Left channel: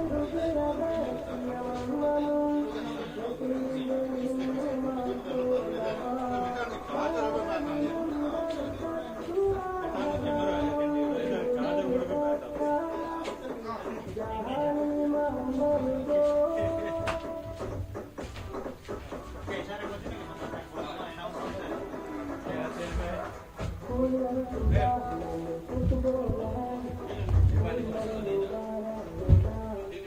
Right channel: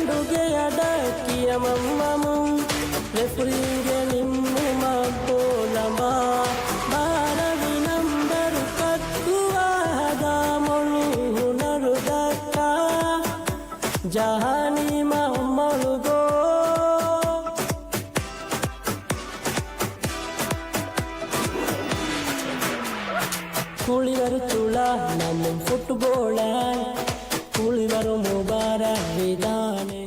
ಕಂಡುಗೆ ಅಡಕಿಯ ಮಮ್ಮನು ರೆಫ್ರಿಗೆ ನಿಮ್ಮ ಕೋಲಮ ಬಾರವಿ ನಂಬರು ಕತ್ತುವಾದ ಮೊಳು ನರುದಕ್ಕ ಜಹಾನಿ ಮಮ್ಮರುಗೋ ಕುಳಿವರು ತುಳ ನನ್ನ ಫುಟ್ಬೋಳ ಕುಳಿವರು ಮುಬಾರ ವಿಧಾನೆ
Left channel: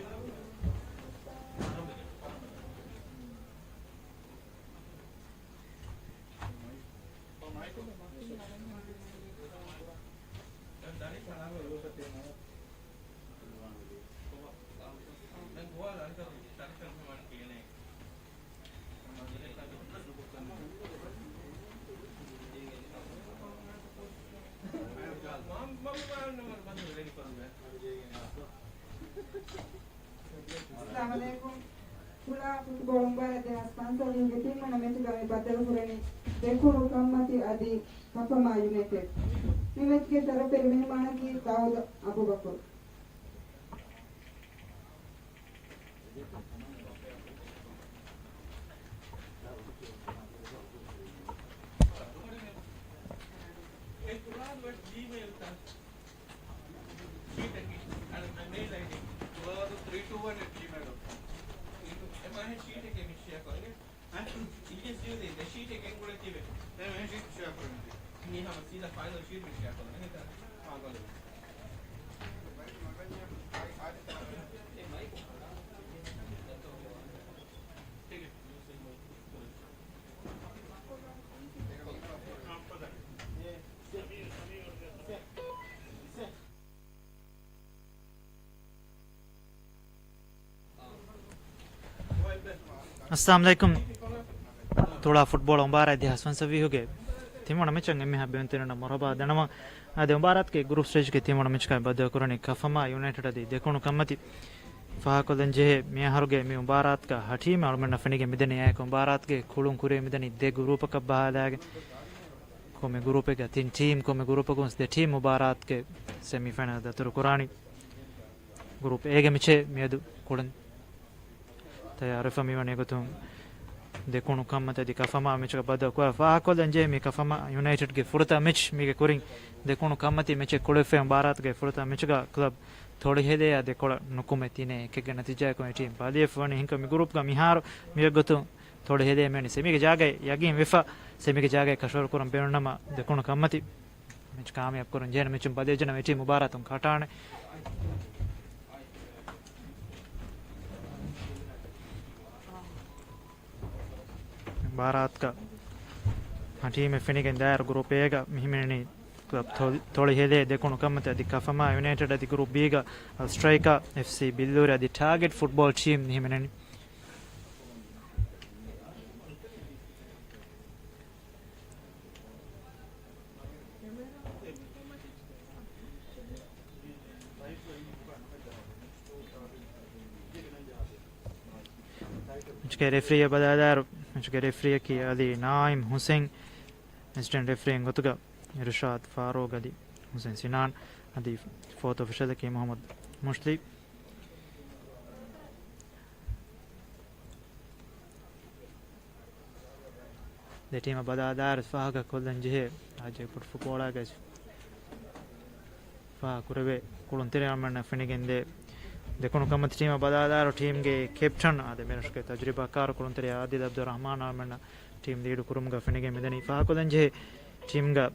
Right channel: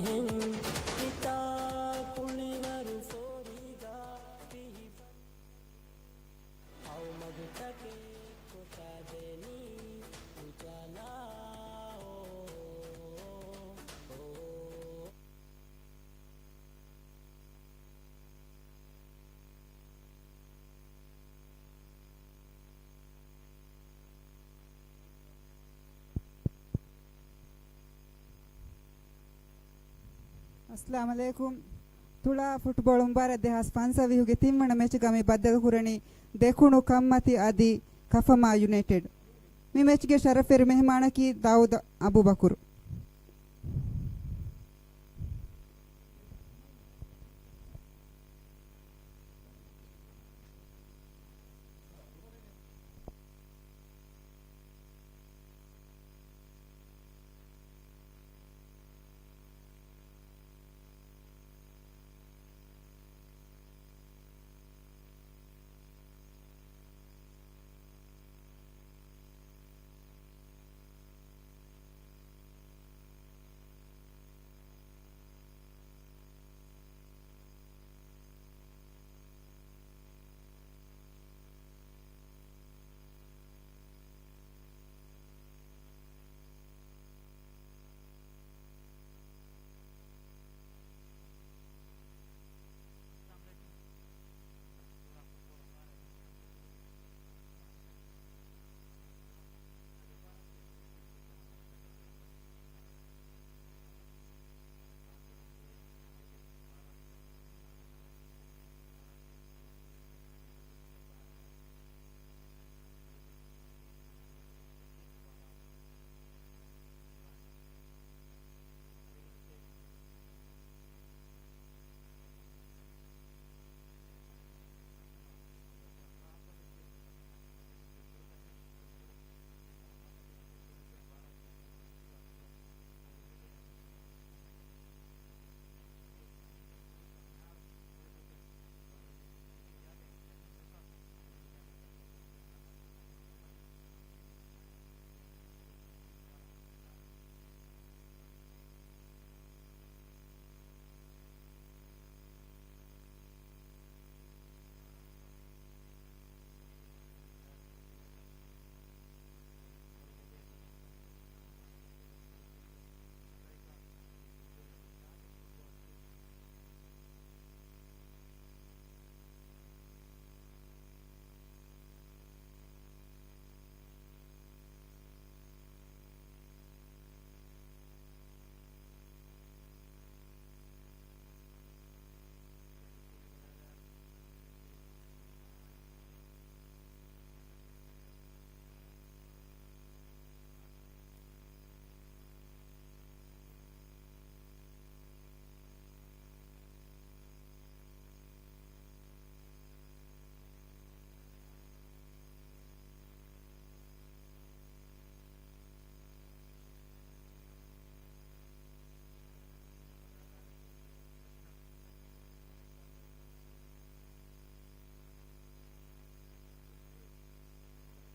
अस्सलामुअलैकुम तुला फुटबॉल उंबारे देहा स्पॉन्सर विहुगे तिम्मण मैच गमी बदल हुरणी देखुणु कम्मति आदि कफमा यूनाइटेड मी मैच के शरफेर मेहमान की दाऊद अबू बकर अस्सलाम वालेकुम थोड़ा फुटबॉल उंबारा दे हसन सभी हो गए तिमोना में चंगे में हबे अंतरना मरबा दनमा आदे उंबारात के ग्रुप स्टेज के तिमोना में का बद करने कफमा यूनाइटेड दी देखोनु कम्मति फाको दंजे में हरगे में उंबारात का हठी में और मन फनी के मिदने आए को उंबारात के खुलुं कुरे मिदनी दे ग्रुप का बहादाग को में ग्रुप के तीन टीम को में ग्रुप को दे टीम उंबारात के सेमीफाइनल द तुर कुरानी ग्रुप एगे मिचे मेदु कुलन तयार फमी वने को तुम देखो कम तदी कफमा मैच का बद को फाको दंजे में कफमा यूनाइटेड के फुरता मैच में के कुरिंग देखो कमती मैच कुड़फे भारत के फुरता मैच का क्लब थोड़ी है दे या देखो नुकुमे तीने के नतीजा को टीम बादी फनी हिंक में ग्रुप का मिहार में गतो थोड़ी है दे मैंने सेमी के जागे यागी विफा सेमी के जागे कशोर कुरम बेरमा देखो कमती मैच कामयाब करन जेन मैच बदे जन टीम मुबारक तुम खटाने भारत का टीम में फिनिक दायर ग्रुप ए का मिहिमिनी क्लब थोड़ी हेले देखो कमते अधिक कफमा यूनाइटेड अधिक ग्रुप बी का स्ट्राइका एफसी बिल्लूर अधिक टारगेट फुटबॉल टीम मिहिमिनी इसके रेफरी बदादार इसके रेफरी की अली नाइम हुसैन असिस्टेंट रेफरी गुतगा इरशाद फारूक अली हुसैन सिनान अदी फोर्थ ऑफिशियल की Mohammad मुश्ली the team badadar faga kollan je aje put fukola gas fa kurebe kulontere amana finigende देखो कम टीम बदादार टीम के कैप्टन आदे मेरे के तजुर्बा कार कुलंतरे आदिल अब्दुल रहमान आमना टीम लीड कुरुमगा फनिगे मिदनी फाकुलंजे टीम गा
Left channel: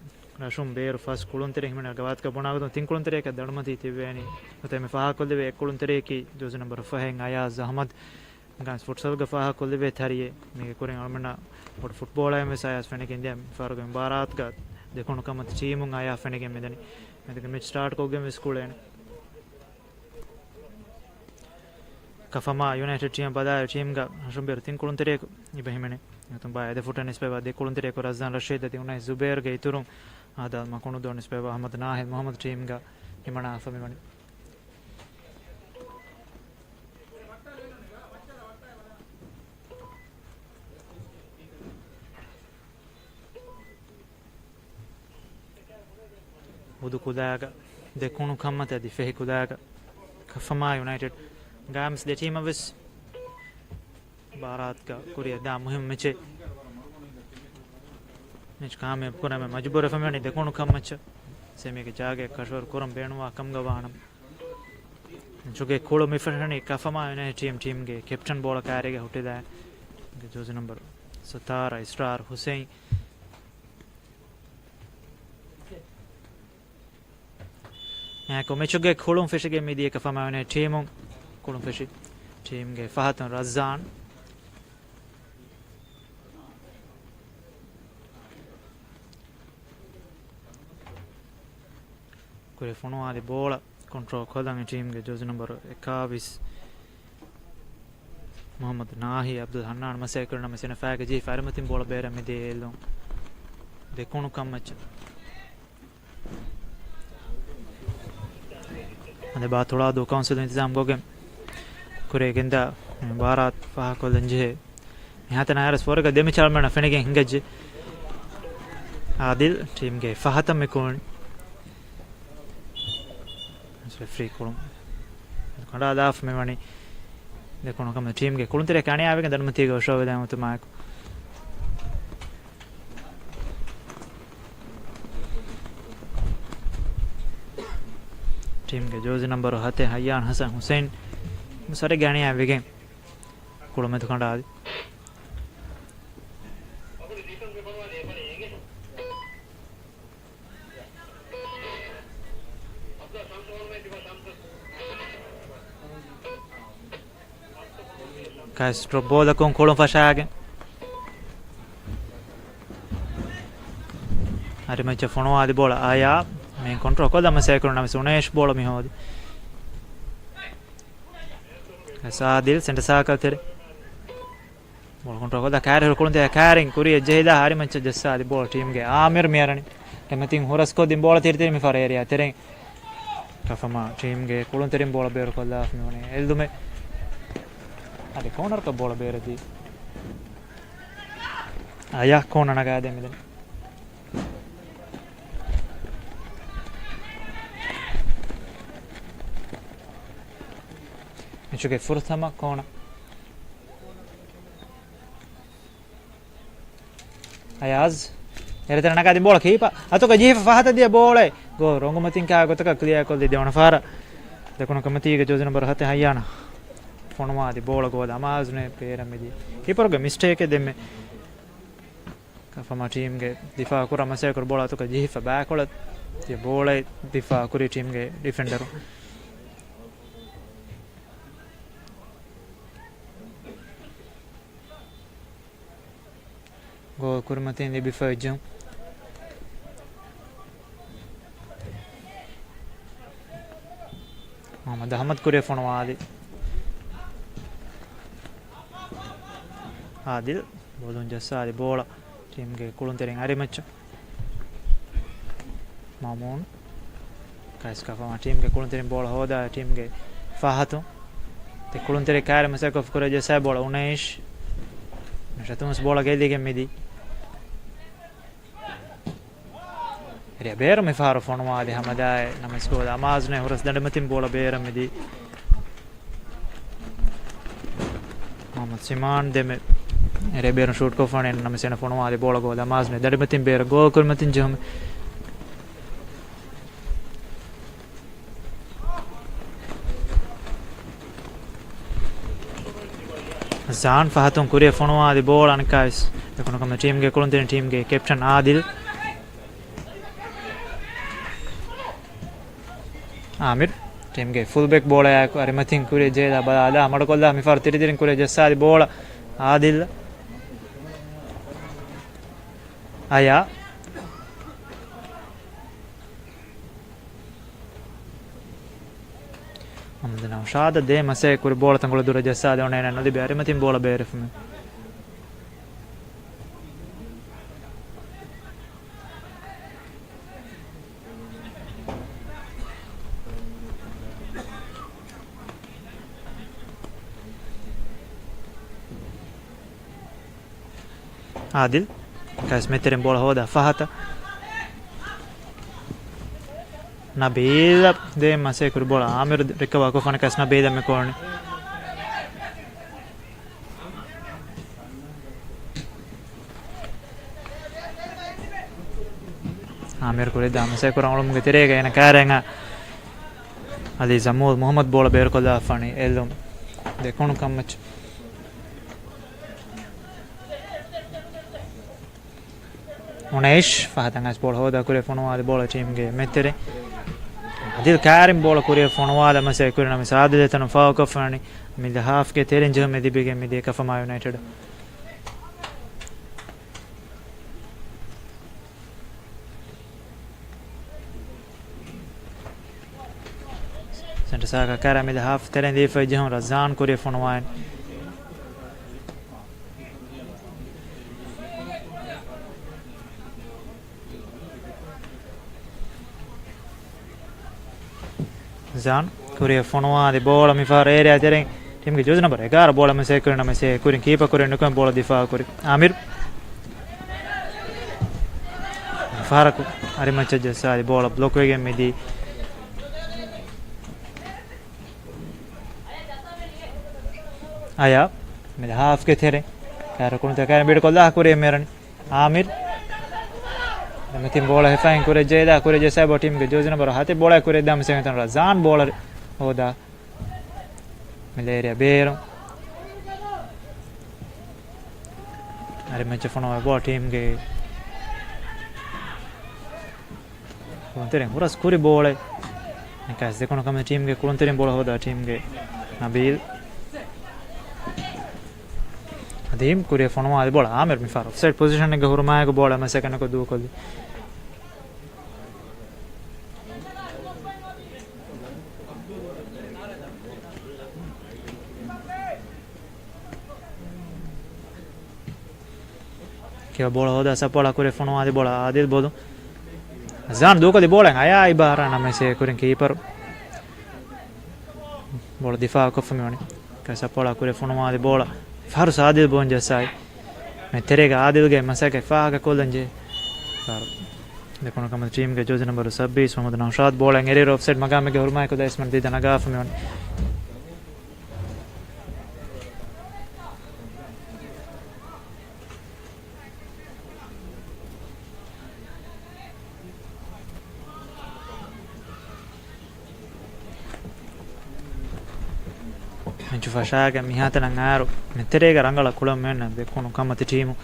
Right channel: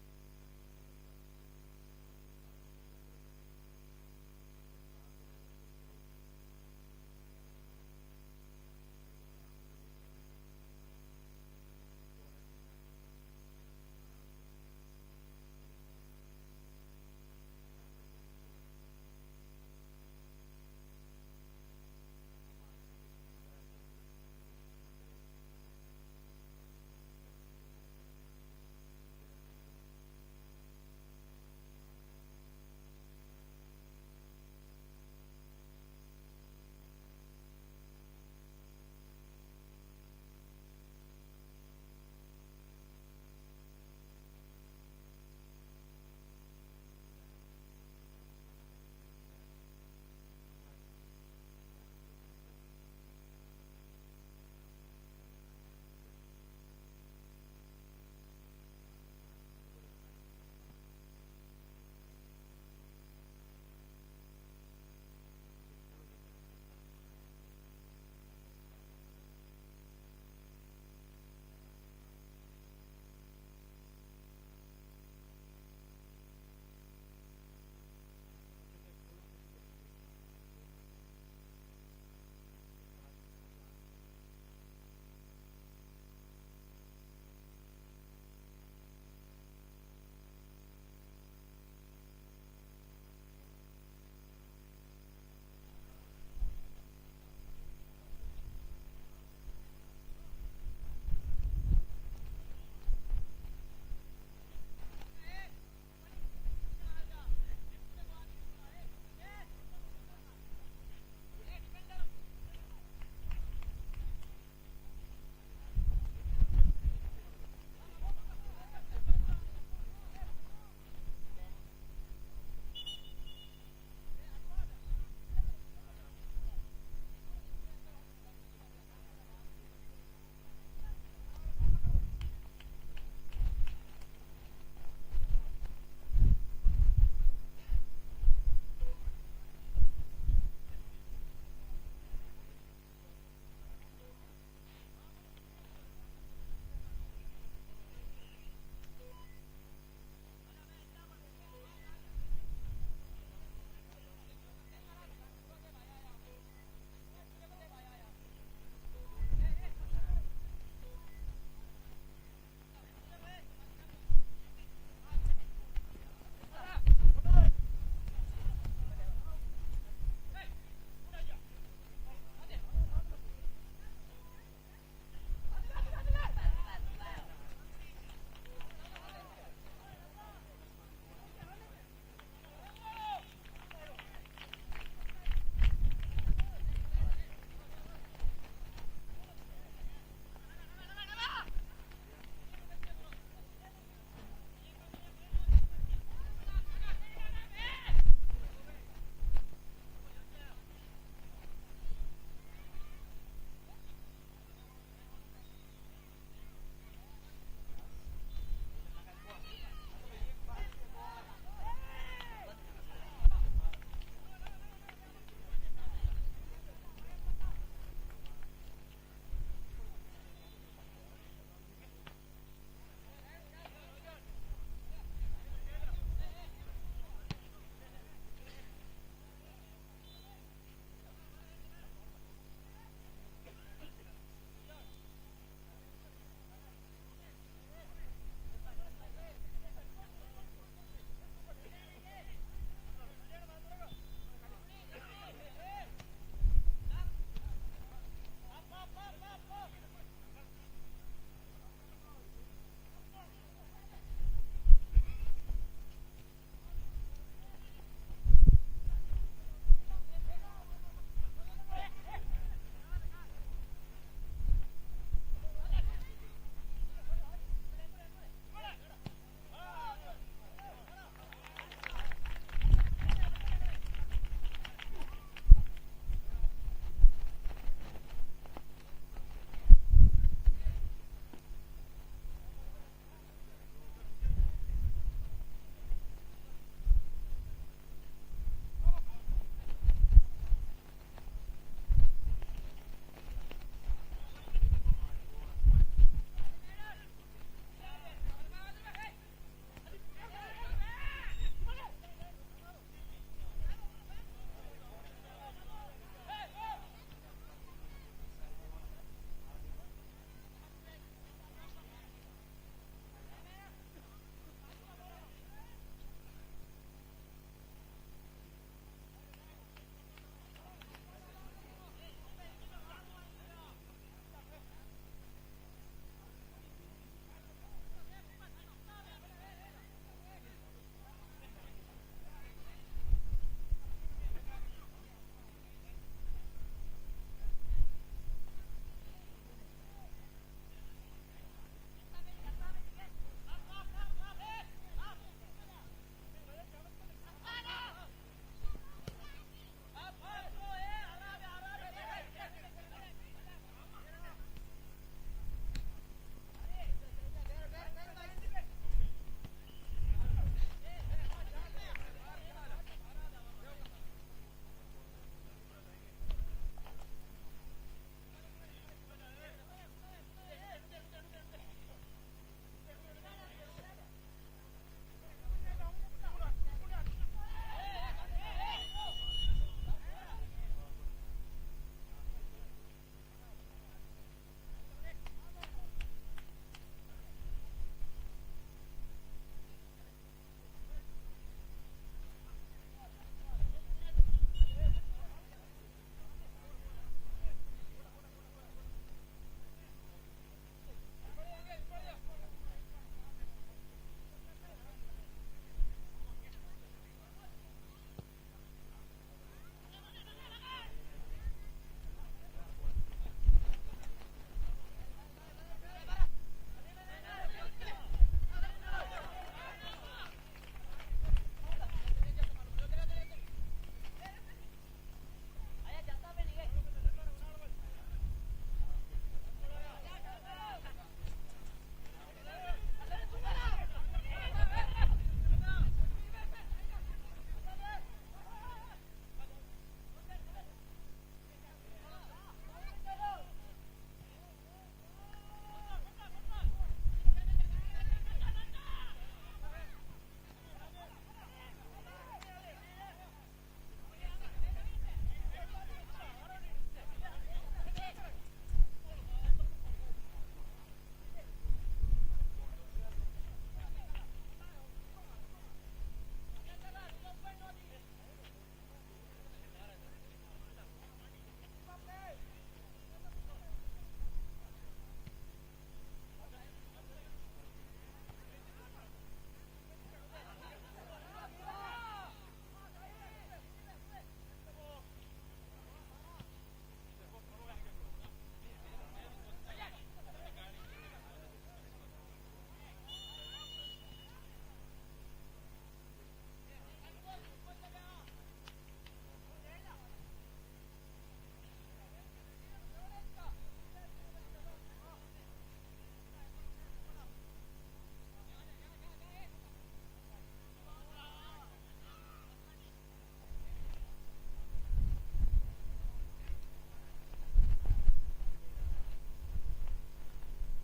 रशुम बेर फर्स्ट कुलंतरे हिमना गवात का बनागो तीन कुलंतरे का दड़मती तिवेनी उते में फाकुलवे एक कुलंतरे की दूसरे नंबर फहेंग आयाज अहमद गांस फुटसल गा फाकुलवे थारिए में कुरे आमना और फुटबॉल है में सायास फनिगे इंडिया फारगो भारत का देखो कम टीम आया फनिगे मिदनी मैच स्टार्ट को गेम स्कूल है कफमा यूनाइटेड टीम बदार टीम का हशुंबेर तीन कुलंतरे इब्राहिमने तुम बाय दे फुटन इस पे बाद कुलंतरे को रज़ान रशीद दी उन्हें जुबैर गई तुरुम आदा मकोनो दोन इस पे अहमद नाहिद मोहम्मद टीम का हिमना फमी बनी वुदु कुदागा देखोनु खम्मत दी फे कुदागा कफमा United Gams the team of us Baratka Korea da muhim meche Nich kame pura me majbur famani dekonu kam meche semi ke jage kashwar kuram benuwa kam gawanam Chuge kolo mifashani kafama ne team ge captain ball karege hutida jose number Satara Israr Hussein Ecco, mechuge kolum fishige midi kafama ne team kolum fishi team ge Fahatan Razan Kure fono adi bola control kodang team ge jose number 21 Muhammad Nahi Abdul Hannan masay karna masina faga ji farmatin bola bera me de elon de konu kam match ande ba thoda do council इंतजाम goge kure genda barat fa ko lenje yahata na yaras forga demi chalmana fenige hingajje adil team ge fahata me kon free kolum kanda daf me mani देखो कम team के कुल तेरे कहने आवे के धर्मती को show विदाय मत मार टीम के जो नंबर हते हयान हसन हुसैन सारे गाने आवे के कुल में तो खंडा Castro bola con colon fasciage Ari ma fono adi bola aya me control koda ma sai korna me sunesh bola mi hodi asa dil center sa ka tere bola control koda carry kolon te carrying kuri jehida ari ma jessa adi bola team ge amir merani temetin horas ko dim bola tere mi fare area tere kafama team ge kolon tere bola ber koda mi hone eldume Adi corner ka bola bere di Aya corner na ga de me Nicho che forza ma corner Ayaz Ere tera na ga de bola kipa ato ka jifa fahata dia bola go rongo matin ka go taka clear kol de ona fara de kono kamati ge joze number hate hayana Fonoma di bola go da amazne pera me di keeper ge mistake demme kafama team ge difa kura masay kor bola to ka jifa back ola di bola difa kuri team ge defender go kurmatin di bifa jam Muhammad Ahmad kure fonoma di Adil bolon jassa di bola team ge kulun tereng ari match Mamun kais ka fama team ge kulun tereng bola hoda team ge Fahatu te kulun tere kare masa ko fukura jassa bola 19 nashatums bola ge dige midi ria ber me faro fonwa de hamada namasko da amazne horas dandamatin bola ber midi Muhammad Siman de me Ere beru shoot ko fane namasena fono ade bola go da mazne dadimatin beru go kurmatin jom Zan fahatum kure fono ade bola ankais ekono kam team ge kolon team ge captain Adil Amir team ge full back bola ya ko arimatin kure jeda bada amad kolla mi far tiri kure jessa ade bola Adil Aya Amdana shada de masay kur bola tangolo dura jessa de onena no di bere matin bola bere fume Adil Kas meteren bola hoda Fahata Nabil de masay kur bola Amir recover ko fana kas Nabil me korne Amir kuri da mase kurang ulum ge terega ena karenga Ali Zamul Muhammad bola ber ko da fani elum de konu kamach Unesh fahatangas bola hoda kure fonwa bola team ge metere Adil Karim bola kure fonwa da mase kure na misade de tanu fa ko fani mi the half ke teren je me dibige me de Kafama United Center Saka Karim me the half teren de fa jehon Razan kure fonwa Zan Korea fonwa de bola mi far area tering tim ge jojna bar 11 bola me se kurna me se kurin keeper kurin nukan bola difa kuri Amir Faraku ari macha jasa de bola block wege me di aya me half ke there kar kun ta kar bid ko da kuri meran Amir Metin bola hefain kure jeda kure jesa bo team ge jojna bar hate bola kure dam se tan Razan bowler hoda Malaria Bero Are match fono bo team ge Kontere horas kure bola Nekas de kono kam team ge kontere bola hoda team ge Nabil Adim kure fono ade bola Amir mi far offside position ge hurma ge bola ma second ko du ko Che bola hoda sapola kure fono ade bola adil bodu Zan du ko di bola aya ibara na me se kurin keeper bola difa ko famioni ka sapola kure fono ade bola far sadil bonja sai me terega adil ge masaka fa ka kolanje far de kono kam team ge joj number 26 Mohammad Naushad bola ngere offside magame ge hurma ko da isman di danaga famioni Menchu fashaga mi hata nangaro metterega rangala kulam menna de kono kamati team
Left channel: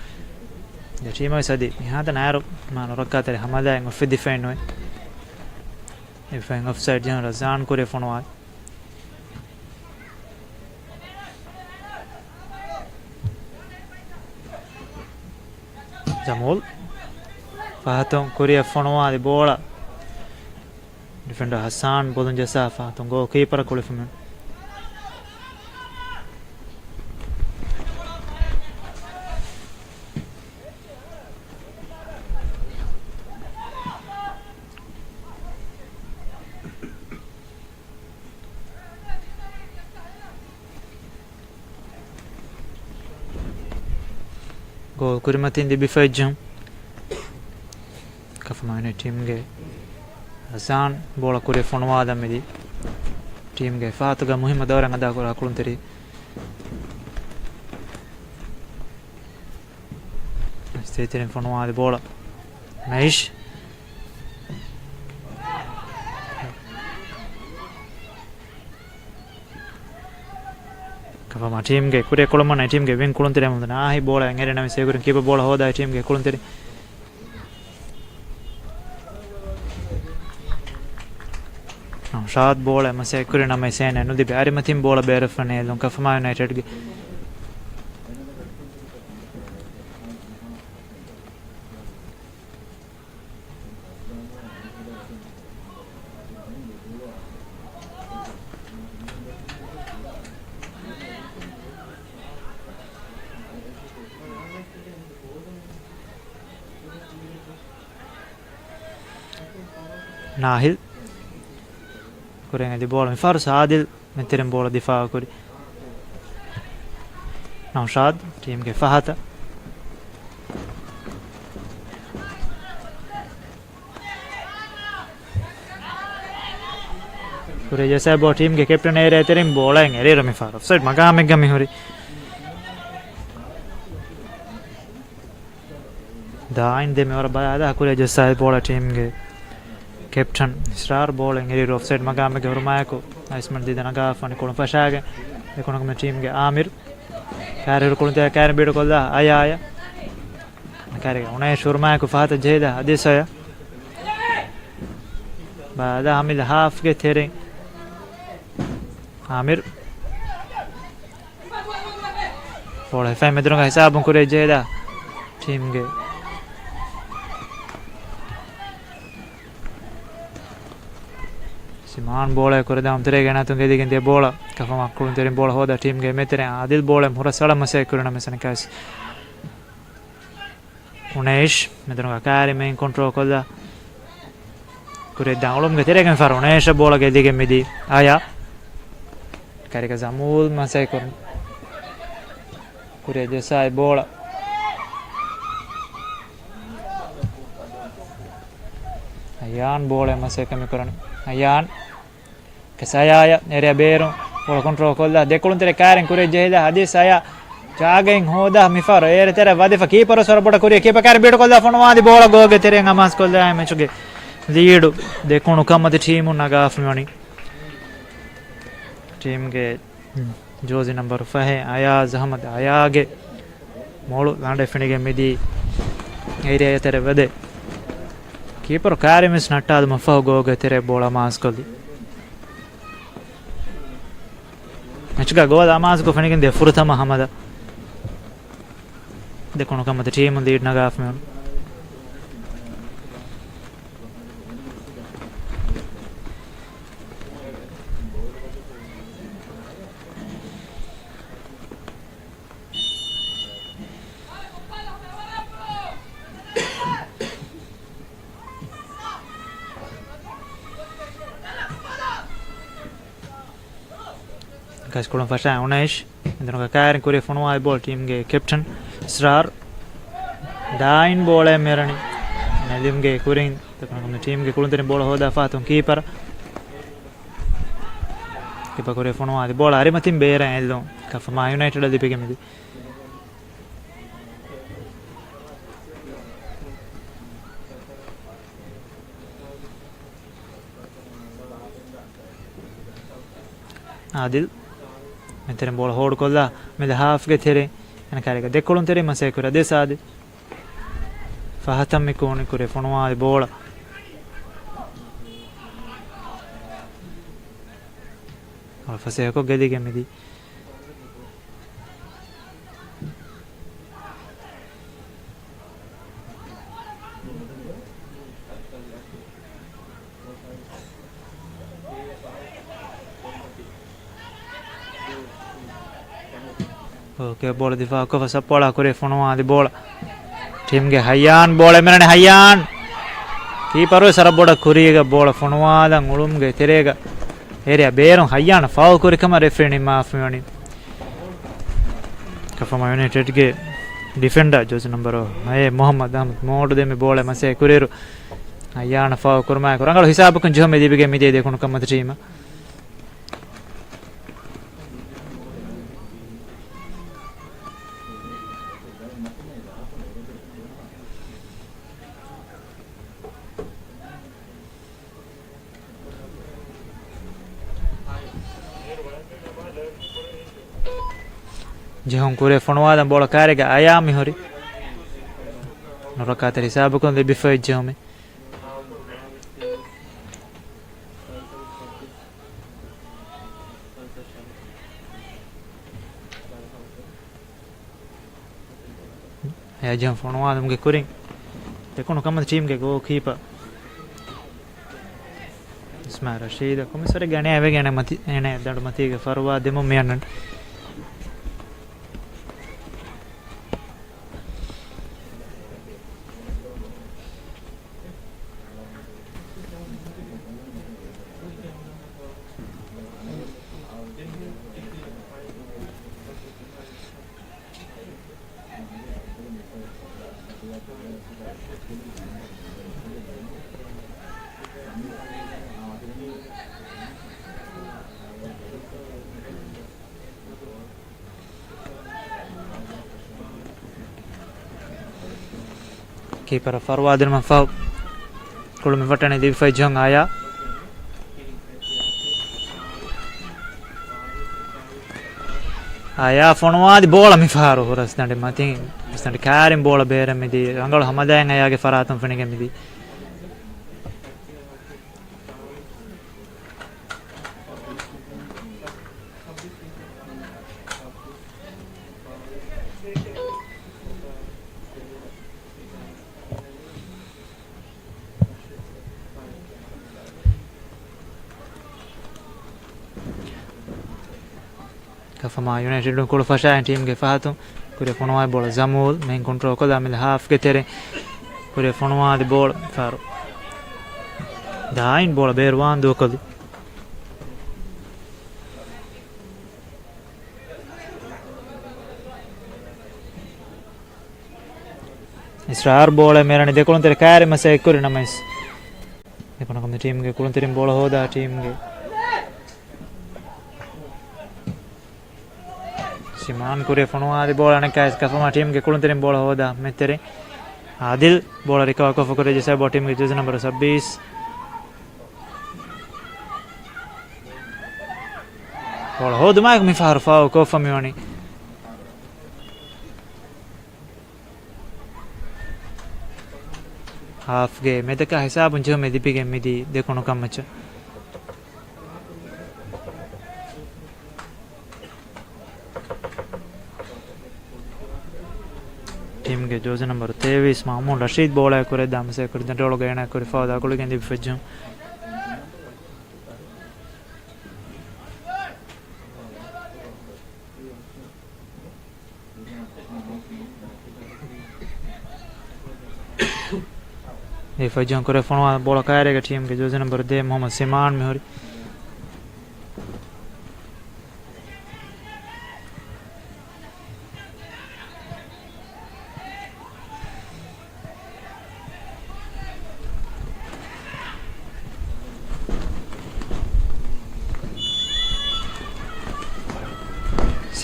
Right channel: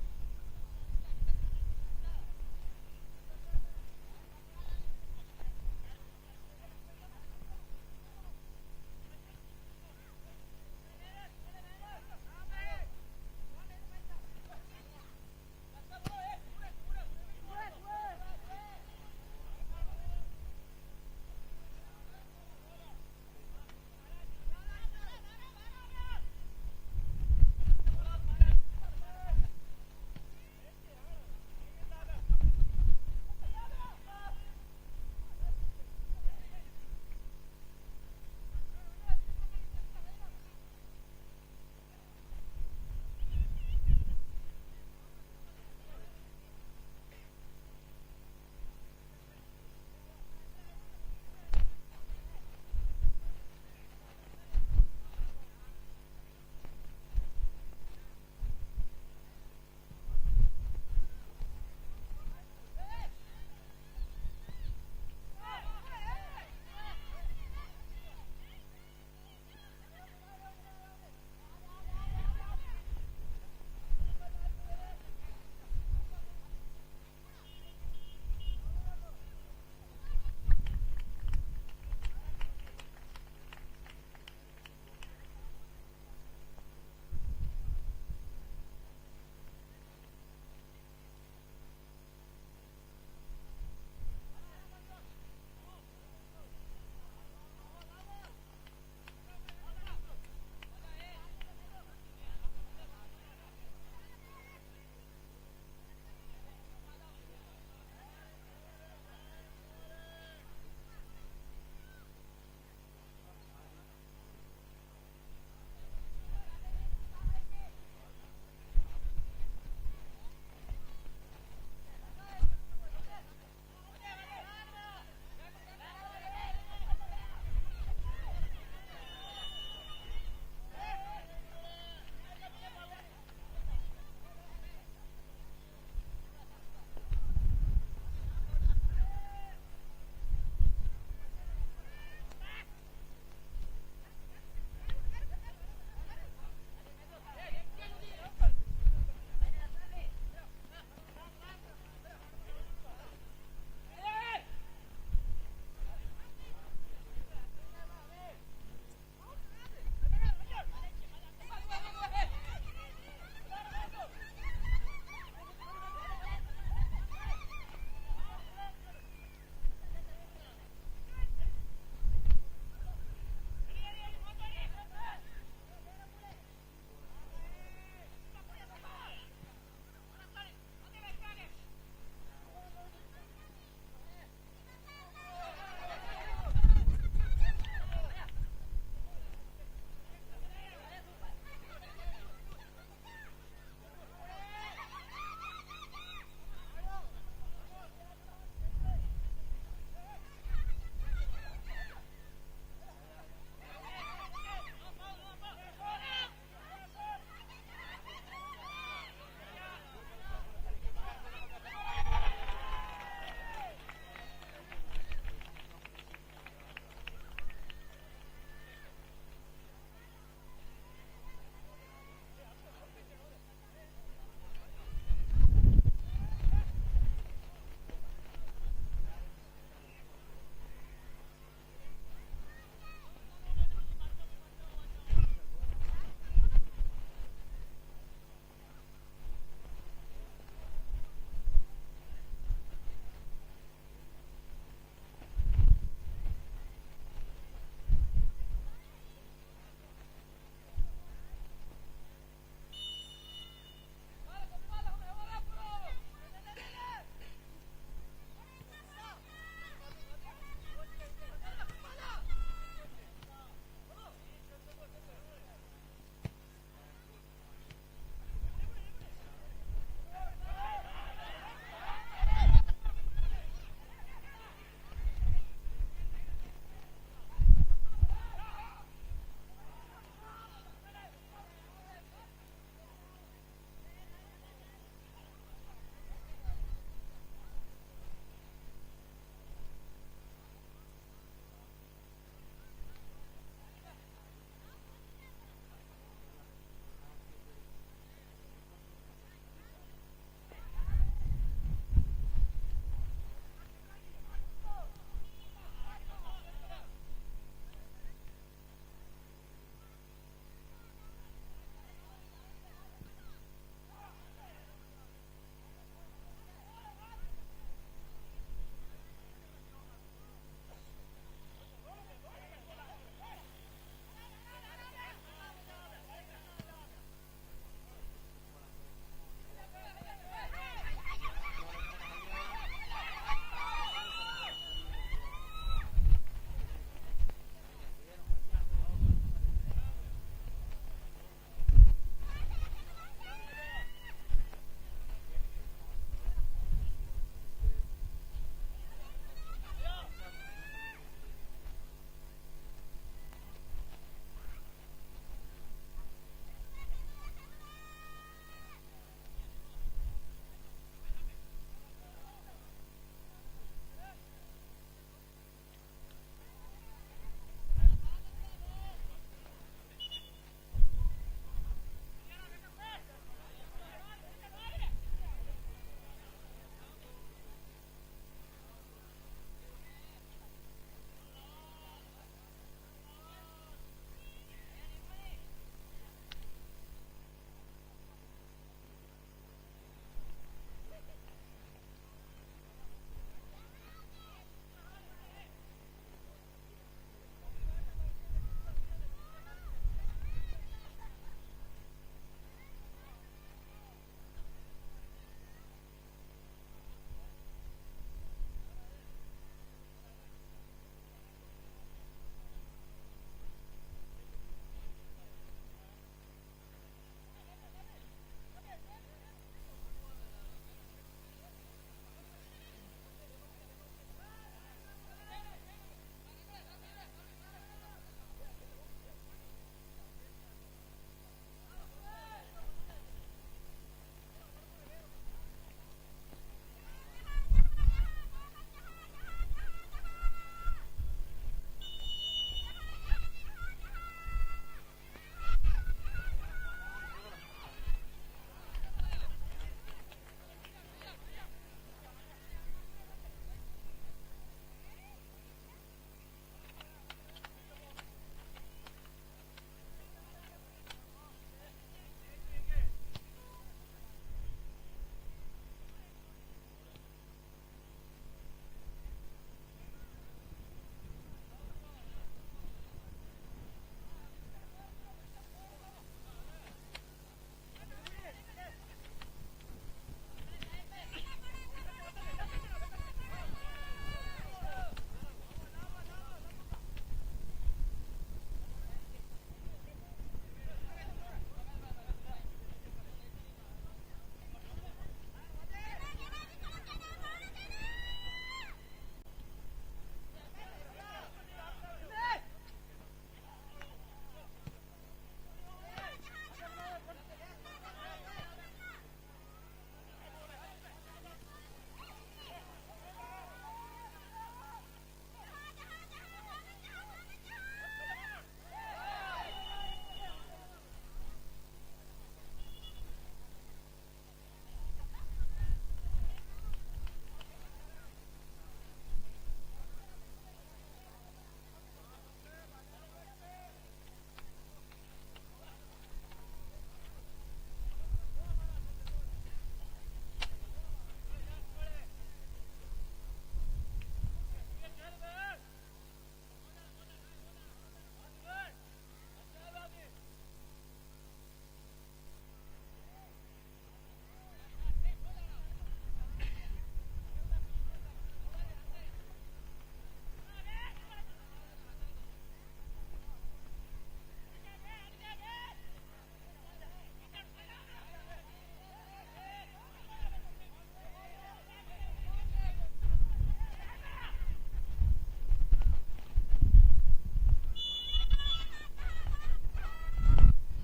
de team sadi mi hata naro ma rokkatare hamada en off defend noi if en offside jan Razan kore fonwa Jamul fahaton korea fonwa de bola defender Hassan bolon jasa fahaton go keeper kole fumen Gol kurimatin di bifajjam Kafama United team ge Hassan bola kure fonwa da medi team ge fatuga muhimma dawran ada kora kunteri Stetirin fonwa de bola Maish Kafama team ge kure kolomana team ge win kuluntere mudana ahi bola ngere na se kurin keeper bola hoda team ge kuluntere Shad bola ma se kurin na se ne no di bari matim bola bere fane lon Kafama United ge Nahil Kurenga di bola mi far Sadil metterem bola difa kuri Naushad team ge Fahata Kure jasa bo team ge captain ere terem bola ngere mi far offside magame gami hori da inde me ora bada kure jasa bola team ge captain star bowling eri offside magame ge hurmayako isman didana gaafani kolon fashage ekonogme team ge Amir kare kolon te kare beedu kolda aya kare unai hurmayako fahata jehda adisaya baada hamil half ge thering Amir bola fai medrunga hisabun kure jehda team ge Siman bola koredam terege natun gedigen de bola kafama kulun terin bola hoda team ge metere Adil bola hura sala mase kuruna mesane kas Unesh medrunga kare main control koda kure downlom ge teregen far Unesh bola ge dige medi aya kare ka zamul mase kurun kure de sai bola ayan bola mase kami kurun ayan kesaya area beru bola control kolla dekulun tere karen kure jehda hadis saya jagen hoda mifar ere tere wadifa keeper sor boda kure keeper karen bedu kolla fonwadi bola goge tere amas kolla mechuge lead dekunu kamati team naga afmani team ge jozi number 5 ayaz ahmad ayage molu lande finige midi area tere wade keeper kare mis nattadu mafa goge tere bola mas kolli Mechuga goal amas ko finigen de furutama hamada de kono kamata team lead naga afmen guys kolon fasha Unesh endroga karen kure fonwa ball team ge captain Srar dain bola merani nadim ge kurin takon team ge kolon terin bola hoda fatun keeper kure fonwa di bola arimatin beera ello kafama United dipege medi Adil මෙතෙන් බෝල hold කොල්ලා මෙද half ගේ තෙරේ එන කාරේක දෙකොළුන් තෙරේ මසේ කුර දෙසාදි ෆහතම් මිකෝනි කුරේ ෆොනවාදි බෝල අල්ෆසේකෝ ගෙදි ගෙමිදි Okay, bola difa ko fasa pola kore fonwa di bola team ge Hayyan bola merane Hayyan keeper sara boda kuriga bola fonwa da ngulum ge terega area beron Hayyan foul kore kama referee ni maaf meni kafama United ge defender jersey number ay Muhammad Ahmad modu de me bola mase kureru Hayyan foul kurma kurangalo hisab kun jome dibige mide de kun kamata team jehon kure fonwada bola karega ayami hori norakata hisab kon de bifay jehome ya jehon fonwada mge kurin dekono kamata team ge go keeper Ismail Rashid komisare gane ave gane mati ene dadu mati ge farwa demo meyanan keeper farwa der man faw Kolumi Fatani di Fajong Aya. Aya fonwa di bola mi faru horas nande matin stande karim bola bere mi di angol hamadan aya ge faratum fenige mi di Kafama United don kolo fasha team ge fahatum kure fonwa bola Zamul main control ko damil half ge tere kure fonwa di bola faru dain bola berwan do kadu Israr bola merani dekolon tere kare masa ekkori namais dekono kom team ge kolon tere bola hoda team ge Siman kure fonwa di bola nekas Kafama team ge kolon tere bola hoda metere Adil bola recover ko kore jesa bo team ge jersey number 26 bola hoda ma mi faru fao ko famioni half ge medaka hisabun jo me dipige midi dekono kamacha team ge jersey number 23 Mahmoud Rashid bola kore damse kore dantolo gena kore fada kole gendi fejum e fejum kore fonwa bola kare ge team ge jersey number 2 Mohammad Siman mehori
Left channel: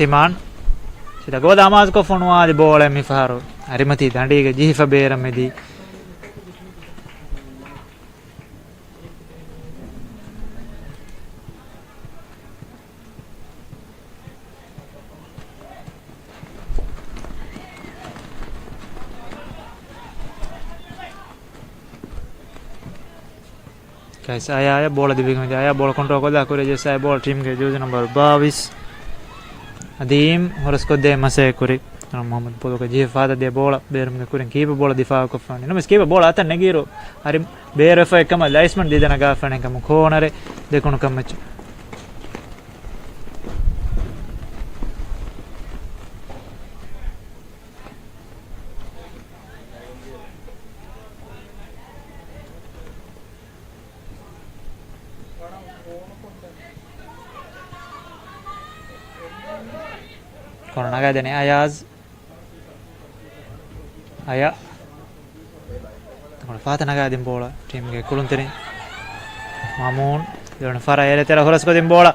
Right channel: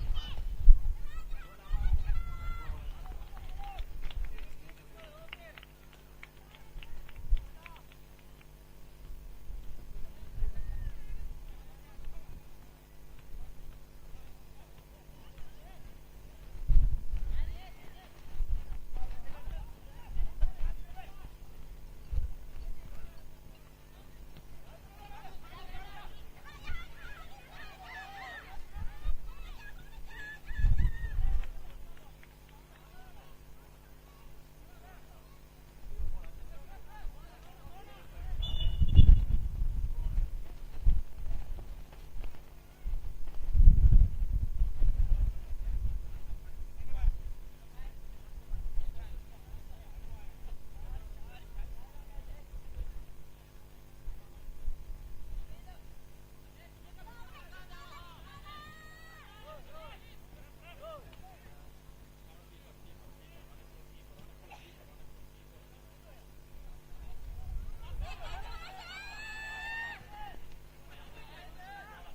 Siman sida goda amaz ko fonwa di bola mi faru arimati dandi ge jifa bera medi guys aya bola dibigam aya bola control ko da kore jesa bola team ge jersey number 22 Adim horas ko de mase kuri Muhammad Podo ka je fada de bola berum ge kuren kiba bola difa ko fani no mes kiba bola atan negiro ari bere fa ekama license de dana ga fani kam konare de kono kam match kono naga dene Ayaz aya kono fata naga dem bola team ge kuluntere Mamun don fara ere tera horas ko dem bola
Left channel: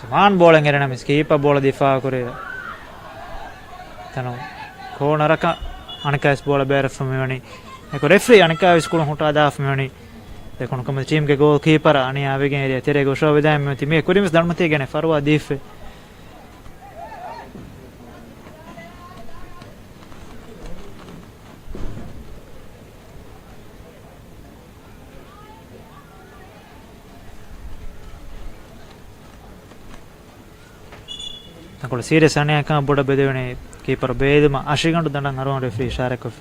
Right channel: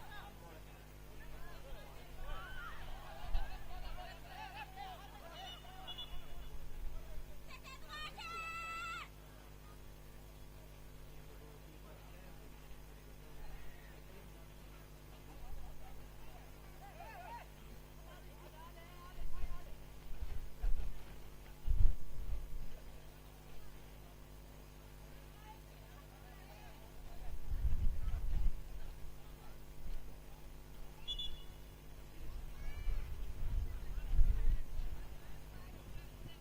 Siman bola ngere na skip bola difa kore tano kono raka anakas bola bere famani eko referee anakas kulun hota da famani de kono kom team ge goalkeeper ani avege ere tere go show vedam me time kurimis dalmate gene farwa dife Kalau serius ane akan boda beda ni keeper beda mah asyik kan tu dandang arwah referee syarek of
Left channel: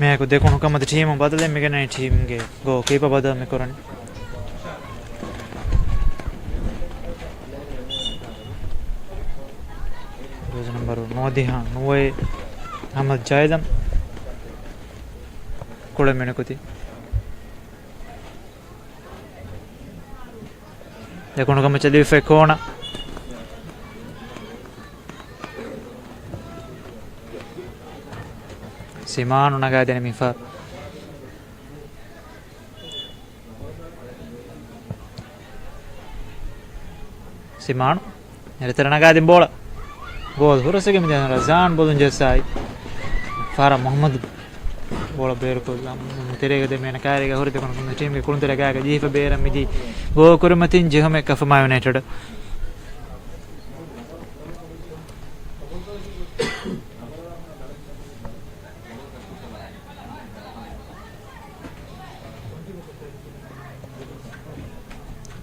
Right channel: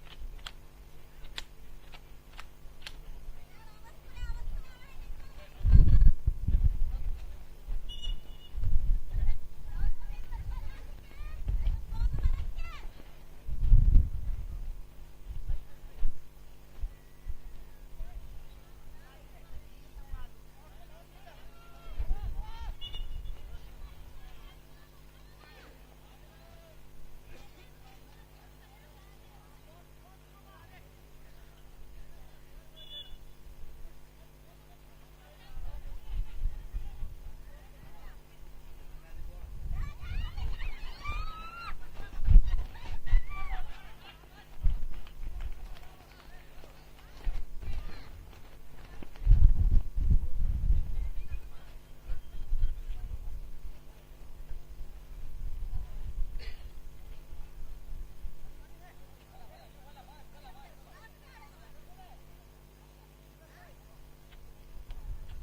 මේක දෙකුණු කමද ටීම බදලෙන් මෙගෙන ටීම්ගේ ගෝ කීප බදල් මේ කරන්නේ रोज number 9 दिहा 9 अहमद जायदम कोड़े मैंने कुती देखो ना कम चली फेकोना सिमान उनका देने मिफा सिमान ये तेरा नगा दिन बोला गोल हो रहा है कि मुझे रज़ान बोलूँ जैसा है फारा मोहम्मद बोला बेर को तेरे के दे मैंने कहा रहेगा हो रहे थे कौन टीम के कौन तेरा क्या का जीफ बेर मिदी वो कुरमतीन जो हमें कफ़मा यूनाइटेड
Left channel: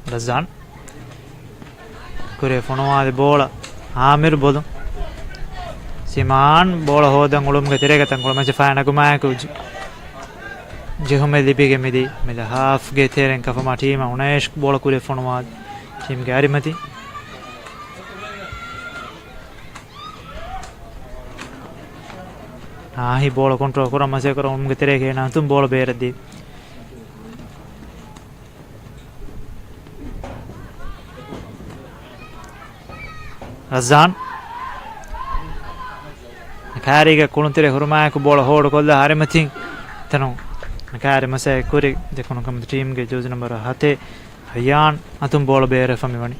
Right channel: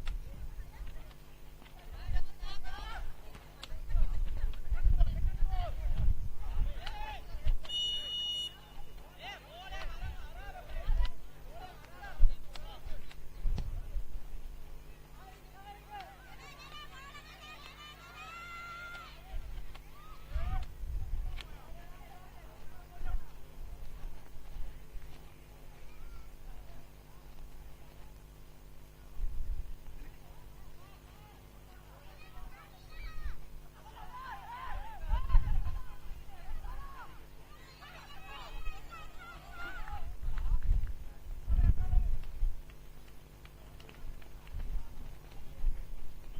रज़ान कुरे फोनवा दे बोला आमिर बोलूं सिमान बोला हो दंगुलुम के तेरे के तंगुलुम में चफाना को मैं कुछ जो हमें लिपि के मिदी मेरा हाफ के तेरे का फमा टीम उन्हें बोला कुरे फोनवा टीम के आरी मती हाँ ही बोला कंट्रोल करो मजे करो उनके तेरे के ना तुम बोला बेर दी रज़ान खारीगा कुण तेरे हुरमा को बोल होड़ कोल्ला हारे मथी तनो खारे मसे कुरी देखो न कम टीम के जोज नंबर हाथे हयान अतुम बोल बेरे फमी वनी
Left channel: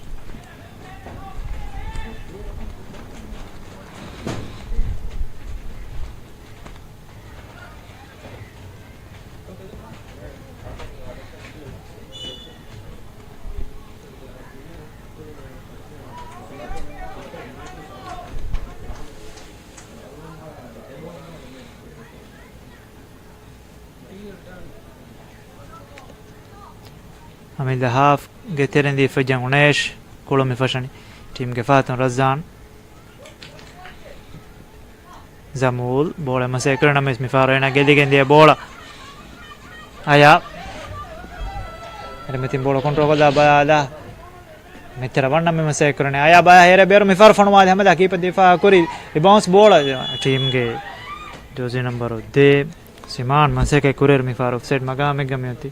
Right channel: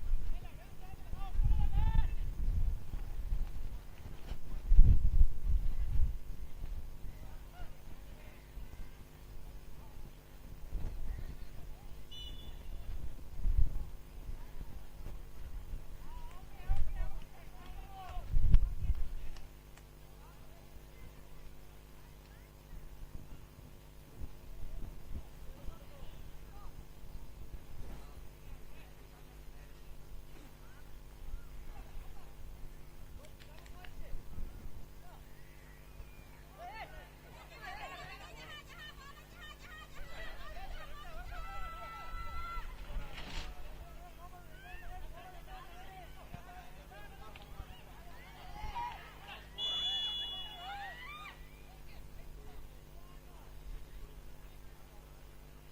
हमें हाफ गेतेरन दी फजंग उनेश कोलो में फशनी टीम के फातन रज़ान जमूल बोले मसे करना में इसमें फारो ना गेदी गेंदी बोला आया अरे मैं तीन बोलो कंट्रोल कर बाला मैं तेरा वरना में मसे करने आया बाया हेरे बेरो में फार फनवा हमें दाकी पर दिफा करी बाउंस बोला टीम के जोजी नंबर दे सिमान मसे के कुरेर में फार ऑफसाइड मगा में गमी होती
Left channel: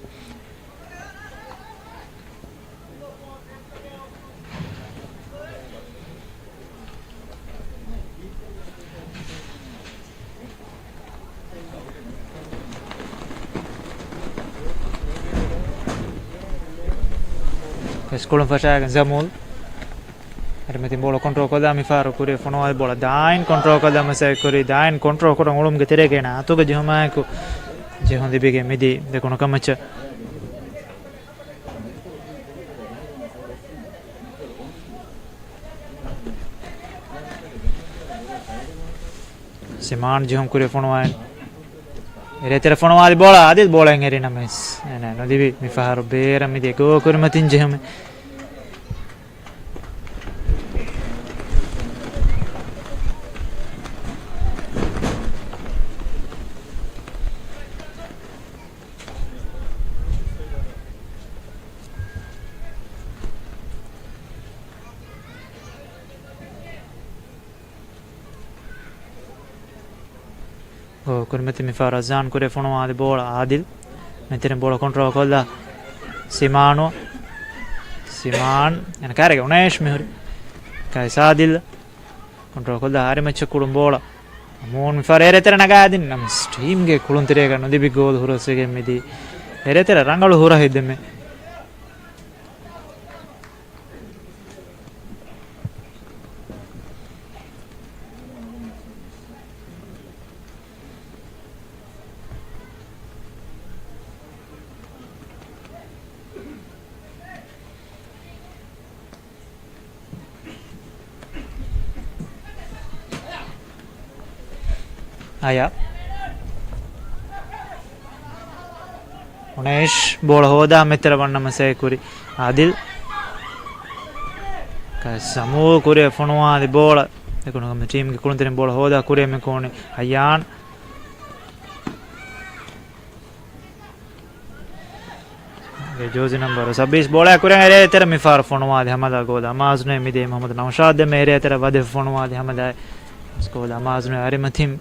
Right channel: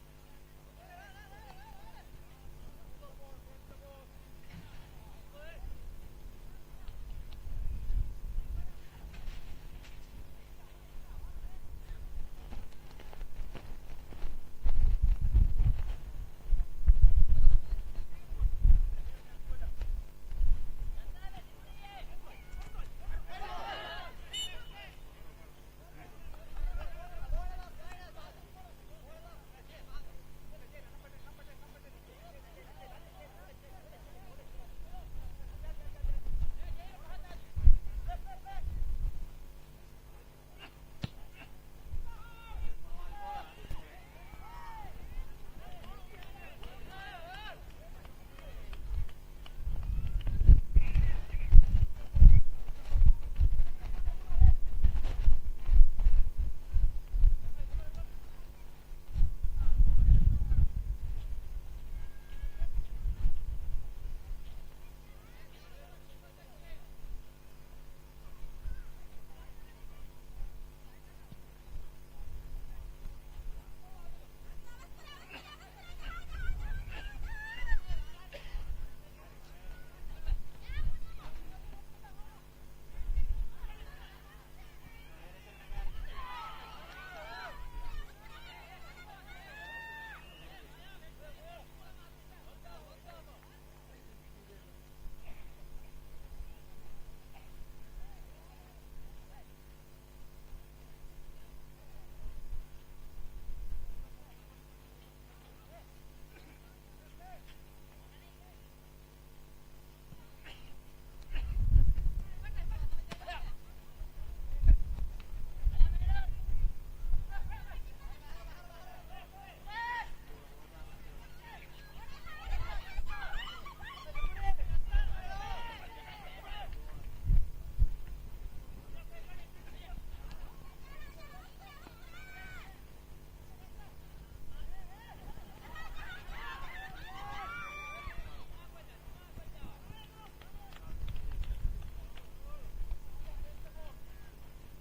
Skolon fashaya Zamul अरे मैं बोलो कंट्रोल कर दा मिफारो कुरे फोनो वाले बोला दाइन कंट्रोल कर दा मसे कुरे दाइन कंट्रोल करो उलम के तेरे के ना तो के जो मैं को जो हम दिबे के मिदी देखो ना कमच सिमान जो हम कुरे फोनो वाले अरे तेरे फोनो वाले बोला आदिल बोलेंगे रे ना मिस ना ना दिबे मिफारो बेर मिदी को कुरे मतिन जो हम कुरमती मिफार रज़ान कुरे फोनो वाले बोला आदिल मैं तेरे बोला कंट्रोल कर दा सिमानो सिमान यानी क्या रहेगा उन्हें में हो रही कैसा आदिल कंट्रोल कर दा हारे में चक्कुड़म बोला मोन मिफार एरे तेरे नगाया दिन नम स्टीम के कुलुन तेरे का नदी भी गोल हो रहा से के मिदी एरे तेरे रंगल हो रहा है इधर में आया उन्हें बोल होदा मित्र वर्ण मसे कुरी आदिल का समूह कुरे फनुआ दे बोल देखो ना टीम के कुलंतरे बोल होदा कुरे में कौन हयान جوزي نمبر 26 بولا كورين اري ترى مفار فونوادي همدا غودا مازنه ميدي محمد نوشاد ميري ترى ود فونوادي همدا سكودا مازنه اري متيم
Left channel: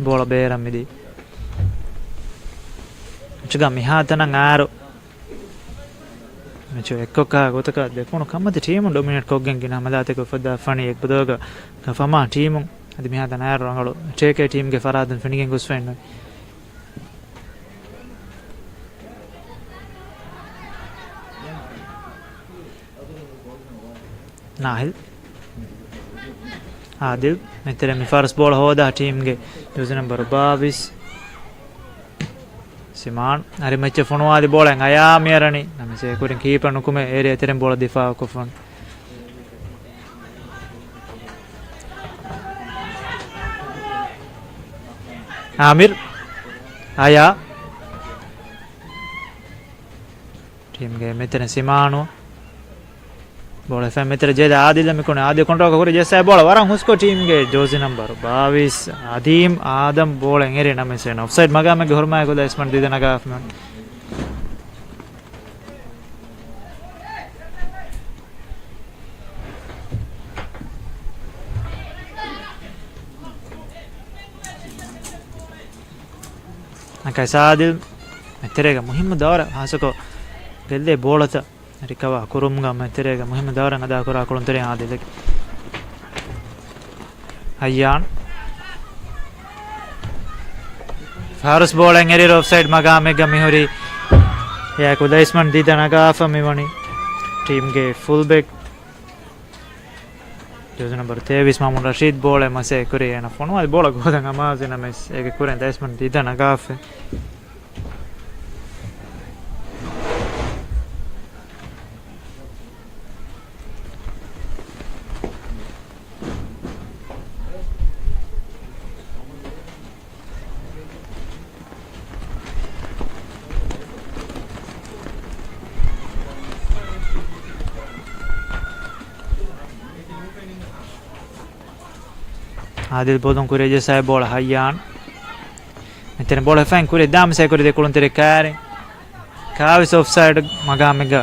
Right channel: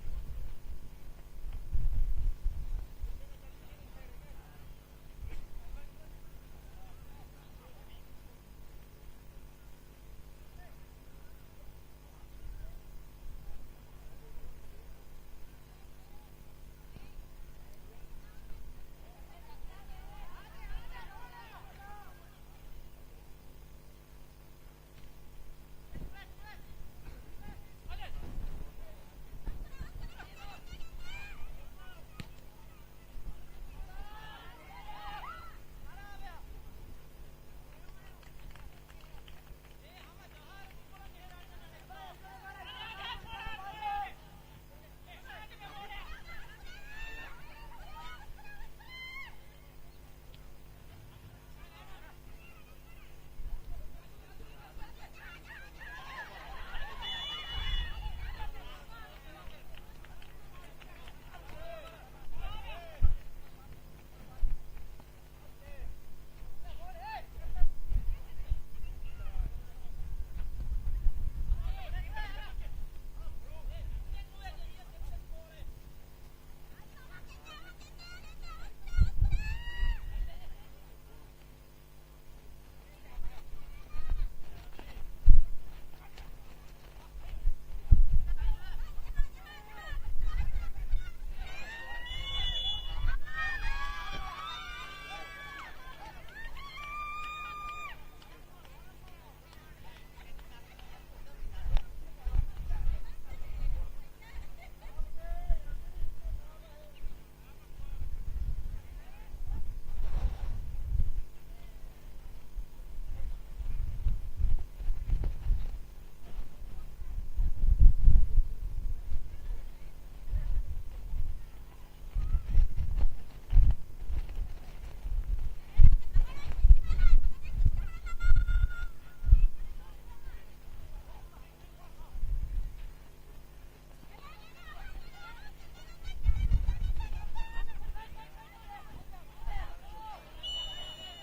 بولا بيرم ميدي چگا මිහාතන ආරු මෙචෝ එක්කක ගොතක දෙකුණු කම්මති ටීම් ඩොමිනේට් කොග්ගෙන් ගින හමදාතේ කොෆදා ෆනි එක් බදෝග කෆමා ටීම් අදි මිහාතන ආරු රංගලු ටේකේ ටීම් ගේ ෆරාදන් ෆිනිගෙන් ගොස් ෆෙන්න नाहिल आदिल මෙතර මිෆාරස් බෝල හොදා ටීම් ගේ යුසර් නම්බර් 22 सिमान अरे मच्चे फोनवादी बोलेंगे आया मेरनी नमे से कुरिन कीपर नुकुमे एरिया तेरे बोला दिफा को फोन आमिर आया टीम के मित्र सिमानो बोले फैम मित्र जेदा आदिल में कोने आदि कंट्रोल को जैसा बोला वरंग उसको टीम के जोजी नंबर 22 आदीम आदम बोलेंगे रे नमे से ऑफसाइड मगा में घर में को दसमन दे देना गाफ में कैसा आदिल तेरेगा मुहिम दौर हासको गल्ले बोलता रिकवा कुरुमगा मैं तेरेगा मुहिम दौरंग अदा करा कुरुम तेरे आदिल अय्यान फारस बोलेंगे रे ऑफसाइड मगा में गमी होरी या को दसमन दी देना गाफ में वनी टीम के फुल बैक जोज नंबर 23 मामून रशीद बोले मसे करे ना फोन वाले बोला गोदंगा माजे ना मैं एक कुरें दसमन दी देना गाफ आदिल बोलूं कुरे जैसा है बोला हयान इतने बोला फैन कुरे दाम से कुरे देखो तेरे कारे काविस ऑफसाइड मगा मेगा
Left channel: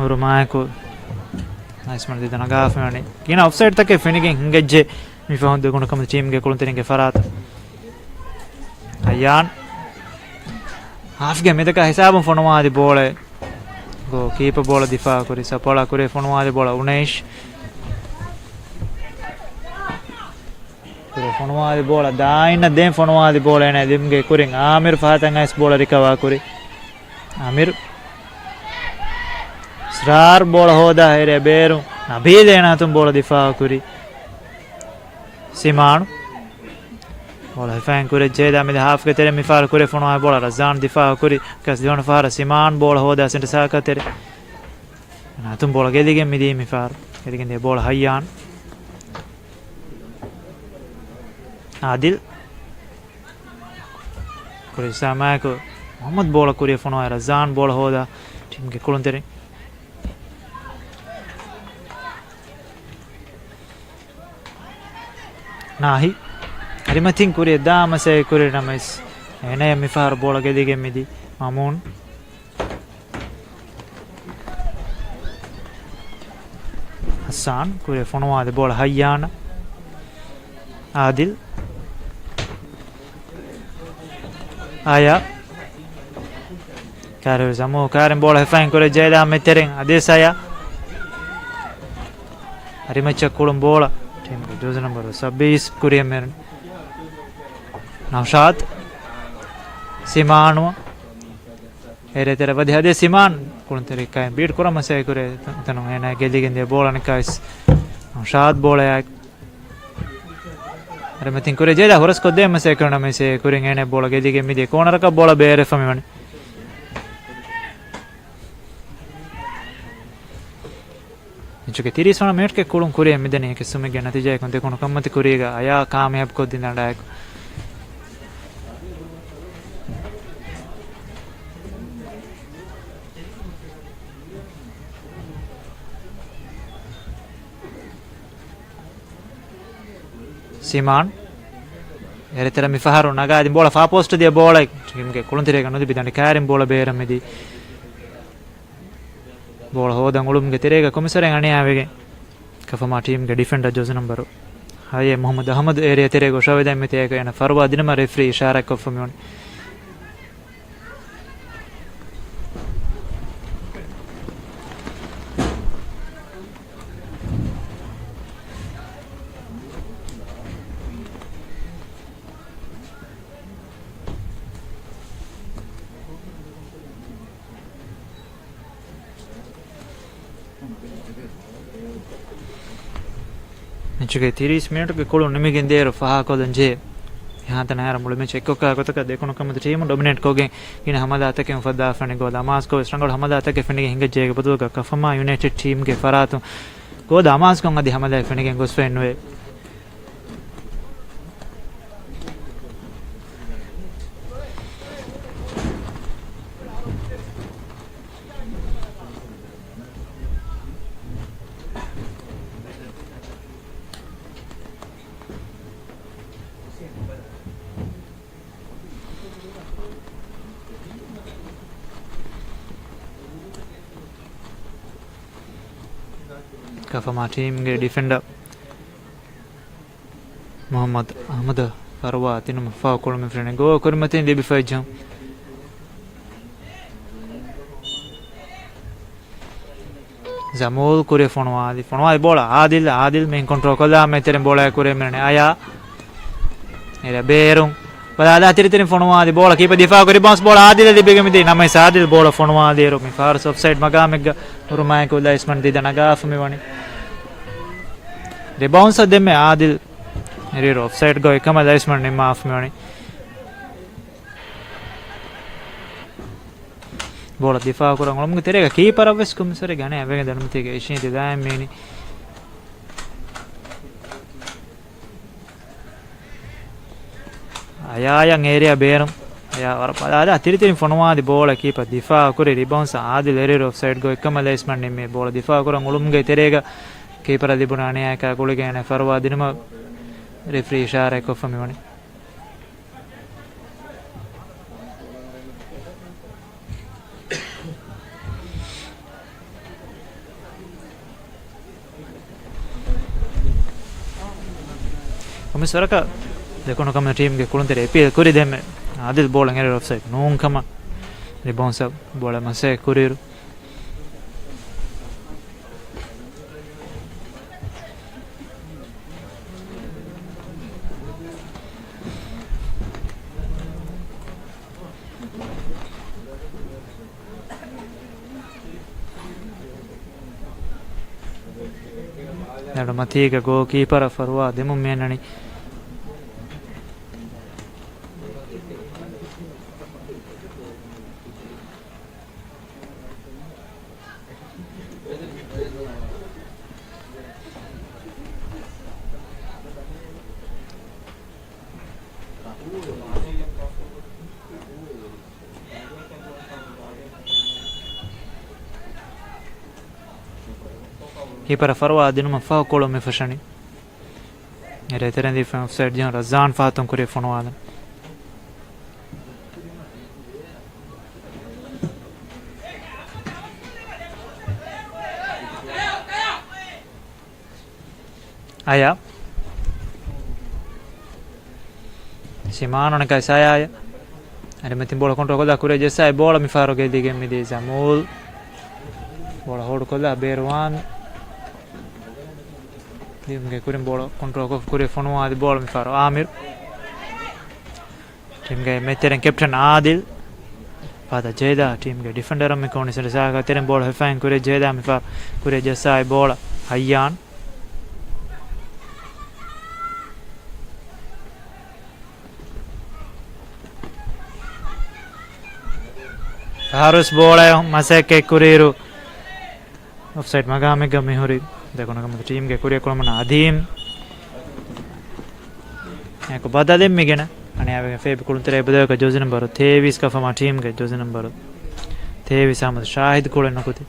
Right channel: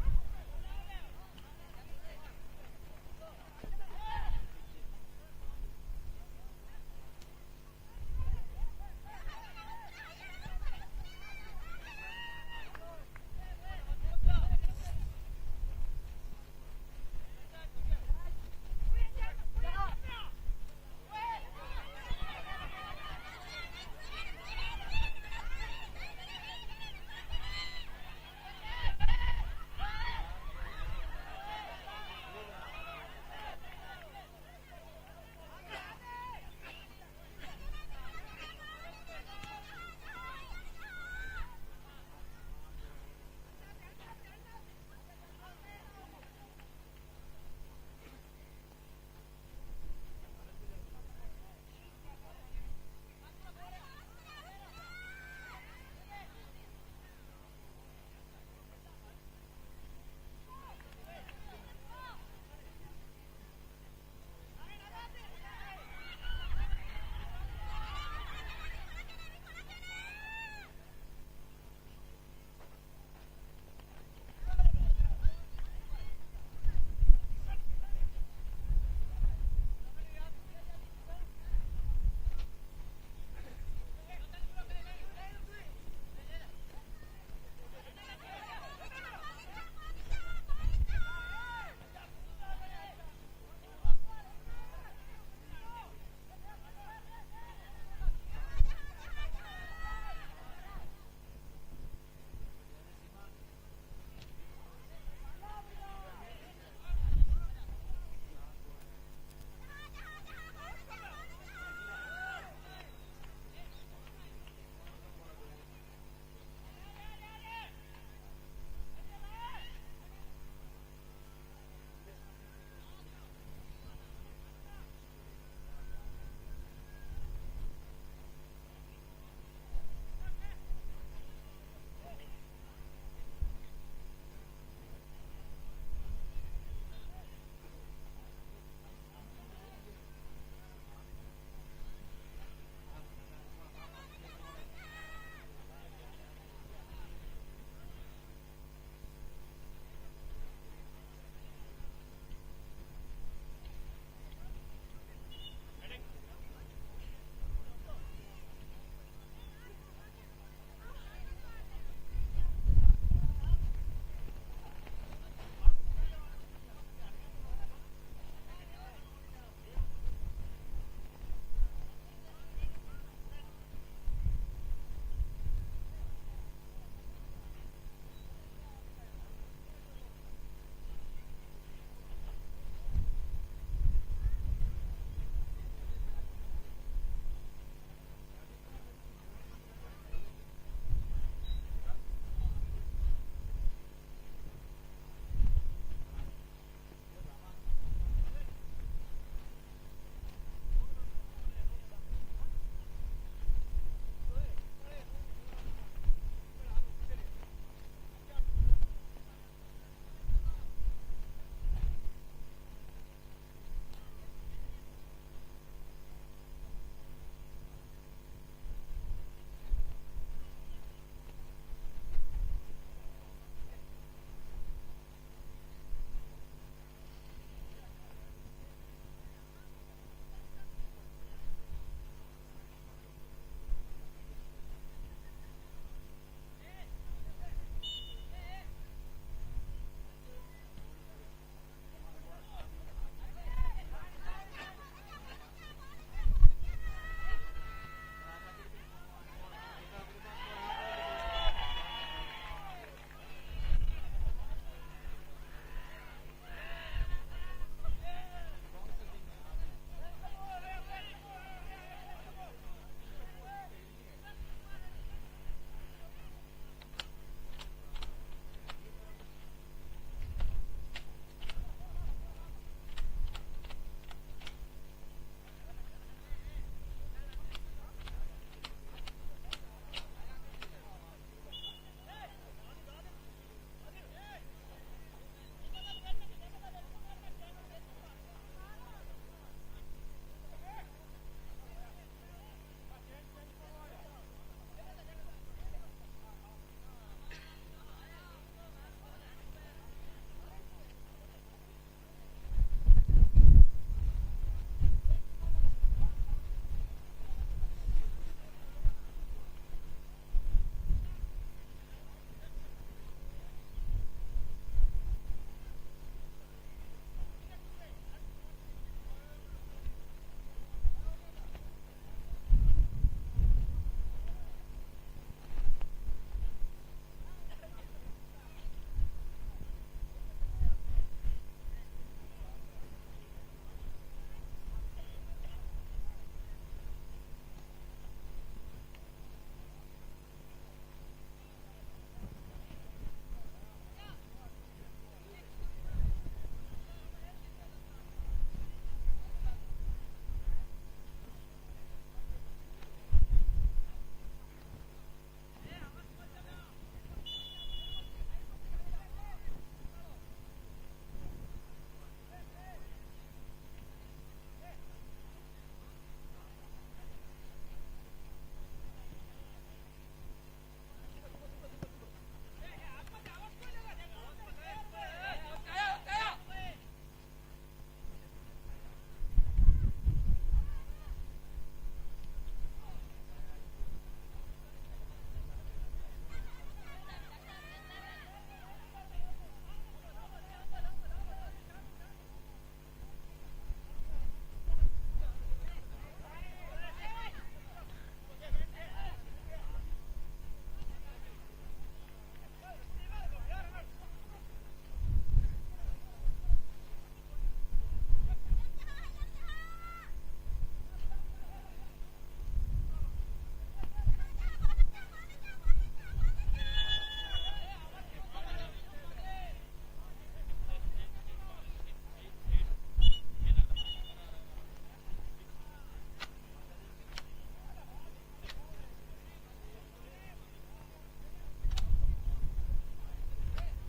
और माय को नाइस मर देना गाफ में नहीं कि ना ऑफसाइड तक के फिनिशिंग गज्जे मी फाउंड देखो कम टीम के कुले तेरे के फरात हयान हाफ गेम में तक हिसाब फोनवा दे बोले गो कीपर बोला दिफा कुरे सपोला कुरे फोनवा दे बोला 19 फोनवादी बोला दाइन दे फोनवादी बोले ने दिमगे कुरिंग आमिर फातंग इस बोला रिकवा कुरी आमिर सरार बोला होदा है रे बेरू अभी देना तुम बोला दिफा कुरी सिमान बोला फैन कुरे जेदा में हाफ के तेरे मिफार कुरे फोनवा बोला रजान दिफा कुरी कस जोन फार सिमान बोला होदा सेंट साका तेरे ना तुम बोला गेदी के मिदी मिफार गेदी के बोला हयान आदिल कुरे समय को मोहम्मद बोला कुरे फोन आया रजान बोला होदा टीम के कुलन तेरे नाही अरे मैं थिंक कुरे दाम से कुरे नमस एने मिफार बोला के दिगे मिदी मामून हसन कुरे फोन आया बोला हयान आदिल आया कारे जमो कारे बोला फैन करे जेदा में तेरे आदेश आया अरे मैं चकुलम बोला टीम के जोज नंबर 26 कुरिया मेरन नौशाद सिमानो एरे तेरे वधे आदे सिमान कुन तेरे का बीट कोरा मसे करे तनो एना गेली गेंदे बोला ने काइस नौशाद बोला अरे मैं थिंक करे जेदा होरस को दे मसे करना में से करेंगे ने बोला गेदी के मिदे कॉर्नर का बोला बेरे फमी मन जो के 30 मिनट के कुलम कुरे मिदे ने के समय के नतीजा को देखो कमत करेगा आया कामयाब को दिन डायक सिमान एरे तेरा मिफारो नगा दिन बोला फा पोस्ट दिया बोला टीम के कुलन तेरे कनो दी बिदाने कारिम बोला बेरम में दी bola hodan ulumge terega komisaren aniavege kafama team ge defender jose number haye Muhammad Ahmad area terega shaveda metega ena farwa dinama referee ishara kofamion Inchuke 30 minute ke kolu nimegen deru faha kodan je यहाँ तक नहर मुड़ में check को का तो का देखो ना कम तो टीम डोमिनेट कोगे इन हमला आता के फदा फने गो दामास को स्ट्रंगल हमला आता के फने हिंगे जे बदल का कफमा यूनाइटेड टीम के फरातो गो दामास को ngadi हमला फने के गोस फने वे Kafama team ge defender Muhammad Ahmad Farwa tinum fa kolme frene go kormatin debi fajam Zamul kure fonwa bola adil men control kola meteren bola kure mene aya era berung pada tiri fonwa di bola kipa difa kore bounce bola adil di begami di namai sadil bola fonwa di ro mi far offside magamega urumai ko laisman di danaga fami wani de bounce de me adil eri offside go ekama laisman ni maaf me wani bola difa kurang olum terega keeper avs kum sore gane avege danum tege ishin de daim meni aya yang area berum ya war pada tiri fonwa di bola keeper difa kore rebounds adil eri offside go ekama laisman ni me bola difa kurang olum ge terega keeper adibuna ane ka gole gane farwa dinuma referee ishara ko fami wani Komisaraka देखो ना कम team के कुलंते रे पे कुरी दे में Adil bowling error offside नों कमा rebound सब बॉल मसे कुरीर नडो मथी के गो keeper Farwa देमु मेननी keeper farwa dinuma fa kolo me fashani ere terendi fa offside jan razan fatum kure fonwa aya simano ne kai saya are metin bola control koda kure jesa bola mi faro ge dige mi de zamul bola hold koda berwan dim ge kurim bola control ko kure fonwa di bola mi faro amir team ge meteren captain adil pada jeda team ge defender mi koni sere saga teren bola hefain kure jeda mi faro kure jesa bola hayyan harus bola masake kuriru offside magame game hori देखो ना कम team के कुरिया कोल मना आदीम एको बदले मिगे ना अने आवे Feb कोल तेरे बदले का जोज नंबर 23 का फमा टीम के जोज नंबर 23 अहमद शाहिद कोल न कुती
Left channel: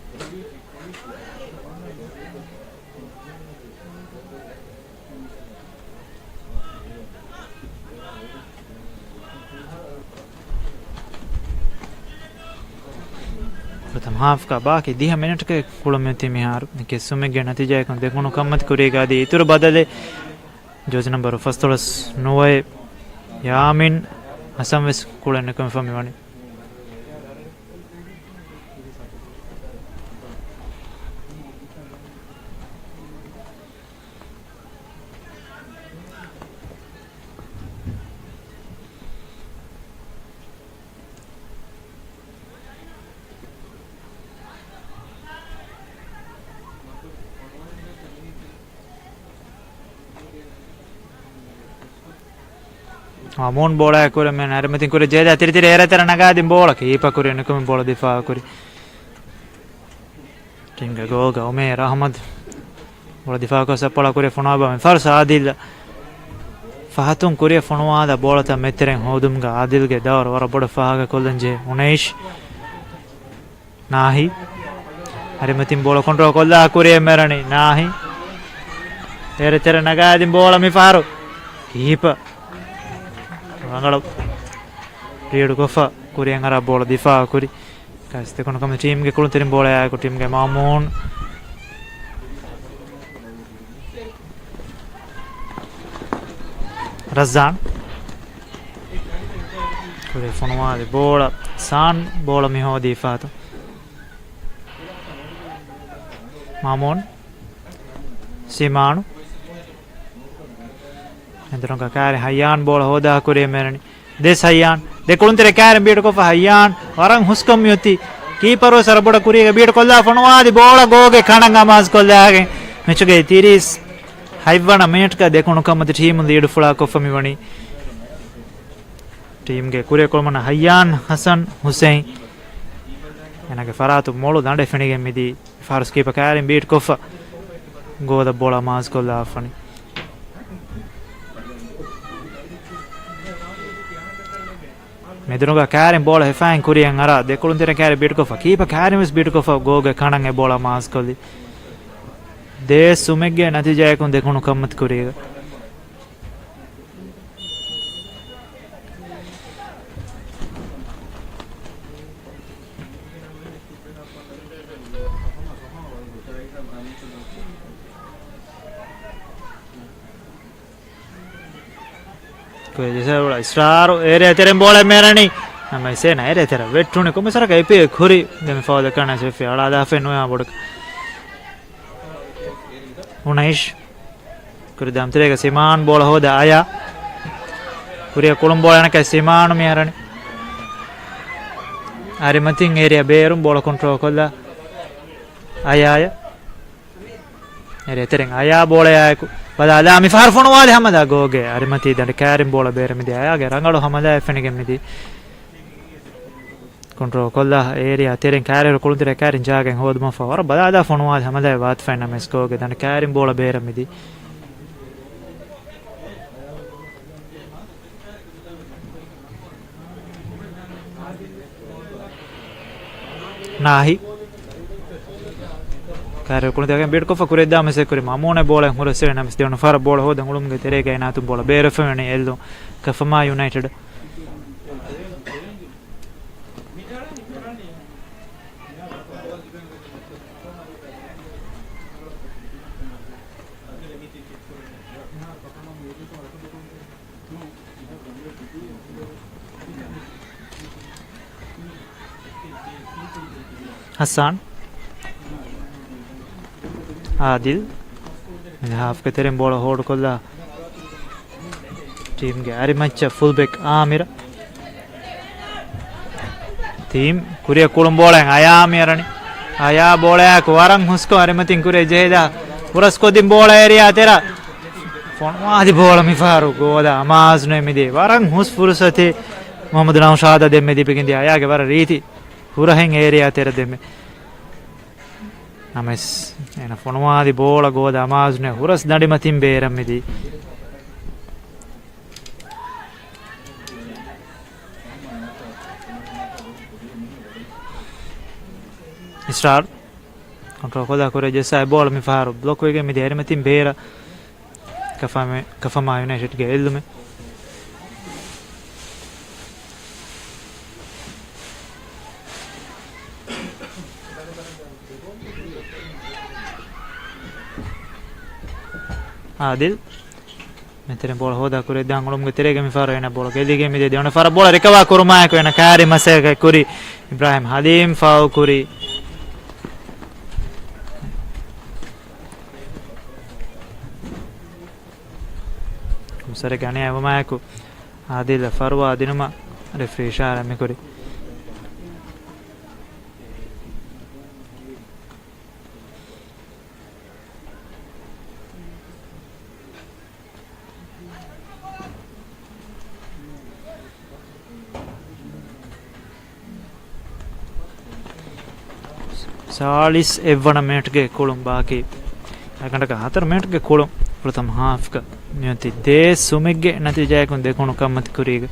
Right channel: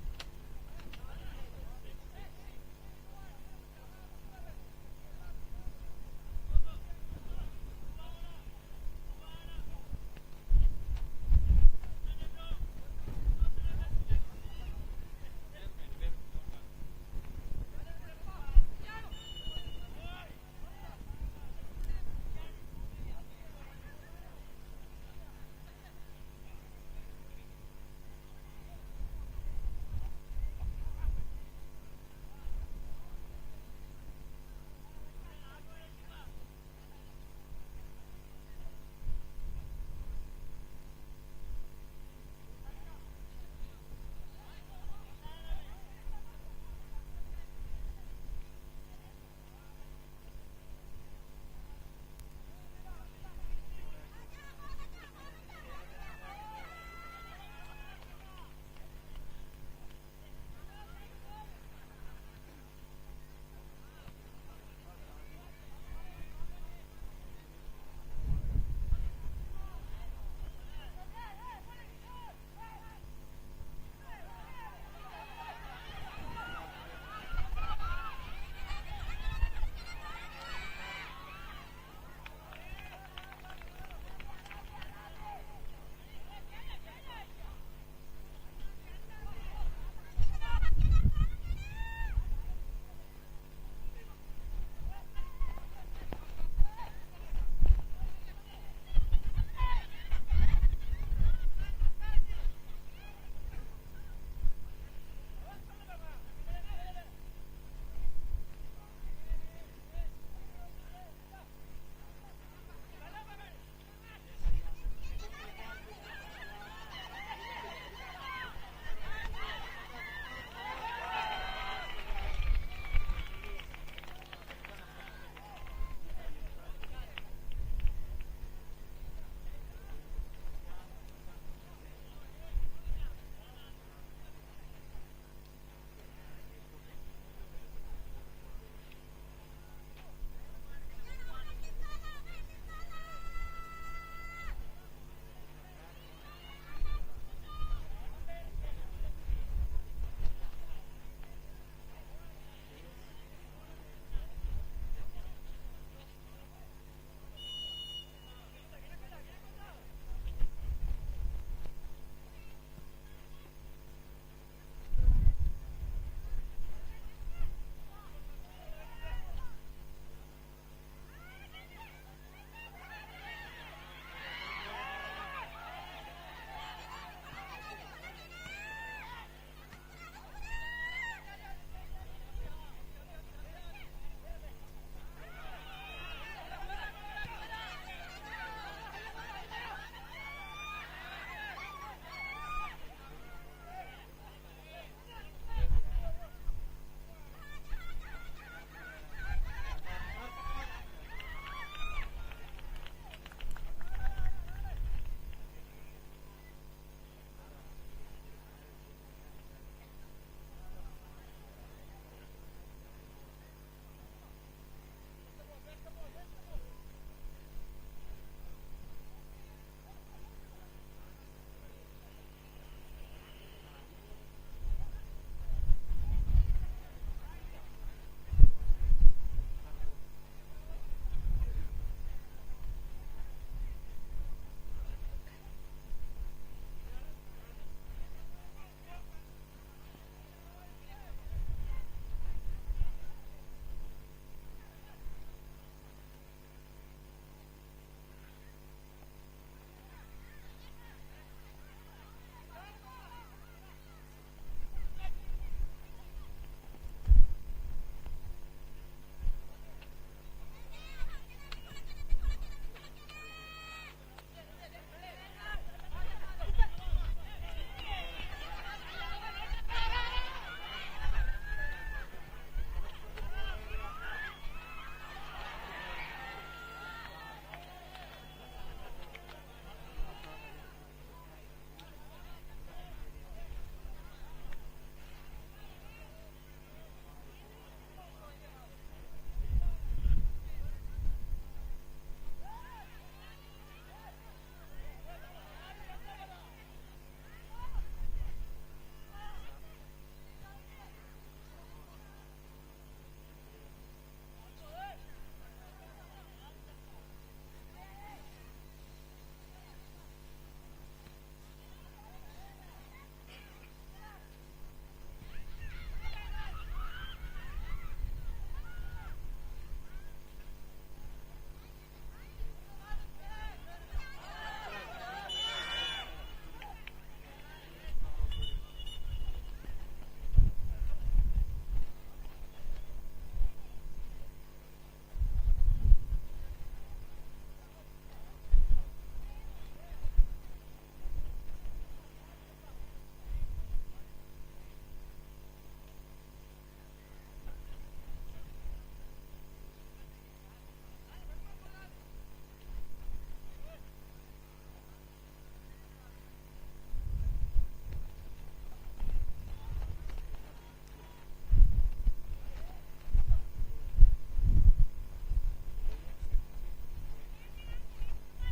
प्रथम हाफ का बाकी 10 मिनट के कुळमेती मिहार के सुमेगे नतीजा को देखो कमत करेगा दी इतर बदले जोज नंबर फस्तोलस नोए Yamin असमवेस कुळने confirm Vani Amun bola kure men armatin kure jeda tiri tiri era tera nagadin bola ki ipa kure nukum bola difa kure tinga goga Umair Ahmad bola difa ko sapala kure fonaba men farsa adil fahatun kure fonwada bola ta meteren hodumga adil ge dawar wara boda fahaga kollanje Unaish nahi armatin bola control kolla kure merani nahi era tera nagadin bola mi faru ipa Angalo Rio Gofa Kuriang Arab bola difa kuri kaste kono kam team ge kulun terim bola ay ko team ge Mamun Razan kure fonwa de bola san bola mi ho difa to Mamun Simanu Entrano cacare Hayyan bola hoda kure merani des Hayyan de kuluntere kare beat ko fa Hayyan warang huskam yoti keeper sar boda kuriga beat kolla fonwadi bola goge kananga mas kolla age mechuge 30 haywana minute ka dekunu kamati team unde edu fula ko fami wani team ge kure kolmana Hayyan Hasan Hussein enage faratu molu dande fenige midi faras keeper kare beat ko fa goda bola mas kolla fani Medunuga Karim bola hefan Kurian Ara, de Kuluntere Kari Bitkofa, keep a Karimus Bitkofa, Goga Kanang Ebola Maskoli. De Sumege Natijakun de Kunukamat Kuriga. Star area terem bola merani nama sena area tera vettune come sarà che pe khuri dem fa da kana se fe ala da fe no ya bod Unaish kuri dam terega Siman bola hoda aya kuri kolum bola na ka Siman merani are matin area berum bola control kolla aya area tereng aya bola ya Pada mi far fono wale hamada goge arimati dande karim bola bere midi ayage rangalo hamada fenige midi control kolla area teren karer kulundire karin jagen hoduma fa war bada fono wale hamada wat fenna mes goge dande karim bola bere midi nahi Kare kuluntere beat ko fa kure da mese kure Mamone bola hura se na mesti on far bola hoda ngulum ge terega ina tu bola bere fene eldo Kafama United Hassan Adil half ke terem bola hold kolla team ge arimacha fullback Amir team kuriya kulum bola aya amirani aya bola ko warang husko arimatin kure jehda urasko dim bola area tera fonwadi bola mi faru goda amaz no emide warang hus fursate Muhammad Naushada demme dipikindi aya ge war riti hurahen area tera demme Names ena fonwadi bola goda amazne huras dadimatin beramidi Start control koda kore jesa bola mi faru block wege mi derimatin bera Kafama United ge ellume Adil මෙතන බෝල හොදා කුරේ දාන් ඔලුම්ගේ තෙරේගේ මිෆාර වෙන බෝල ගෙදිගේ මිදේ දෙවන ෆාර බෝල රිකවා කුරුමායක වෙන කාරි මසේක කුරි ඉබ්‍රාහිම් හදීම් ෆාව කුරි කුසර ගණේ අවමායක ආදිල ෆර්වා දිනම රෙෆ්‍රී Ishara මෙකුරි सालिस एवण minute के कोलम बाकी याकंटे का 4 minute के कोलम प्रथम half का नियति दे सुमिगे नतीजा को देखोनु कमत कुरीग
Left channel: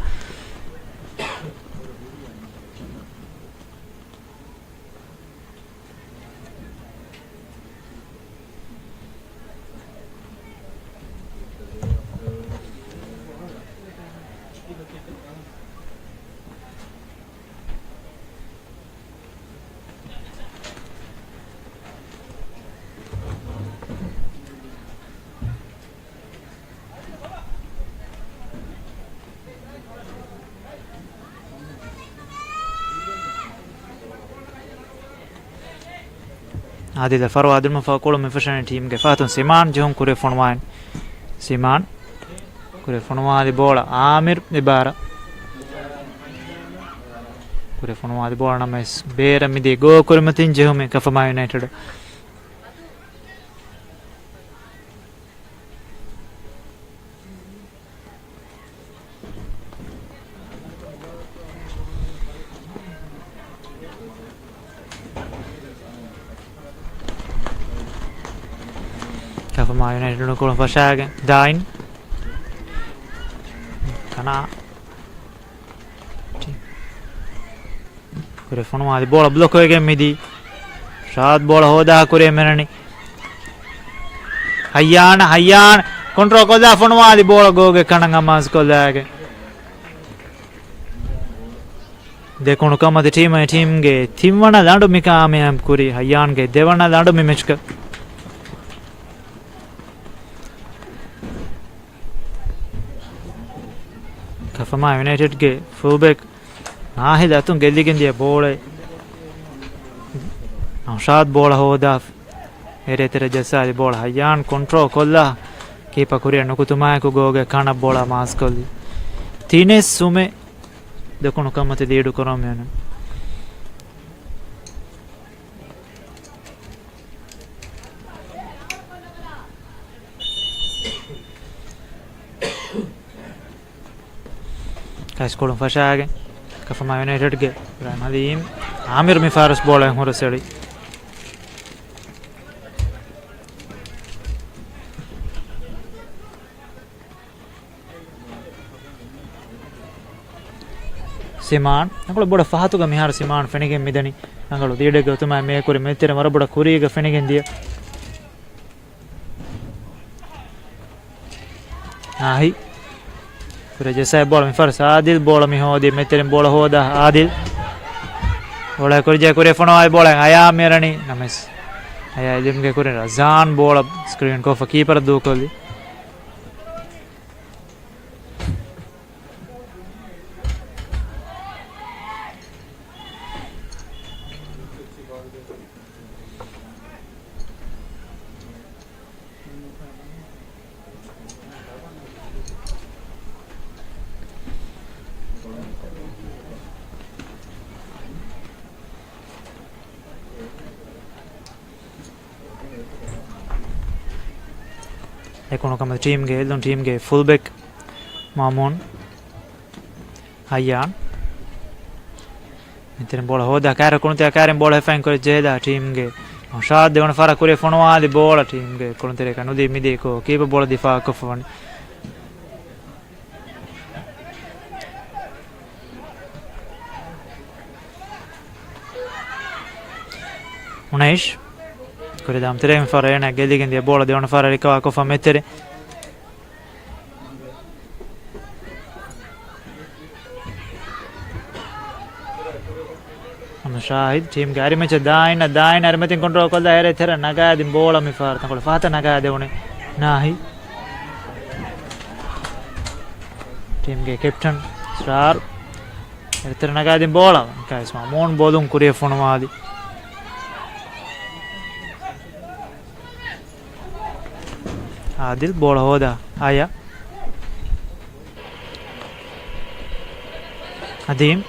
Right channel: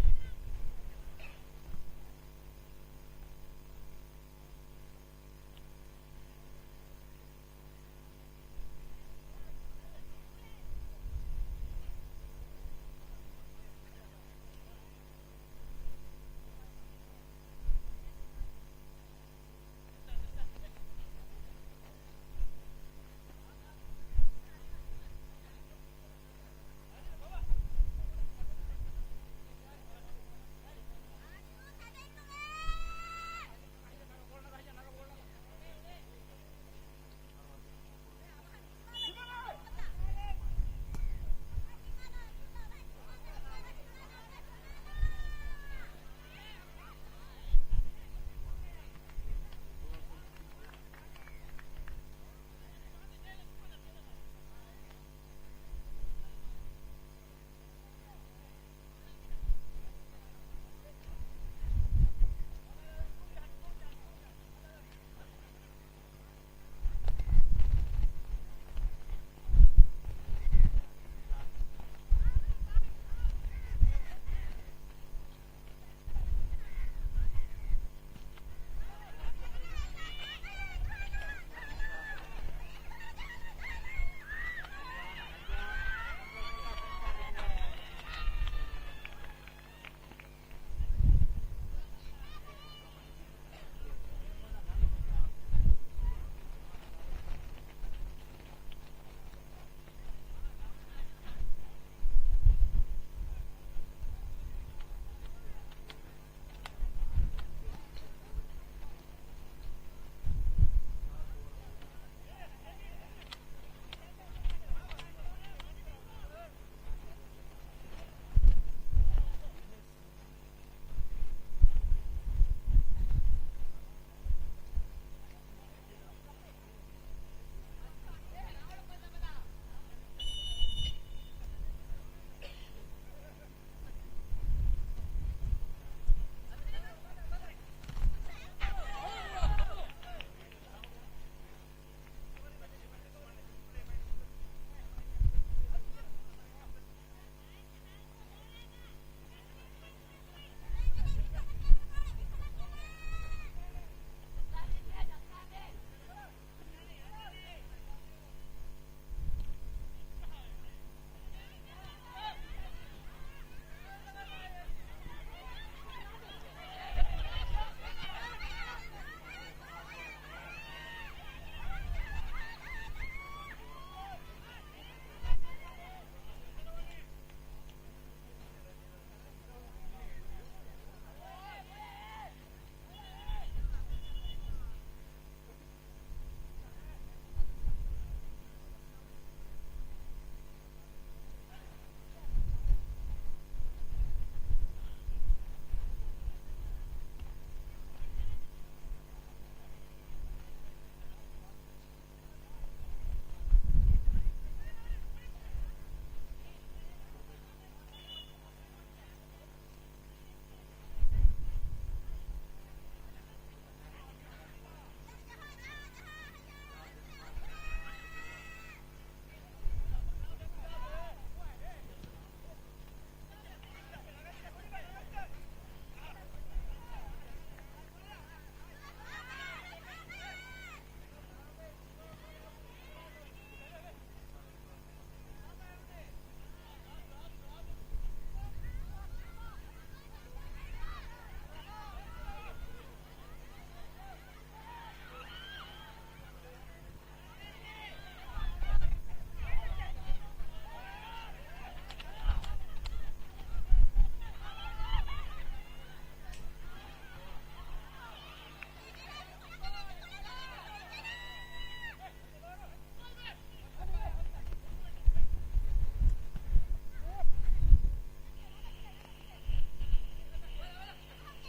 आदिल फरवा आदिल में कोलो में फशन टीम के फातुन सीमान जो हम कुरे फनवान सीमान कुरे फनवा दे बोला आमिर इबारा कुरे फनवा दे बोला ना बेर मिदे गो कुरे मतिन जो में कफमा United Kafama United no kolam fashagen dain kana kure fonuma di bola block hoge midi shad bola hoda kure menani hayyan control koda fonuma di bola goge kananga mas kolage dekonu kamade team ge timwana dandu mikame am kuri hayyan ge devana dandu mi match ka Kafama United के fullback Nahid अतुन गेली Gondia ball Naushad ball होदा array तेरे जैसा ball Hayyan control कोल्ला keeper कुरिया नुकुतुमाय को गोगे खाना ball मास कोली तीने सुमे देखो नुकमते दीडु करो मैंने Kolom fashagen Kafama United ge Ibrahim Hadim Amir Mifaris bola yang hura seri Siman angalo boda fahatu ga mihar Siman fenigen midani angalo dide ge utuma me kuri metere mara boda kuri ge fenigen dia nahi Kure jesa bola mi fars Adil bola mi hodi meterin bola hoda Adil bola kurja kure fono ay bola aya merani names aya ilim ge kure Razan bola screen ko keeper do koli Ekono kama team ge fullback Mamun Hayyan Meterin bola hoda kara kunte karen bola fan kore jeda team ge shad devana fara kore fonwa di bola team ge kunte ka nudi midi ko keeper bola difa ko fon Unaish Kore dam terem fara ena geligen dia bola devana fara rikawa ko fa metere Shahid team gari mecha daina armetin control kolla ere thera naga din bola mi far takol fata naga devone nahi ಟೀಮ್ಗೆ captain star ಎತ್ತರನಗಾದಿ ಬೋಳ ಕಾಯಿಸ್ಮ ಮೋನ್ ಬೋದುಂ ಕುರಿಯ ಫೋಣವಾದಿ ಆದಿಲ್ ಬೋಳ ಹೋದ ಆಯಾ ಅದೀಮ್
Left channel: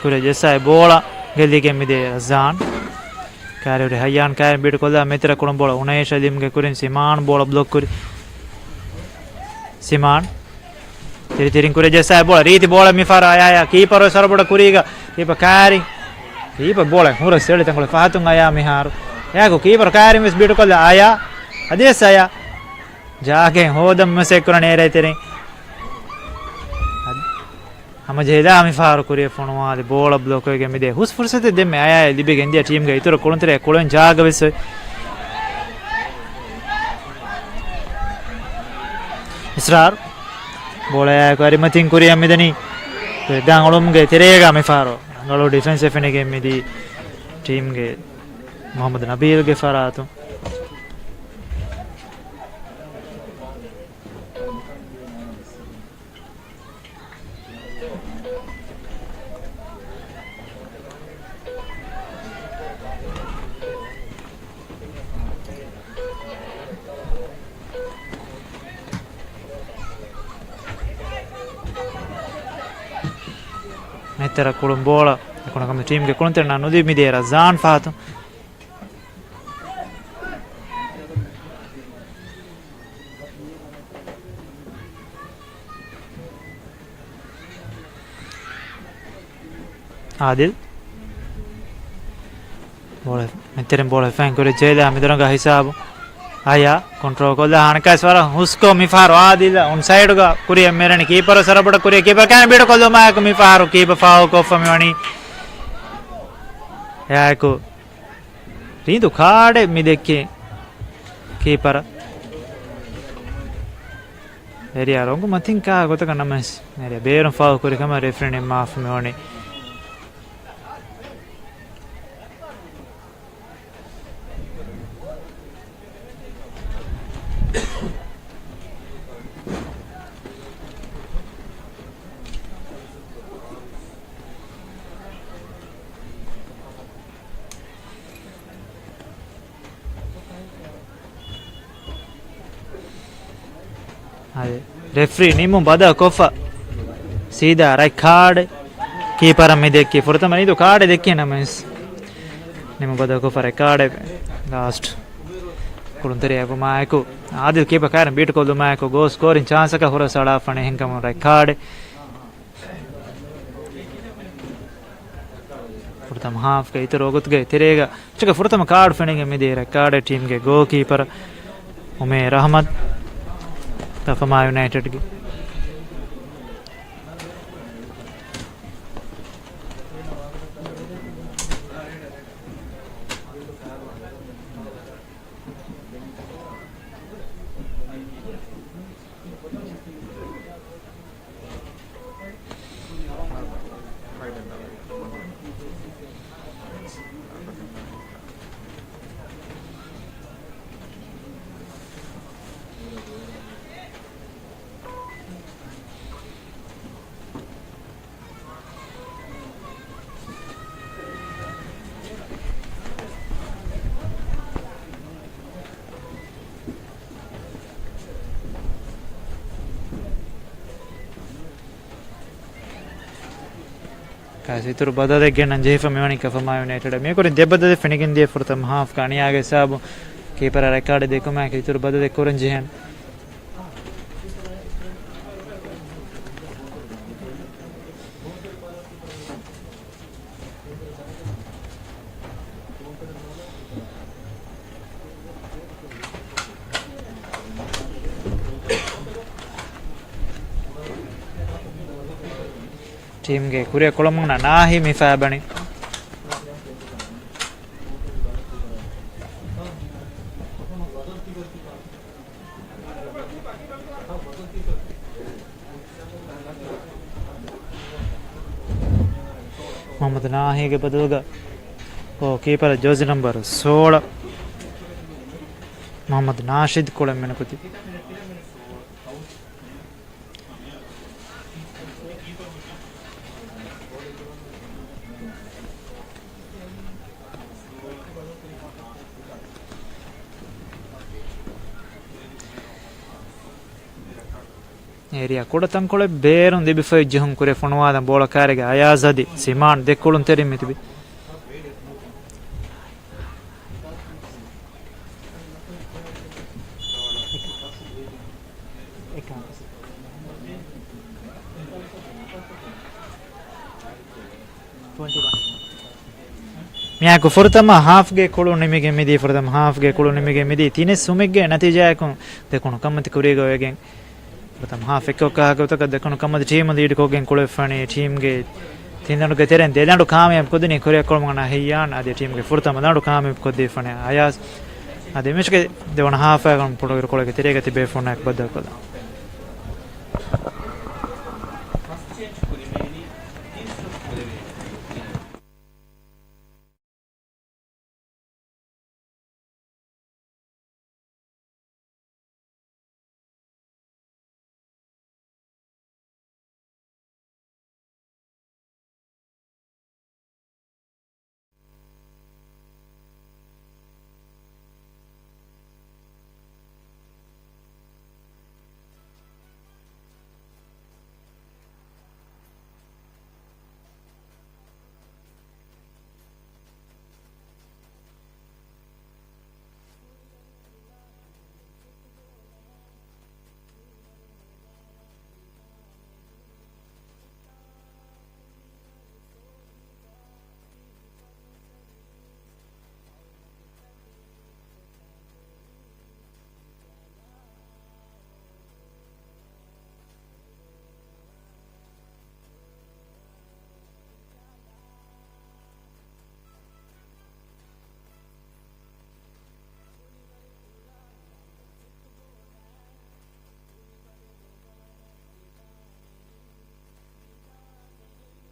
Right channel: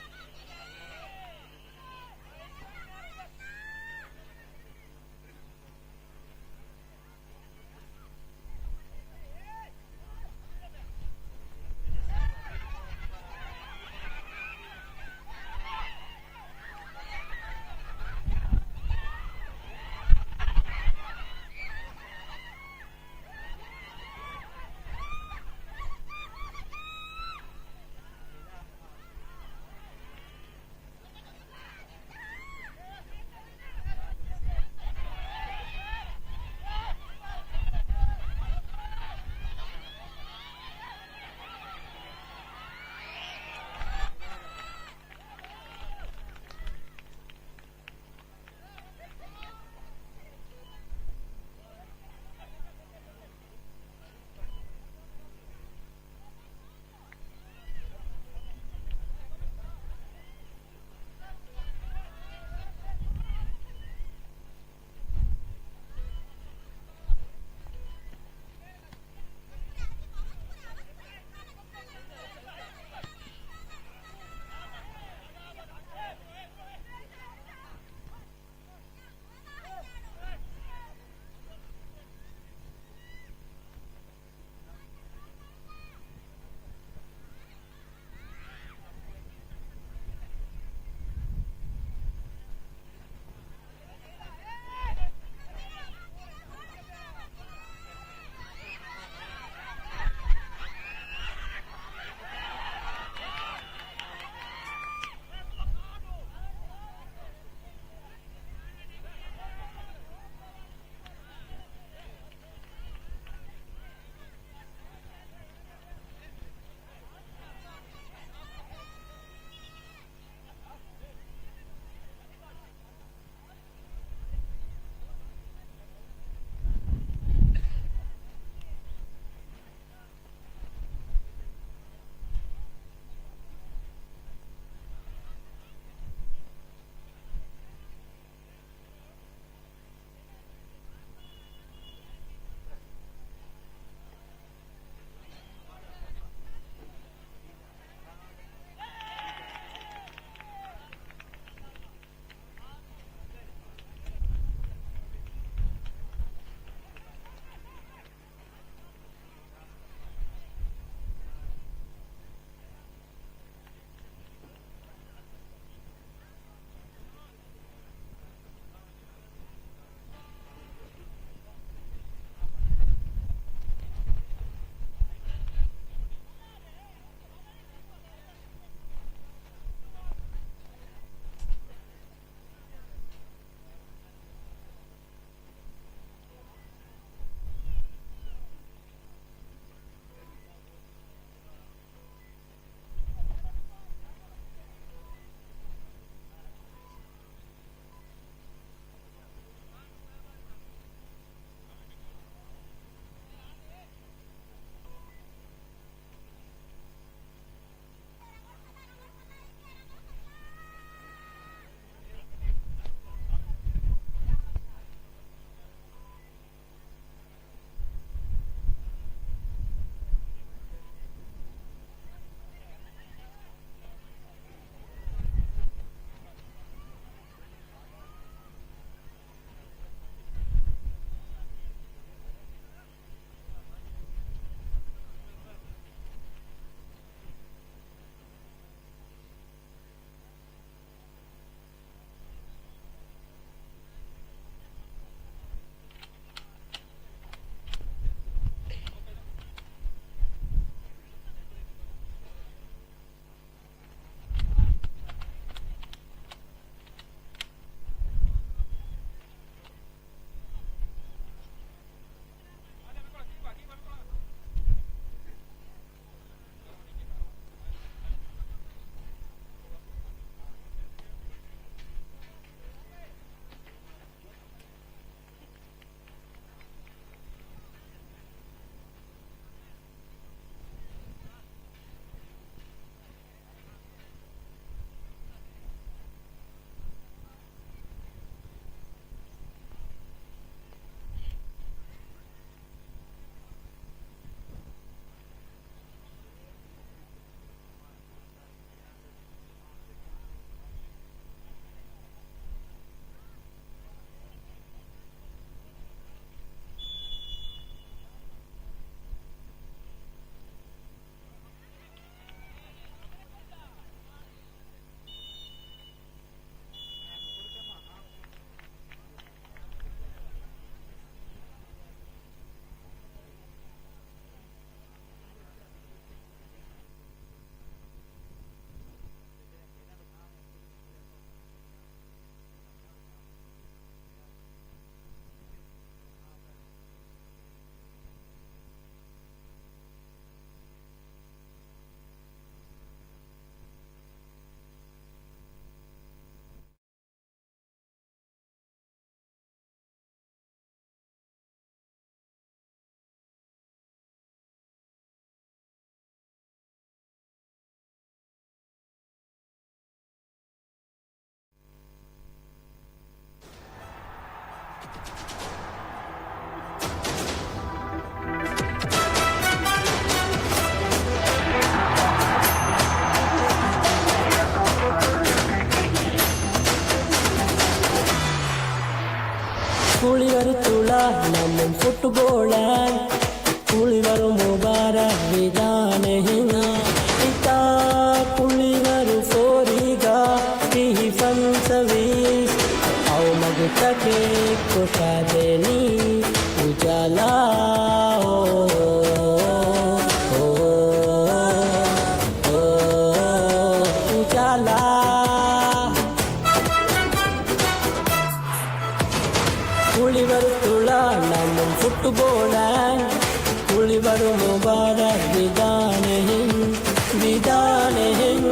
ಕುರಿಯ ಜೆಸ್ಸಾಯ್ ಬೋಳ ಗೆಲ್ಲಿ ಕೆಮ್ಮಿದೆ ರಜಾನ್ ಕಾರ್ಯವ್ರಿ ಹಯ್ಯಾನ್ ಕಾಯ್ ಬಿಡ್ಕೊಲ್ಲ ಮಿತ್ರ ಕುಣಬೋಳ ಉನೇಶ್ ಅದೀಮ್ಗೆ ಕುರಿನ್ ಸಿಮಾನ್ ಬೋಳ block ಕುರಿ ಸಿಮಾನ್ ತಿರಿ ತಿರಿಂಗ್ ಕುರಿ ಜೆಸ್ಸಾಯ್ ಬೋಳ ರೀತಿ ಬೋಳ ಮಿಫಾರ ಆಯಾ ಕೀಪರ್ ಸರಬಡ ಕುರಿಗ ಕೀಪರ್ ಕಾರಿ ಕೀಪರ್ ಬೋಳ ಹುರ ಸೇಳಿ ತಂಗೊಳ ಫಾತುಂಗ್ ಆಯಾ ಮಿಹಾರು ಯಾಕೋ ಕೀಪರ್ ಕಾರಿ ಮಿಸ್ ಬಿಡ್ಕೊಲ್ಲ ಆಯಾ ಅದೇ ಸಾಯ ಜಾಗೆ ಹೋದಂ ಮೆಸೆ ಕುರಣ ಏರೈತಿರಿ ಹಮ ಜೇದಾ ಮಿಫಾರು ಕುರಿಯ ಫೋಣವಾದಿ ಬೋಳ ಬ್ಲೋಕೋಗೆ ಮಿದೆ ಹುಸ್ ಫುರ್ಸತೆ ದೆಮ್ಮೆ ಆಯಾ ಲಿಬಿಗೆ ಇಂಡಿಯಾ ಟೀಮ್ಗೆ ಇತರ ಕುಳಂತರೆ ಕುಳನ್ ಜಾಗವಿಸ್ ಇಸ್ರಾರ್ ಬೋಳ ಯಾಕಾರಿ ಮತಿಂಗ್ ಕುರಿಯ ಮಿದನಿ ದಾಂಗಳೊಮ್ಗೆ ತೆರೆಗ ಮಿಫಾರು ಅಂಗಳು ಡಿಫೆನ್ಸ್ ಎಫೆನಿಗೆ ಮಿದಿ ಟೀಮ್ಗೆ ಮೊಹಮ್ಮದ್ ನಬೀಲ್ಗೆ ಫರಾತು ಮೆತ್ತರ ಕುಳುಂ ಬೋಳ ಕಮ ಟೀಮ್ಗೆ ಕುಳಂತೇನೆ ನಾನು ನುದಿ ಮಿದೇರ ಜಾನ್ ಫಾತು ಆದಿಲ್ ಬೋಳ ಮೆತ್ತೆರೆ ಬೋಳ ಫ್ಯಾಂಕ್ করে ಜೈಲ ಮಿದರಂಗ ಹಿಸಾಬು ಆಯಾ ಕಂಟ್ರೋಲ್ ಕೊಲ್ಲ ಹಣಕಾಸ್ ವರ ಹುಸ್ಕೋ ಮಿಫಾರು ಆದಿಲ್ಲ ಒನ್ ಸೈಡ್ ಗ ಕುರಿಯ ಮೇರಣಿ ಕೀಪರ್ ಸರಬಡ ಕುರಿಯ ಕೀಪರ್ ಕ್ಯಾನ್ ಬಿಡ ಕೊಲ್ಲ ಮಾಕ ಮಿಫಾರು ಕೀಪರ್ ಫಾವು ಕೊಫ ಮಿವಣಿ ಯಾಕೋ ರೀದು ಕಾಡೆ ಮಿದೆಕ್ಕೆ ಕೀಪರ್ ಏರಿಯಾ ರಂಗು ಮತಿಂಕ ಗೊತ್ತಕ ನಮಸ್ ಏರಿಯಾ ಬೇರೆ ಫಾವು ಕುರಿ ಕಮ ರೆಫರೆಂಡ್ ಮಾಫ್ ಮಿವಣಿ ಅದೇ ರೆಫ್ರಿ ನಿಮ್ಮ ಬದ ಕೊಫ ಸೀದಾ ರೈ ಕಾರ್ಡ್ ಕೀಪರ್ ಮಿದೆಕ್ಕಿ ಫುರ್ತಮ ಇದು ಕಾರ್ಡ್ ದೆಕ್ಕಿ ನಮಸ್ ನಿಮ್ಮ ಬದ ಕೊಫ ರೈ ಕಾರ್ಡ್ ಲಾಸ್ಟ್ ಕುಳುಂತರಿ ಯಾಕೋ ಮಾಯಕು ಆದಿಲ್ ಕೀಪರ್ ಕಾರಣ ಬೀಟ್ಕೊಲ್ದು ಮಾಯಕು ಗೋ ಸ್ಕೋರಿಂಗ್ ಚಾನ್ಸಕ ಹೊರ ಸಡಾಫಣೆ ಹೆಂಕಮ ರೈ ಕಾರ್ಡ್ ಫುರ್ತಮ ಹಾಫ್ಗೆ ಇತರ ಹೋಗುತ್ಗೆ ತಿರೇಗ ಚಕ ಫುರ್ತಮ ಕಾರ್ಡ್ ಫಣಿಗೆ ಮಿದೆ ರೈ ಕಾರ್ಡ್ ಟೀಮ್ಗೆ ಗೋ ಕೀಪರ್ ಉಮೇರ್ ಅಹಮದ್ ತಫಮಾ ಯುನೈಟೆಡ್ಗೆ ಇತರ ಬದದಕ್ಕೆ ನನ್ನ ಜೈಫ ಮಿವಣಿ ಕಫಮಾ ಯುನೈಟೆಡ್ ಮೇ ಕೊರಿ ದೆಬ್ಬದ ಫೆಣಿಗಿನ್ ದೇ ಫುರ್ತಮ್ ಹಾಫ್ ಕಾಣಿ ಆಗೆ ಸಾಬು ಕೀಪರ್ ರೆಕಾರ್ಡ್ ದೆ ಕೊಮಾ ಕೆ ಇತರ ಬದದೆ ಕೊರನ್ ಜೆಹನ್ ಟೀಮ್ಗೆ ಕುರಿಯ ಕೊಳಮಂಗನ ನಾಹಿ ಮಿಫಾಬಣಿ ಮೊಹಮ್ಮದ್ ನಾಹಿಗೆ ಬದಲುಗ ಓ ಕೀಪರ್ ಜೋಸಿ ನಂಬರ್ 16 ಮೊಹಮ್ಮದ್ ನಾಶಿದ್ ಕೊಳಮೆನ ಕುತಿ ಏರಿಯಾ ಕೂಡ ತಂಕೊಳೆ ಬೇರೊಂದು ಬಿಫೈ ಜಹುಂ ಕುರೆ ಫುಣವಾದ ಬೋಳ ಕಾರಿಗೆ ಅಯಾಜದಿ ಸಿಮಾನ್ ದೆಕ್ಕುಳುನ್ ತೆರಿಮಿತಿಬಿ ಮಿಯಾಕು ಫುರ್ತಮ ಹಾಫ್ಗೆ ಕುಳು ನಿಮಗೆ ಮಿದಿ ಫುರ್ತಮ ಹಾಫ್ಗೆ ಕುಳು ನಿಮಗೆ ಮಿದಿ ತಿನೆ ಸುಮಿಗೆ ನತಿಜಾಯಕು ದೆಕ್ಕುಣು ಕಮ್ಮತಿ ಕುರಿಗೋಯಗೆ ಫುರ್ತಮ ಹಾಫ್ ಎಕ್ಕೊಕ್ಕ ಹಾಕೋತಕ ದೆಕ್ಕುಣು ಕಮ್ಮತಿ ಟೀಮ್ ದಿ ಇಡ್ಕೋಗೆ ಕುಳೆ ಫಣಿ ಟೀಮ್ಗೆ ತಿನ್ನಡುಗೆ ತೆರೆನ್ ದೇಲಾಂಡು ಕಾಮಯಾಬ್ ಕೊದಿನಿ ಕೊರಿಯ ಕೊಳಮಗನ ಹಯ್ಯಾನ್ ಅದೇ ಟೀಮ್ಗೆ ಫುರ್ತಮ ನಾಡು ಕಾಮಯಾಬ್ ಕೊದ್ದಿ ಫಣಿ ಆಯಾಸ್ ಅದೇ ಮಿಷ್ಗೆ ದೇವಣ ಹಾಫ್ ಆಗನ್ ಪುಡೋಗಿರ ಕೊಳಗೆ ತೆರೆಗತಿ ಬೇ ಫೋನ್ ಹಾಕಿ ಬದ್ದಕೋದ കുളിവരുത്തുള്ള നമ്മൻ ഫുട്ബോളാൻ കുളിവരും മുബാരക് വിധാനഹിന ഇതാ കുളിവരു ഫോരിക തിഹി ഫൻസവീസ് ഔ മഗുതക്കെ കുഷാദേനി ഉജാല ഉജാല കുളിവരുത്തുള്ള നമ്മൻ ഫുട്ബോളാൻ കുളിവരു മുബാരക് വിധാനഹിൻ വിധാനഹിൻ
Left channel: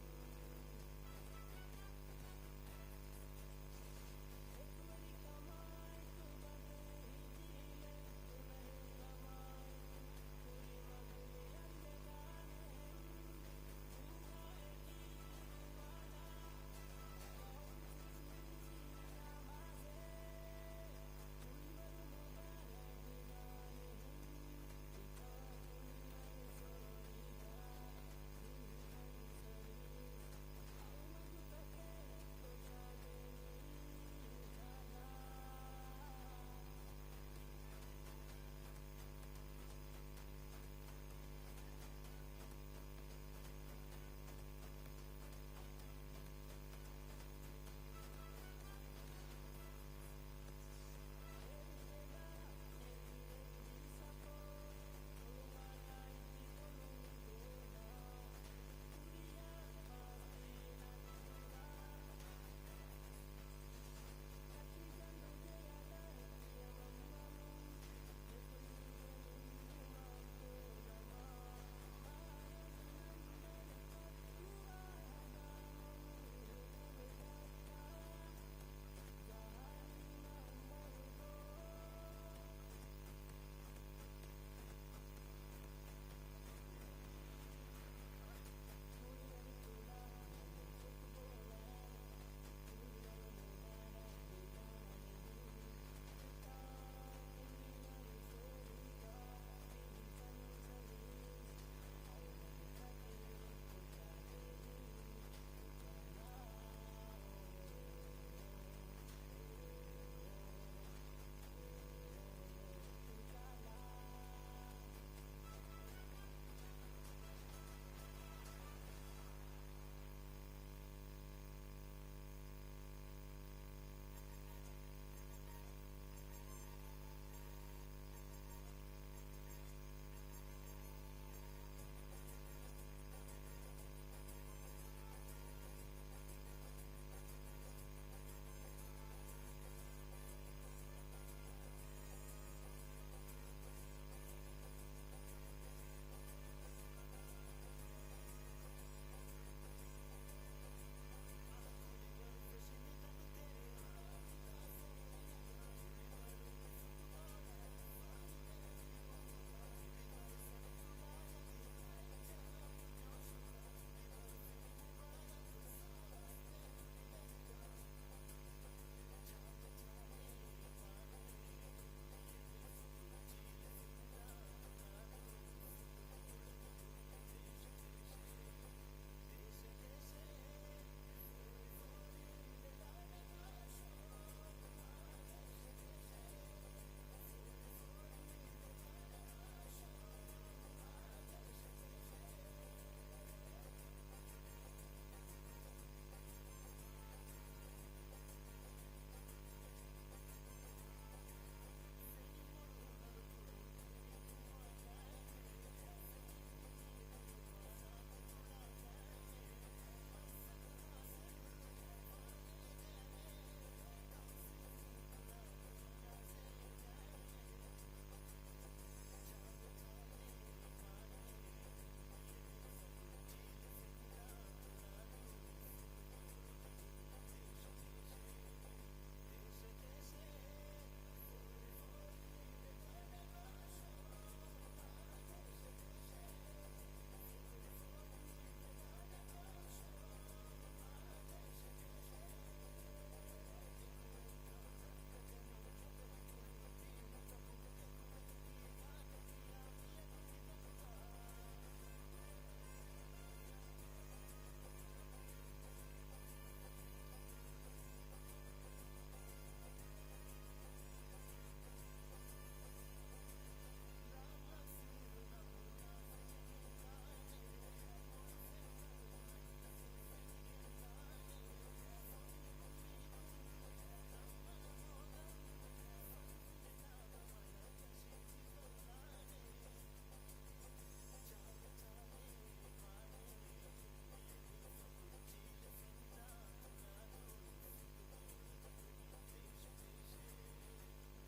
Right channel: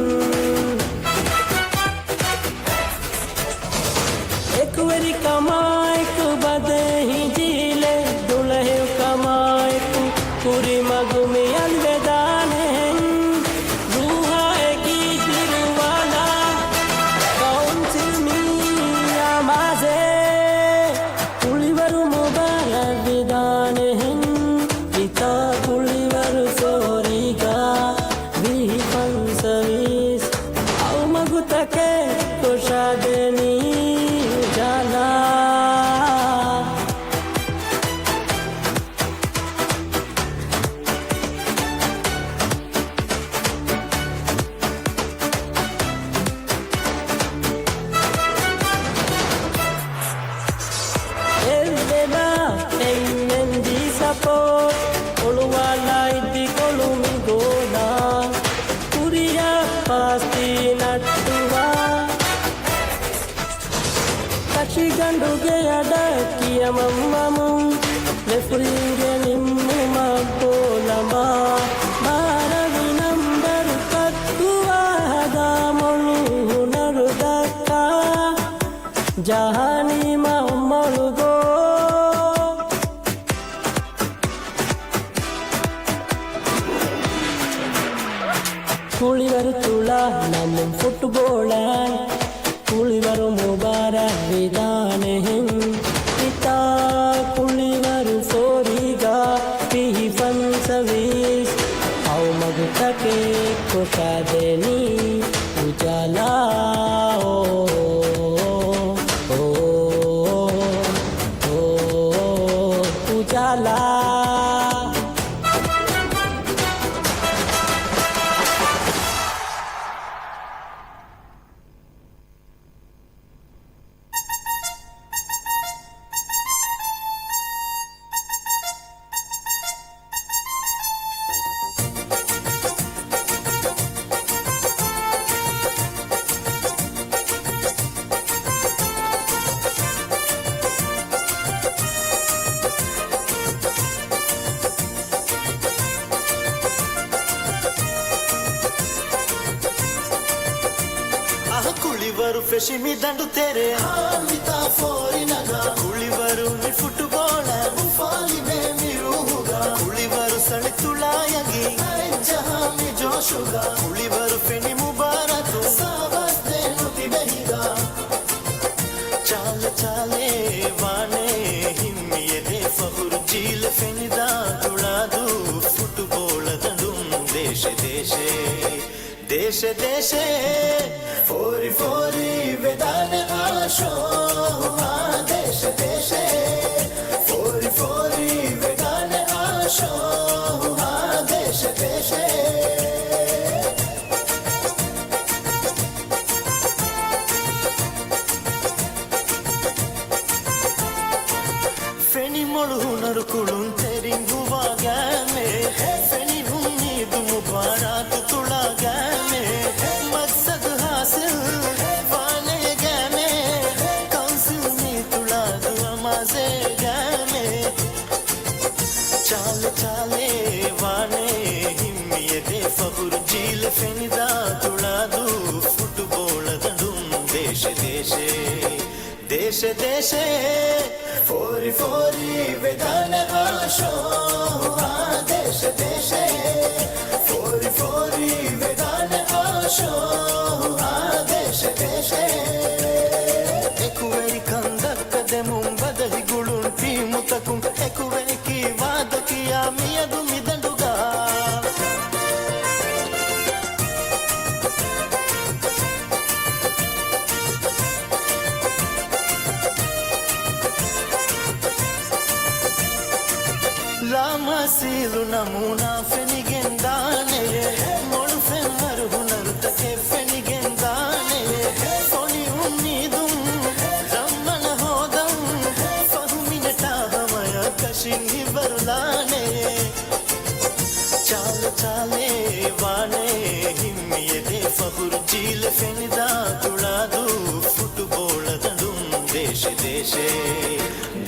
एक वरी कमाए को बदे ही जीले दुल्हे कमाए को पूरी मगु में अलविदान है रूहा की दिलवाला कौन सी मिया माजे कुलिवरु मुबारक विदान है पिता कुलिवरु सोरीगा भी पंसवीस औ मगु तके कुशादेनी उजाला Elvena ennendi support Oluwala iddi kolumi gola Kuriya pasti nattuwa Kashi ganduge adakkiya mammamu Refuringe nimmu mabolama Maravi number kattuwa hada molu hunaru dakka Jahani mammolu go കുളിവരുത്തുള്ള നമ്മൻ ഫുട്ബോളാൻ കുളിവരു മുബാരക് വിധാനഹിൻ പിതാ കുളിവരു ഫോരിക പിഹി ഫൻസവീസ് ഔ മഗുതക്കെ കുഷാദേനി ഉജാല ഉജാല ಕುಳಿವರು ಫೆಶಿಮಿ ದಂಡು ತೆರೆ ಆಮಿತಾ ಫೋರಿನಗ ಕುಳಿವರು ಮಿ ಫುಟ್ಬಾಲ್ ಫಾಲಿ ಮೇ ಮಿರುಹುಗ ಕುಳಿವರು ಸಣಿ ತುಳಾಯಗಿ ಜಹಾಮಿ ಜೋಶುಗ ಕುಳಿವರು ಫೆನಿ ಮುಬಾರತು ಸಾವಸ್ ದೇನು ತಿಬೆಹಿಗ ಚಾಲ ಚಾಲೆ ವಾನೆ ಹಿಮ್ಮಿಯದೆ ಫಹುರು ಜೀಲ ಫೆನಿದ ತುಳಾದು ಫುಟ್ಬಾಲ್ देशे देशे फोरी फोरी वेदान आशो देशे देशे फोरी फोरी वेदान आशो देशे देशे फेनी मोड़ हुनर कुड़ुन तेरी गुवा गैमे फेनी हुन्नी दुम बारात तुड़ा गैमे मकसद हासिल वाने गैमे काउंसिल में तुड़ा दुआ माजे गैमे चाल चाले वाने हिम्मिये दे फबुर जील फेनी दा तुड़ा दू फुटबॉल दंडुम देशे देशे देशे देशे फोरी फोरी वेदान आशो देशे देशे फोरी फोरी वेदान आशो देशे देशे एकुवेरी कंदक दे मुंबदहि गुळुन पीमुतकुं एकुवेरी की वाद किया मियदु मिदंडुगा Lamasilu namuna fenigendane molu femar hunar take fenigendane foni ummidum rammana hodam fahminata hamaya kashin hibarlane chal chale wane himmiye de fahur jil fenida tuladu football dandum deshe deshe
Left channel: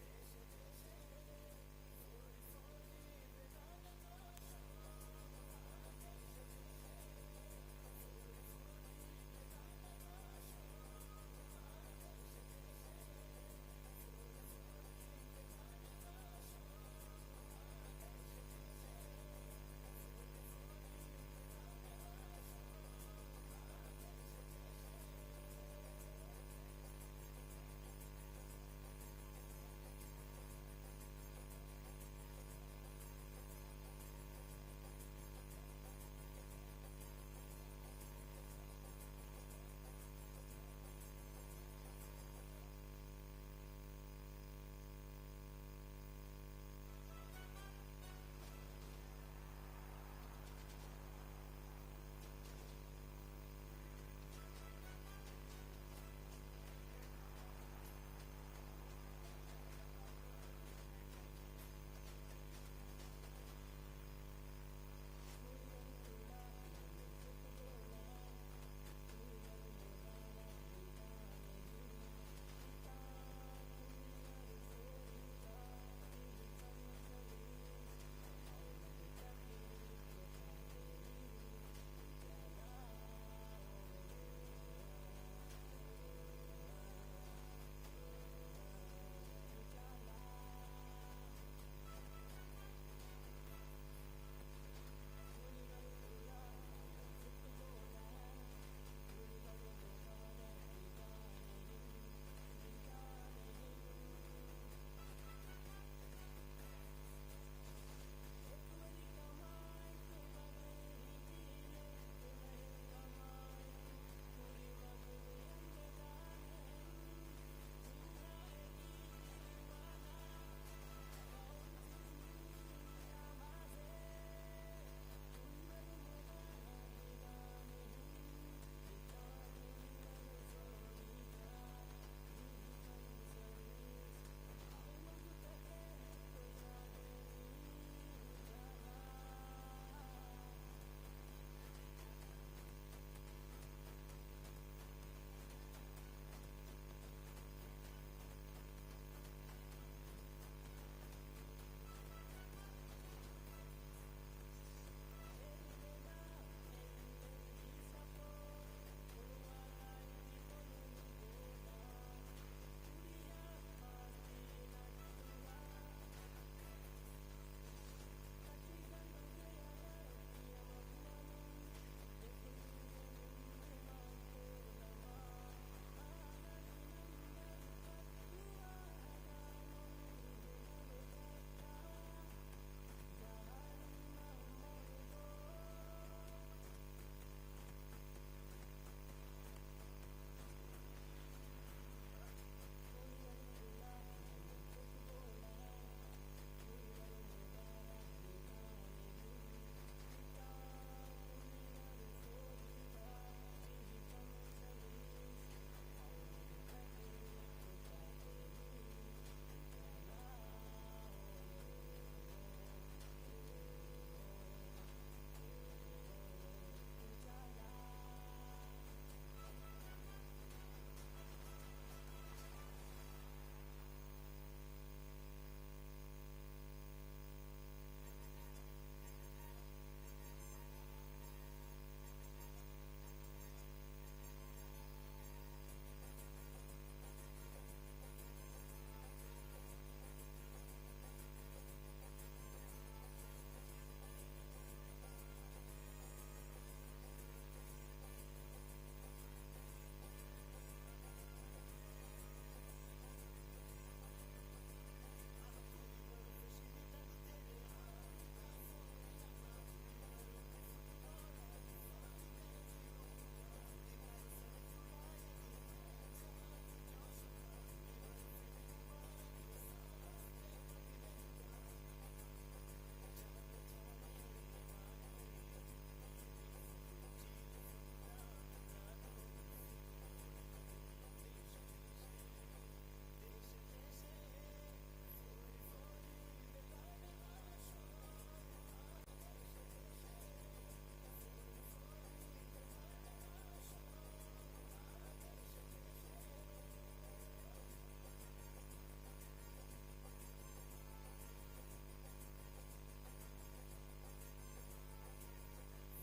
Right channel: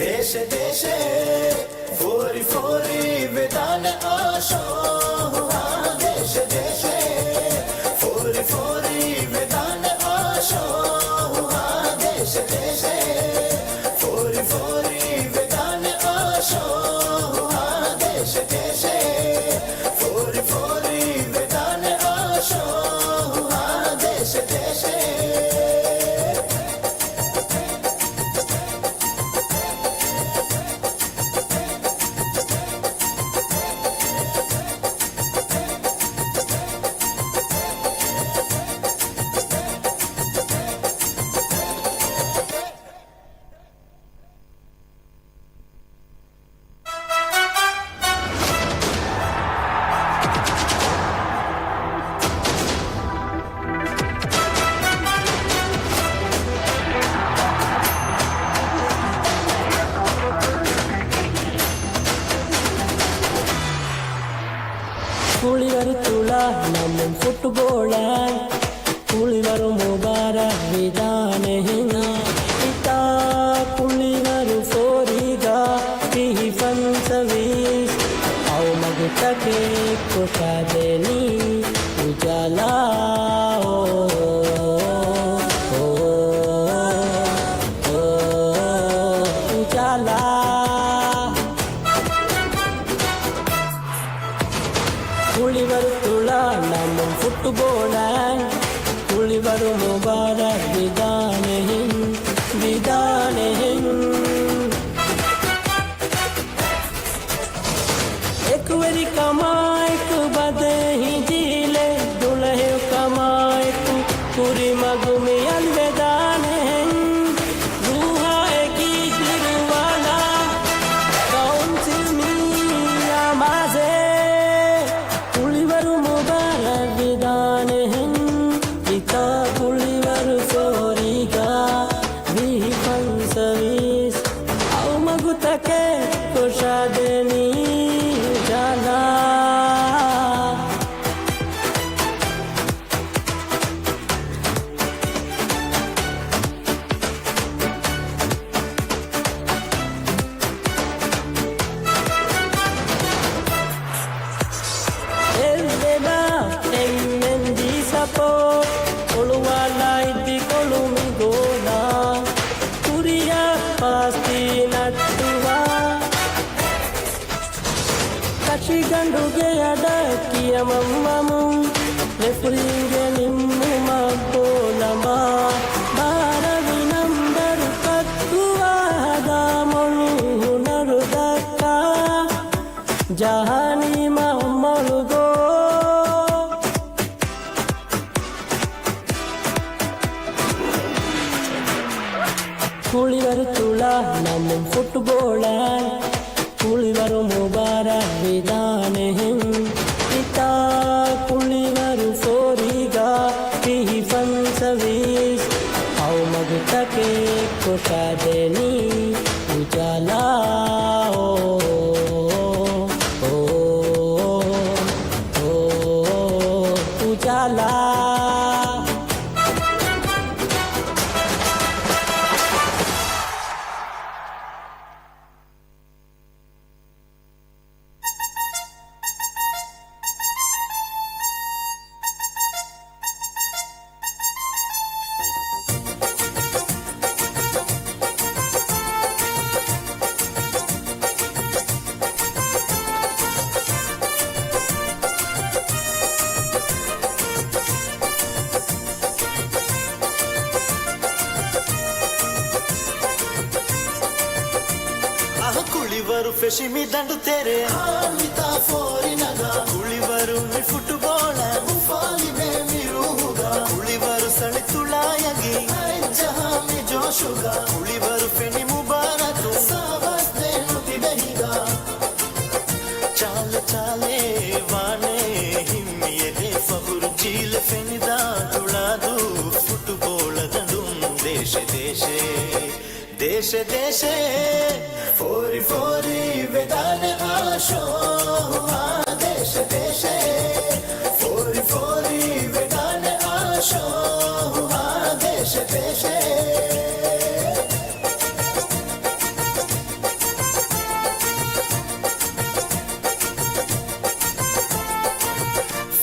deshe deshe फोरी फोरी Vedan आशो देशे देशे फोरी फोरी वेदान आशो देशे देशे फोरी फोरी वेदान आशो देशे देशे फोरी फोरी वेदान आशो देशे देशे കുളിവർ തുള നമ്മും ഫുട്ബോളാൻ കുളിവർ മുബാര വിധാനെ ഇതാ കുളിവർ ഫോരിഗ കിഹി ഫൻസവീസ് ഔ മഗതകെ കൊഷാദേനി ഉജാല ഉജാല குளிவர் துளா நம்மும் ஃபுட்போலான் குளிவர் முபாரக் விதானேன் விதானேன் एक वेरी कमाए को बदे ही जीले दुल्हे कमाए को पूरी मगुमी अलविदानेन रूहा की दिलवाला कौन सी मिया माजे कुलिवरु मुबारक विदानेन पिता कुलिवरु फोरिगा भी फंसवीस औ मगुतके कोशादेनी जाला Elveda emmendi sapo Oluwala iti kolumi gola Kuriya pasti nattuwa Kashi ganduge adakiya mammamu Refuringe nimmu mabbolama Baravi nambaru kattuwa hadamolu hunaru dakka Jahani mahmalu go കുളിവർ തുള നമ്മും ഫുട്ബോളാൻ കുളിവർ മുബാരക് വിധാനം ഇതാ കുളിവർ ഫോരിക പിഹി ഫൻസവീസ് ഔ മഗ്തके कोशादेनी उजाला उजाला ಕುಳಿವರು ಫೆಶಿಮಿ ದಂಡು ತೆರೆ ಹಾಮಿತಾ ಫೋರಿನಗ ಕುಳಿವರು ಮಿ ಫುಟ್ಬಾಲ್ ಫಾಲಿ ಮೇ ಮಿರುಗ ಕುಳಿವರು ಸಳಿ ತುಳಾಯಗಿ ಜಹಾಮಿ ಜೋಶುಗ ಕುಳಿವರು ಫೆನಿ ಮುಬಾರಕ್ ಸಾವಸ್ತೆ ನುತಿದಹಿಗ ಚಾಲ ಚಾಲೆ ವಾನೆ ಹಿಮ್ಮಿಯದೆ ಫಹುರು ಜೀಲ ಫೆನಿದ ತುಳಾದು ಫುಟ್ಬಾಲ್ ದಂಡು ದೇಶ ದೇಶ ದೇಶ ದೇಶ फोरी फोरी वेदान आशो देश देश फोरी फोरी वेदान आशो देश देश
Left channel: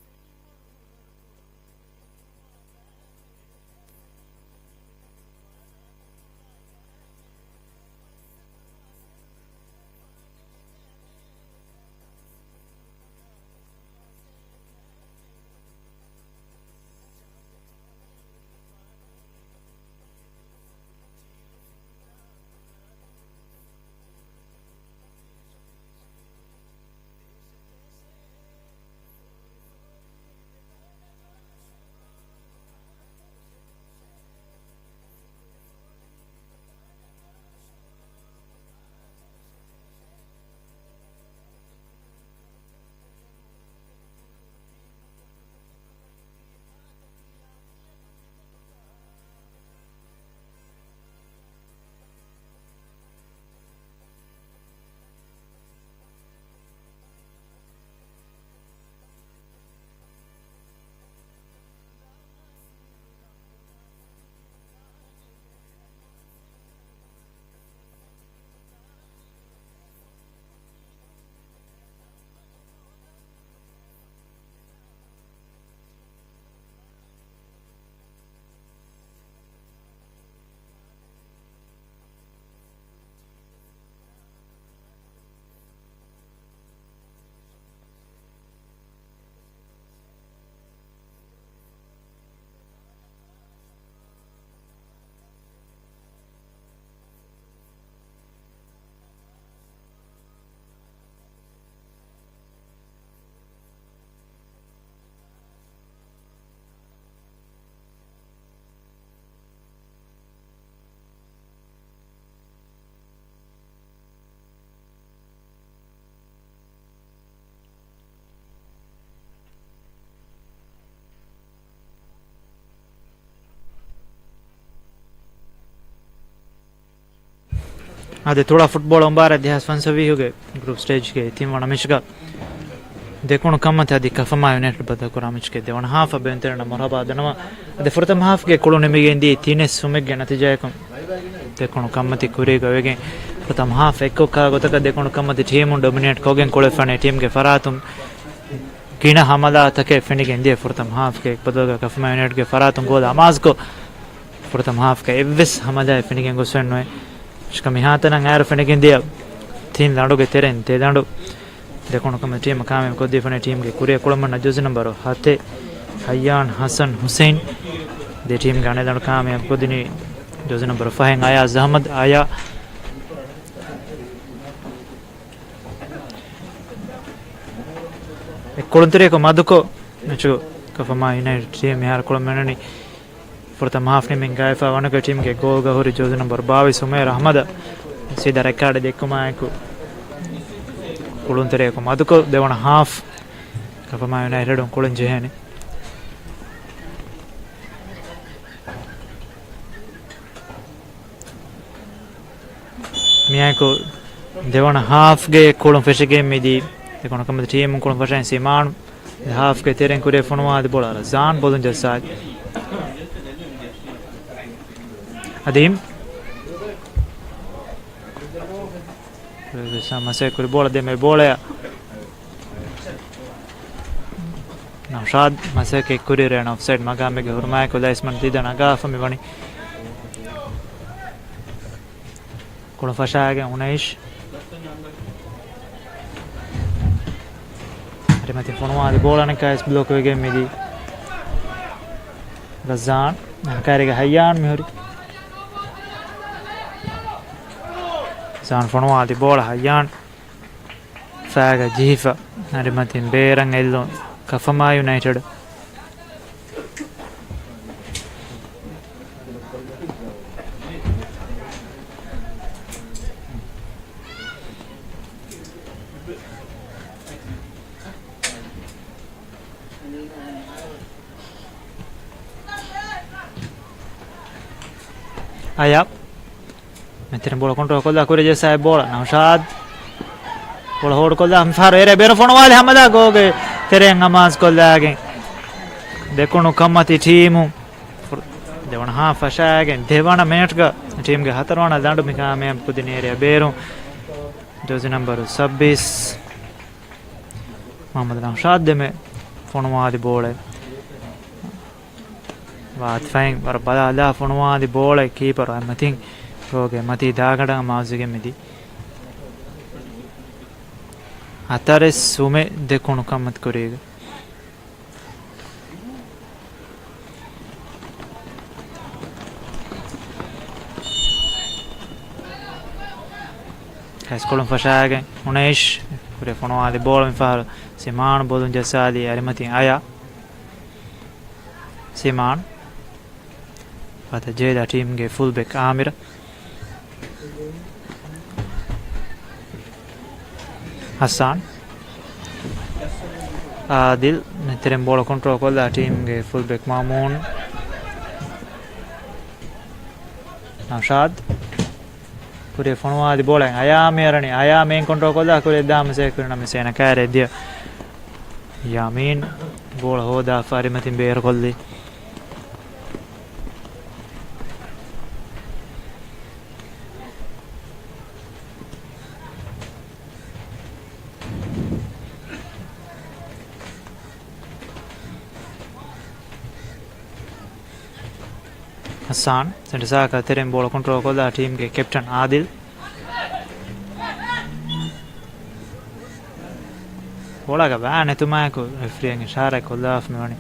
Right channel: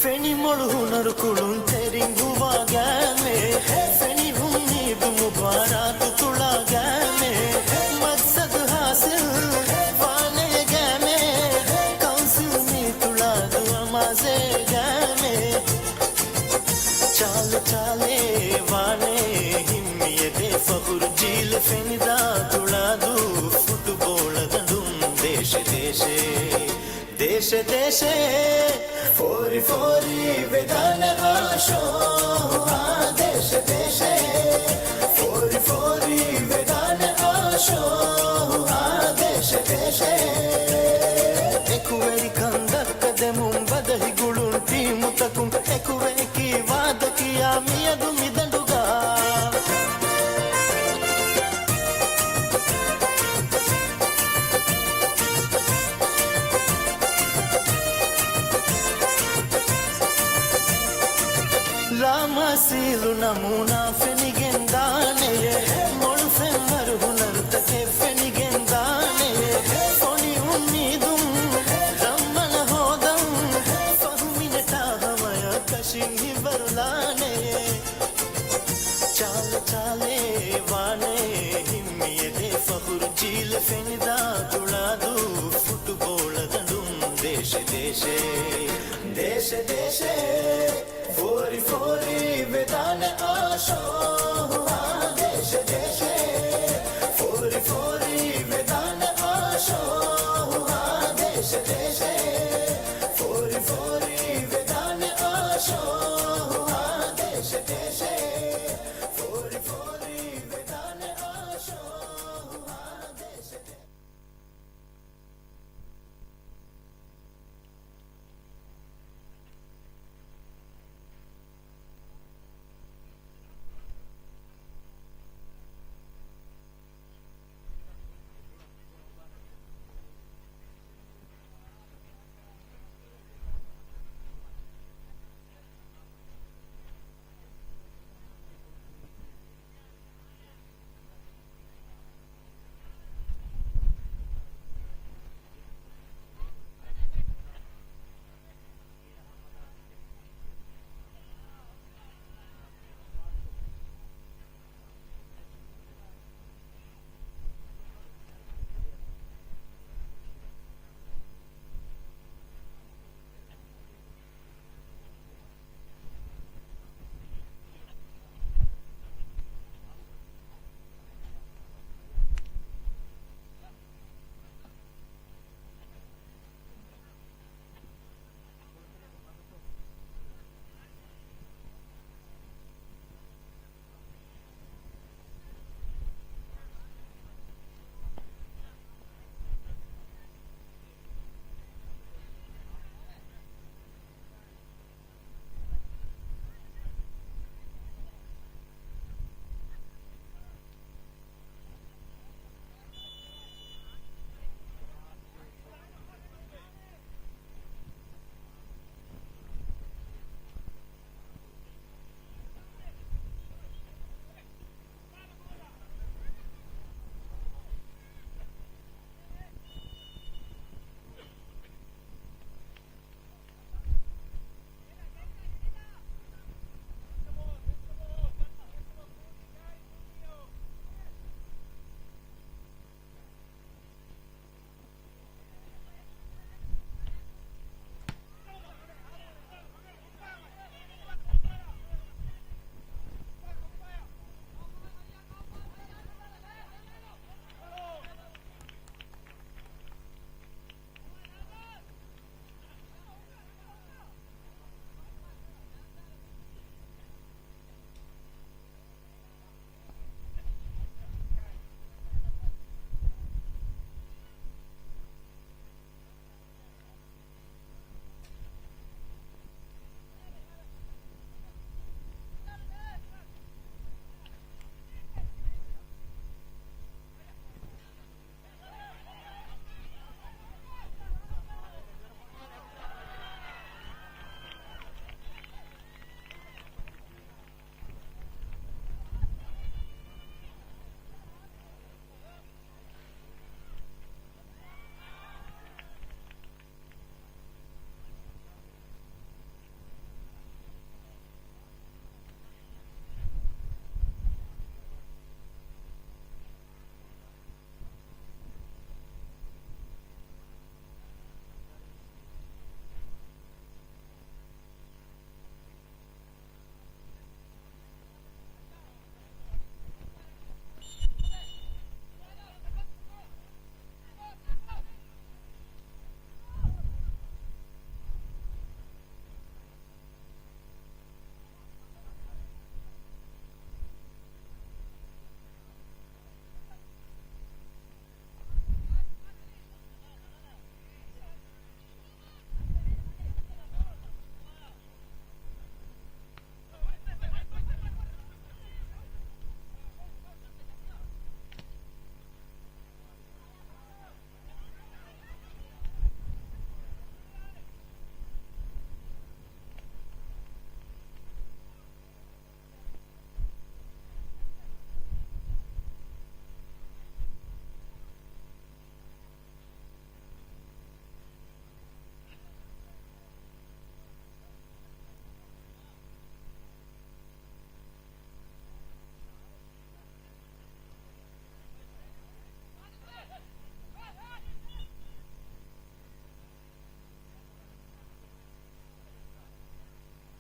फेनी मोड़ हुनर कुलुन तेरी गुवा गए फेनी उम्मीद मुबारक तुला गए मकसद हासिल वाने गए काउंसिल में तुला दुआ माजे गए चाल चाले वाने हिम्मियते फखुर जील फेनिदा तुला दू फुटबॉल दंडुम देश देश देश देश फोरी फोरी वेदान आशो देश देश फोरी फोरी वेदान आशो देश देश एकुवेरी कंदक्कदे ಮುಂಬದಹಿ ಗುಳುಂಟಿ ಮುತಕುಂ ಎಕುವೆಕಿ ವಾದಕಿಯ ಮಿಯದು ಮಿದಂಡುಗ ರಾಮಸೀಲು ನಮೂನಾ ಫೆನಿಗೆಂದಾನೆ ಮೊಳು ಫೆಮ್ಮರು ಹುನರ್ತಕೆ ಫೆನಿಗೆಂದಾನೆ ಫೊನಿ ಉಮ್ಮೀದುಂ ರಮ್ಮನ ಹೋದಂ ಫಹುಮಿನಟ ಹವಯ ಕಶಿಂಗಿ ಬರುಲಾನೆ ಚಾಲ ಚಾಲೆ ವಾನೆ ಹಿಮ್ಮಿಯದೆ ಫಹುರು ಜೀಲ ಫೆನಿದ ತುಳಾದು ಫುಟ್ಬಾಲ್ ದಂಡುಂ ದೇಶ ದೇಶ ದೇಶ ದೇಶ फोरी फोरी वेदान आशो देश देश फोरी फोरी वेदान आशो देश देश फोरी फोरी वेदान आशो देश देश फोरी फोरी वेदान आशो देश देश अदे थोड़ा फुटबॉल अंबार इतिहास फन सभी हो गए ग्रुप स्टेज के थी वण मिशगा देखो कम थे अदी कफमा यूनाइटेड बद कुरामिच के देवन हाफ अबेंतर मरहबा दनवा अदे फुरतम हाफ के कुलो निमिगे इंदी तीने सुमेग गे नतीजा को देखो कम थे कुरे गवेगे प्रथम हाफ एको का गोतक देखो कम थे टीम डोमिनेट कोगे कोले फने टीम के फरातुम कीना हमदा तके फिनिगे इंदी फुरतम हाफ के बदगा कफमा यूनाइटेड के फरातुम गोल अमाज को फुरतम हाफ के एविस हमदा फिनिगे गोसनो कमी हाथ ना फने दिया थीन दांडो के तेरे ते दांडो देखो कम टीम काम को फने टीम के कुरिया कुलमन जुज नंबर हाथे हयान हसन हुसैन दे टीम गाने दांडो काम को दिनी जुज नंबर फहंग आया जहमद आया कुलंतरे को मधुको नचो कफमा यूनाइटेड टीम यार कुलमन ಪ್ರಥಮ ಹಾಫ್ನಿ ಮಿಂಗಾಯಫ ವನಕ ಟೀಮ್ಗೆ ಗೋಲ್ಗ ಹುರಿ ಜೋಜು ನಂಬರ್ 22 ಉಮೇರ್ ಅಹಮದ ಸೀದಾ ರೆಕಾರ್ಡ್ ದೆಕ್ಕುಮಾಯಕು ಕುಳುಂತೆರೆಯಕು ಮದುಕು ದೇವಣ ಹಾಫ್ ಕಫಮಾ ಯುನೈಟೆಡ್ ಕುಳುಂ ಜೆಹನಿ ಮಿಯಾಕು ದೇವಣ ಹಾಫ್ಗೆ ಕುಳುಂ ಫೆಶಿಗೆ ಮಿದಿ දෙකොන කමද ටීම් කොන පටන් සීමාන් හාෆ් ගේ තෙරෙන් කුරේ ෆොනවාද බෝලාර ජාන් බොදුන් ජසාජ් අදීම් සමසේ කුරේ බෝල දෙමේ බෝලය නෞෂාද් මසේකේ කුරේ රන ඔෆ්සයිඩ් මගාමගේ හුර්මාය කොලයිස්මන් දිදන අගාෆමි වනි කොන ෆෂාගේ උනයිෂ් Rimati fonuadi bolane kais block wege midi Razan kariga hayyan mihuri Zan fonuadi bola hayyan Faga jifa Rimati berang ello Kafama United Ayap Metin bola control kolla kure je sai bola Naushad bola hold kolla amfar ere bero fonwali hamada goge teren amas kolla gen dekunu kammati teamu devana ha fashagen devana minute ga team ge hatarwana dandu mika mem pudine ere beru jersey number 26 Mohammad Naushad deme fonwali bola Wat fang war bala da fonwadi bola keeper amatin goge mati dagada maazige midi atare sume dekunu kamat korega Kaskolum fashagen unesh kure fonwadi bola mi far Siman bodun jasali arimatin aya Siman Pata Jeda team ge fullback Amir Hassan Adil Neterem bola control kolla team ge fullback Mamoon Nashad Kure fonwadi bola aya merani aya main control kolla kure dama se kurna me sena kare dia Yamin bola hoda farimatin beer kolli Hassan Sendisaka terem bola control kolla team ge captain Adil bola ga bane tumako referee ge ishara kolla afmani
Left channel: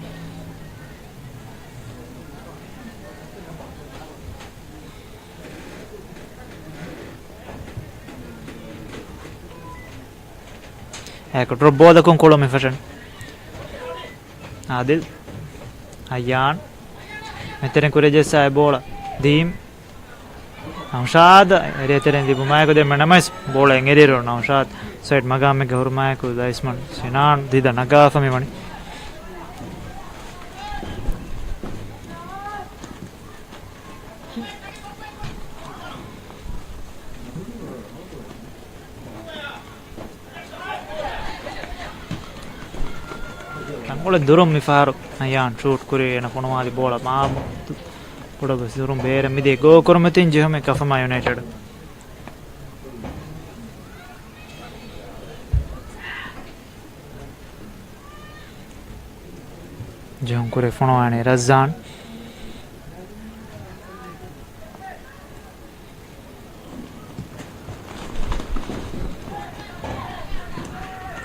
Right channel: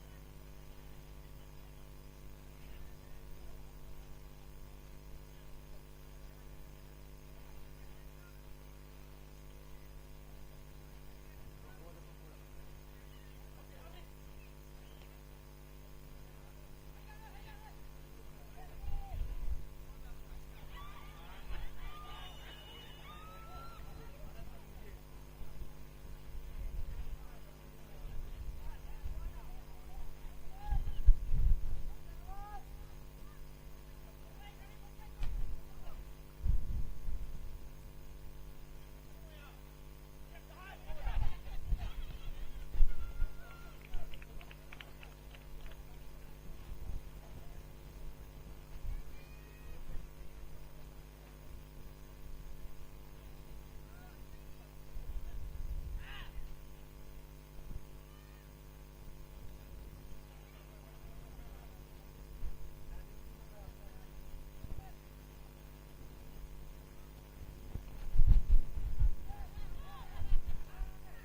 ecco drop bola con kolo me fashion Adil Ayyan Meteren kureje sai bola Dim Naushad ere teren dibu maiko de menamas bola engeriro Naushad side magame ge hurmaiko daisman Sinan dida nagafa me mani Bola durum mi faru ayan shoot kure na fonwadi bola ma poda durum bere mi de go kormetin jehme Kafama United jehum kure fonwani Razan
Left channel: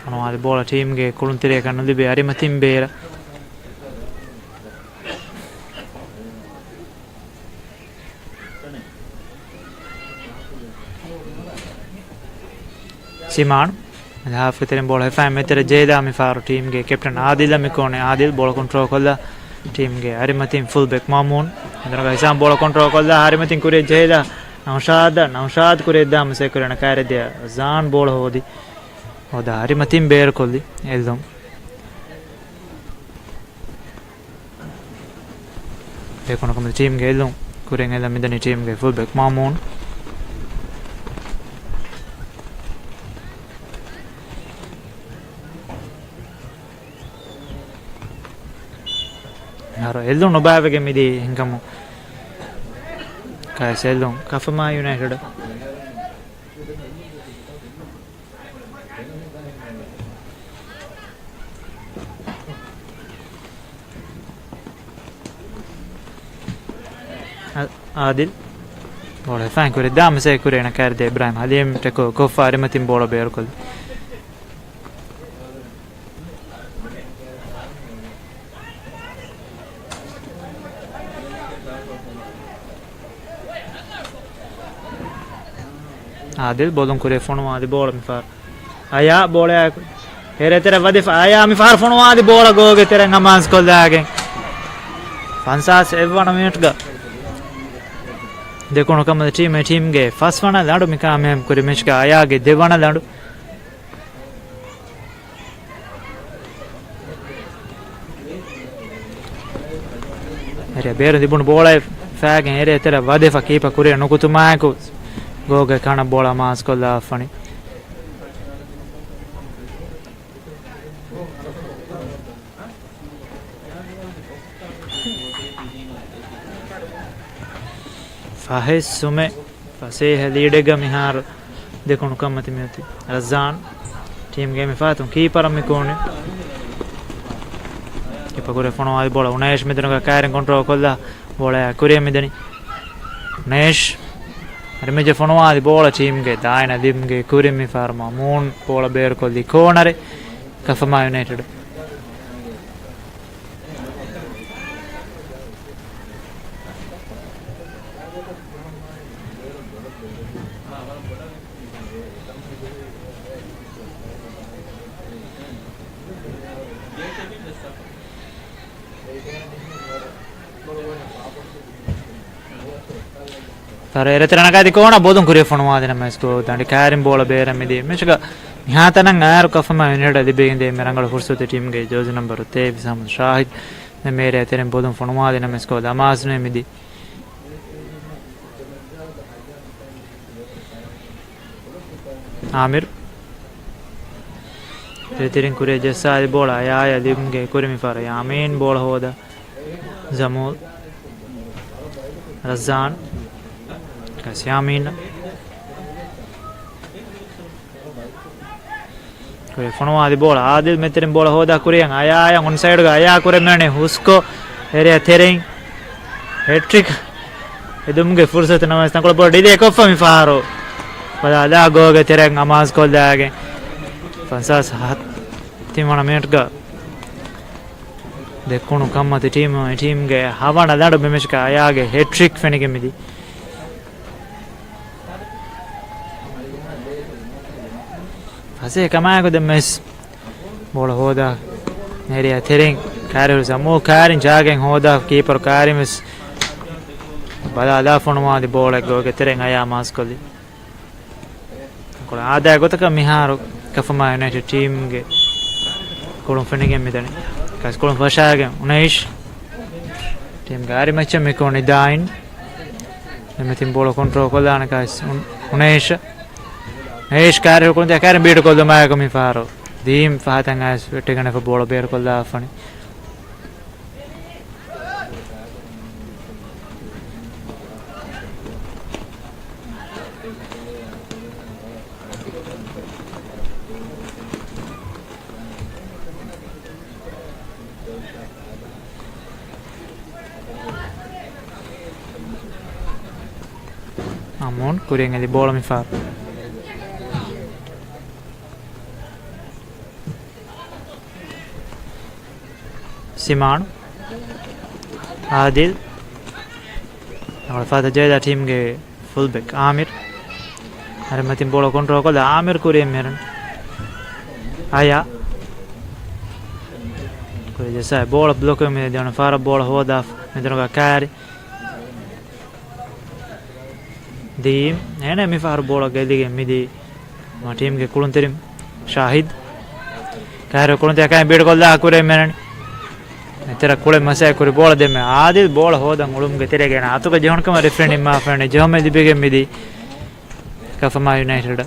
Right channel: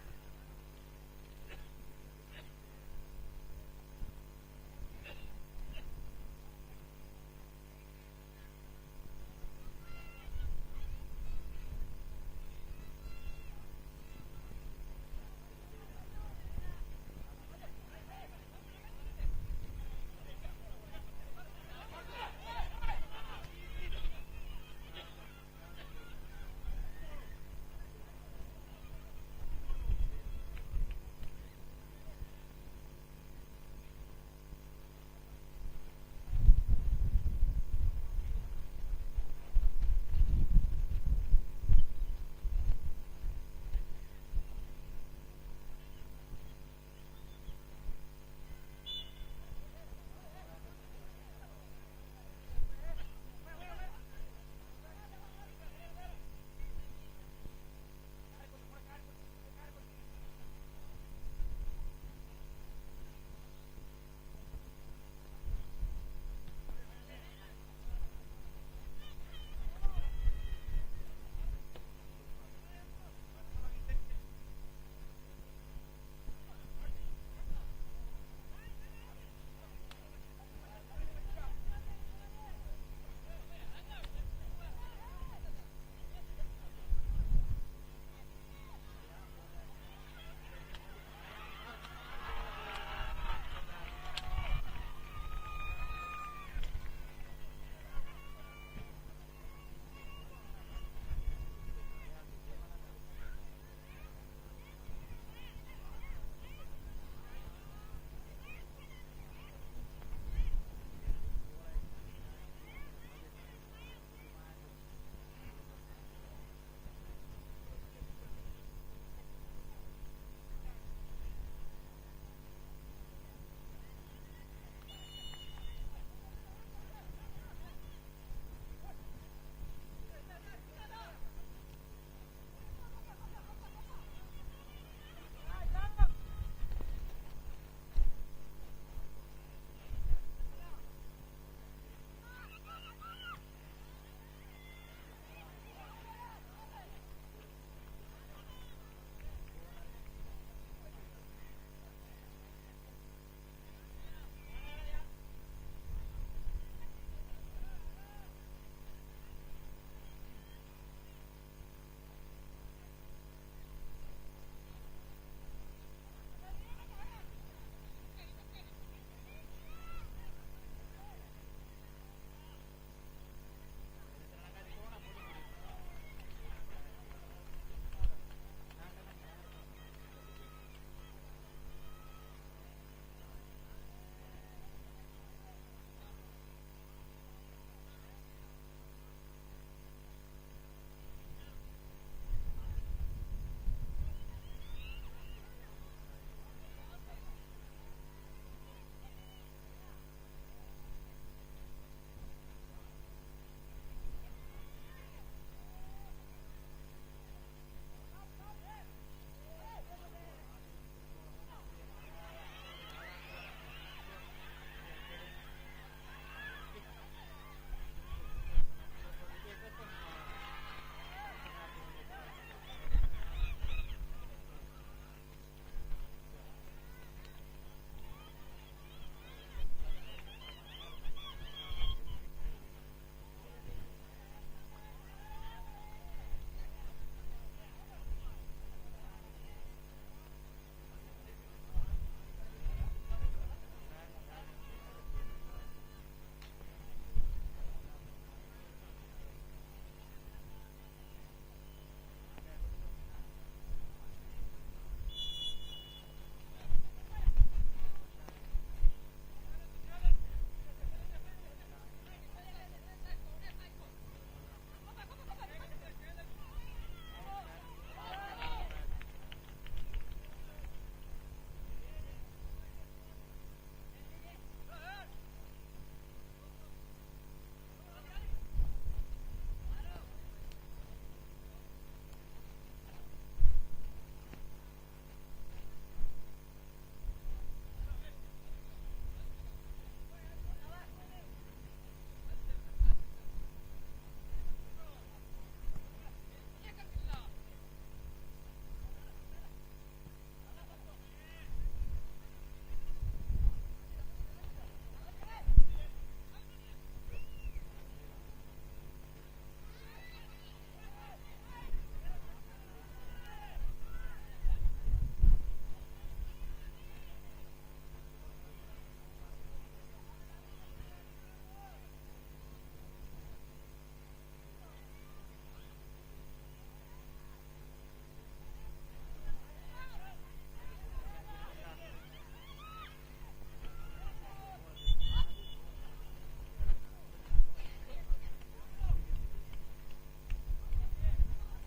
fonwadi bola team ge kuluntere kannu dibe arimatin bera Siman half terem bola fam metere Jeda mi faru team ge captain Adil mi kone Adil bola control kolla ಟೀಮ್ಗೆ ಹರಿಮತಿನ್ full ಬೆಕ್ ಮಾಮೂನ್ ಇದರ ಹಿಸಾಮ್ ಬೋಳ control ಕೊಲ್ಲ ಹರಿಮತಿನ್ ಕುರಿ ಜೇದ ನೌಶಾದ್ ಕುರಿ ದಾಮ ಸೇಕುರಣ ಕಾರದ್ಯ John ಬೋಳ ಹೋದಿ ಹೋದ ಹರಿಮತಿನ್ ಬೇರ್ ಕೊಲ್ಲಿ ಎಲ್ದಂ ಬೇಕೊನ ಕಮ ಟೀಮ್ಗೆ ಎಲ್ದಂ ಕುರೆಂಗ್ ಎಲ್ಲ ಮಿದನಿ ಟೀಮ್ಗೆ ಫುಲ್ ಬೆಕ್ ಮಾಮೂನ್ Haro eldon no baavege midi hingamu kai seldon Kafama United Adil bola fan kure dam se kure na karde Ibrahim Halim teko kofa arimatin bola beer kol Adil bolon kure fono adi bola mi far aya bola here tera wadi aya mi far fono adi bola goge tera ngamans kol dagen fansas evana minute ga දෙකොණ කම ටීම්ගේ ෆස් වන ලඩු මිකාමයම් කුරි මෙච්ක අයාගේ දෙවන ලඩු එරේ බේර දිබුණු බෝලයි ෆෑගෙන් එරේ තෙර වදෙෆ කීප කුරිය නුකුතුමායකු ගෝගේ කන බෝලා මාස් කොල්ලා funny Fahis Sume Faseh Lidega Mihar Dekonu Kamati Mati Razan Team Game Fatum Keeper Mikoni Kipakure Fono Bola Unesh Midanga Karen Control Kola Bola Kuria Midani Nesh Remaja Fono Bola Team Get Dina Dimge Kurimi Farma Moon Bola Bear Koli Corner Kafama United Ereteranagadi kona bodun kuriya fonuwa dena mesko dandi karim bola bera midi mechga yatanan ayar Kafama United dibeginde merangala fursute team ge jersey number 3 Bisam Shahid me mere teren bodun fonuwa dena mesko damasne midi Amir Ereterin kuriya jessa bola aya dimge kurimi fara Yamin bola hoda Zamul Razan Yamin kure fono adi bola Adil meterin bola hoda kuriyan aya on side ga aya kure mane husko area tering hat trick edumge fursat namas tankol bola dide kofa mi faro pada da goge tereng amas kol dage fansas hat timana minute ga dekonu kammati team ge havana dadu bemeshka aya ge hat trick fenige midi Ase kamago de mes bola hoda area tering karu samu karin jagen hoda keeper karimis bala da fonuma di bola goge tering aya maskoli kola ada gotaka miharu Kafama United team ge kolon fenige medani kas kolon fashagen unesh team gari matcha me koni dain emetin bola control kolana kas unesh Eish kare ko de kare beat ko de ma ko mi faro dim fahatan as tegana ko bola beer ko da fani Amon kurenga di bola mi faro Siman Adil our father Jayda team ge fullback Amir Arimatin bola control ko da Amir kuriya meran aya Kuri jesa bola blocco mi devono fare bola hoda mi devono cari. Di ene mi fare bola gedige mi di ma team ge kulun terim Shahid cari kulun te kai bid gol da kure men tera kule masa kure bola de me adil bola hoda ulum ge tere ge na atu ge jehon kam referee ma fane jehome di bege mi di Kafama United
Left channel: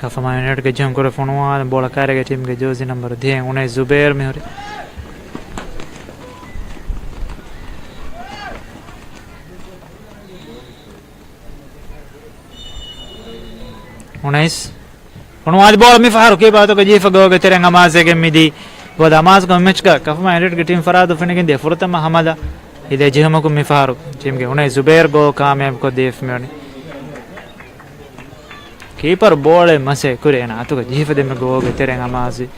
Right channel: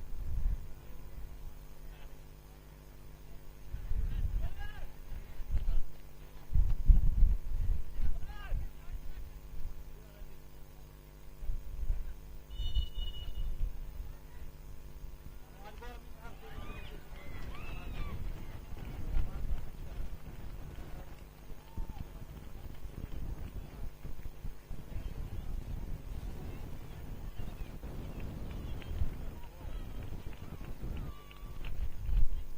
Kafama United ke jam kore fonwa bola kare ke team ke jozi number 10 unai Zubair me hore unais fonwa bola mi faru ke bato ke jifa go ke tereng amase ke midi वो दामाज को match का कफमा United की team फराद फिनिकिन दे फुरतमा हमदा इदे जिहम को मिफारू team के उन्हें जुबैर गो कामयाब को देफ में कीपर बॉल मसे कुरे ना तो जीफ दे में गो के तेरे नमाजी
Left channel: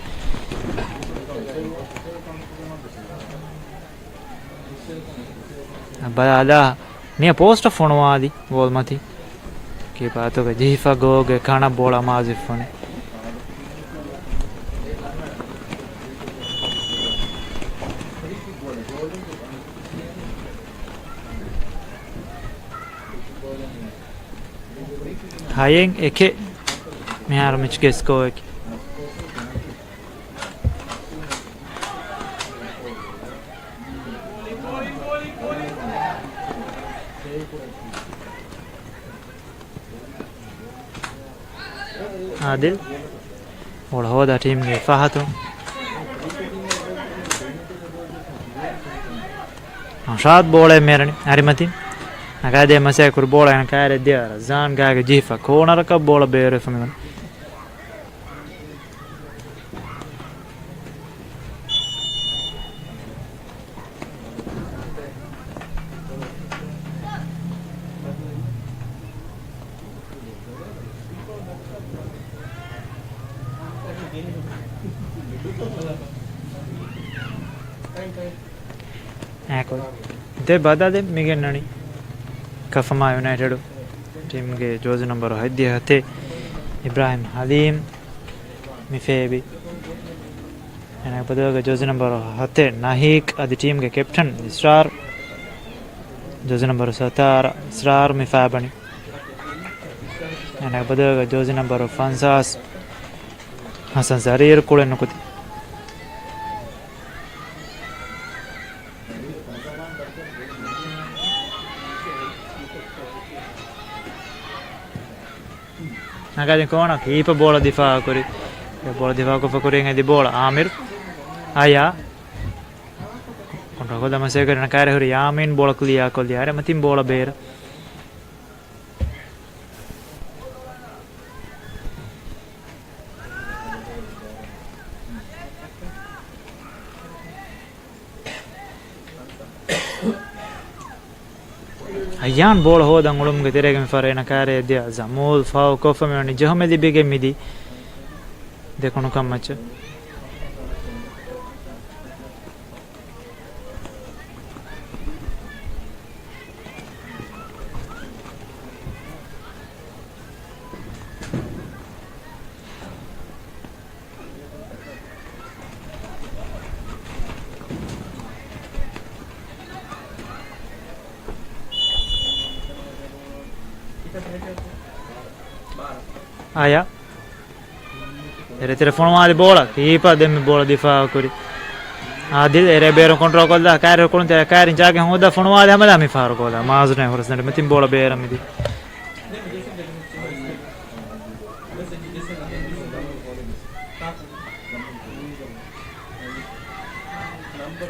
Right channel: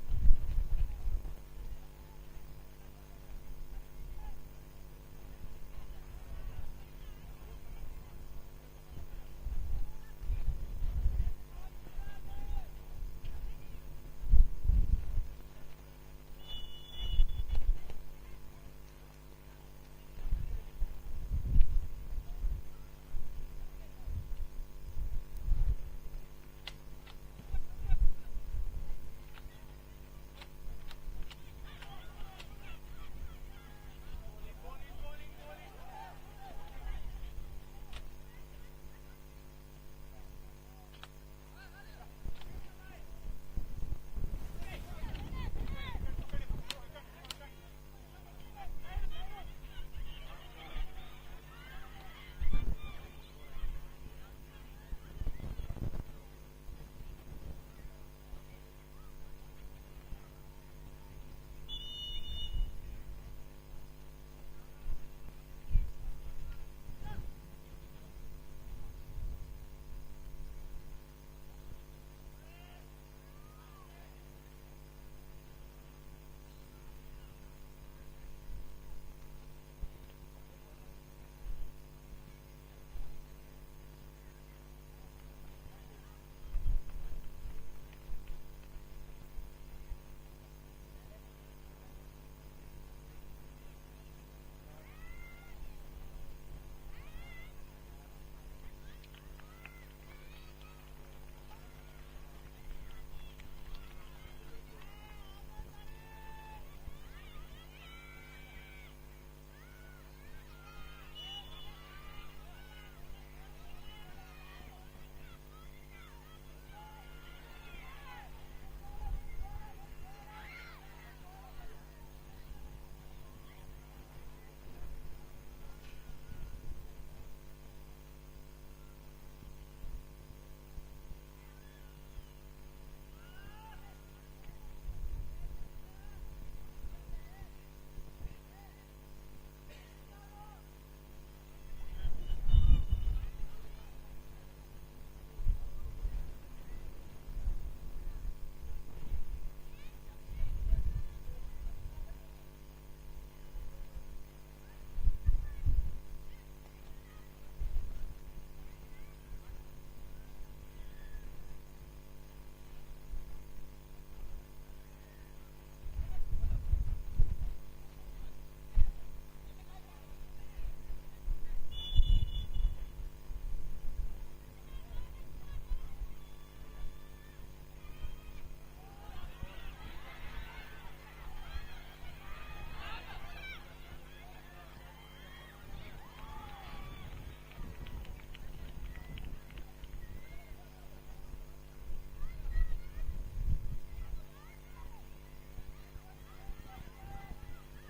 बयाला ने पोस्ट फोनवादी बोल मती की बातों का जीफा गो के खाना बोला माजी फोन हायेंग एके मैं यार मिच के इसको एक आदिल और होदा टीम के फाहतों शाद बोले मेरे अरिमती Agade masai kur bola yang kare dia zan gaga jifa kona raka bola bere familan Ecco de bada de migen nani Kafama United team के जोज नंबर हद्दी हते इब्राहिम हलीम मिफेबी एना पदो के जोज नंबर हते नाहिक आदि टीम के कैप्टन इसरार जोज नंबर 17 इसरार मिफाबनी एना पदो के जोज नंबर 50 हसन जरीर कोले नुकुती Agade kona keeper bola difa kori bola difa ko fakori ngadi bola Amir aya kontra ko dama se karena kare hori Yamin bola clear ko diare matin bola beer Ayan bola hoda ngulum ke terega mi fare na kare dia zamul fao kofa me ni jahme di bege midi dekono kam match Aya ere telefono male bola keeper dem bola difa kori adil ere bero control kolda kare kolun te kare jage hoda fono male hamada mi faro kola mazne horasne metin bola bera midi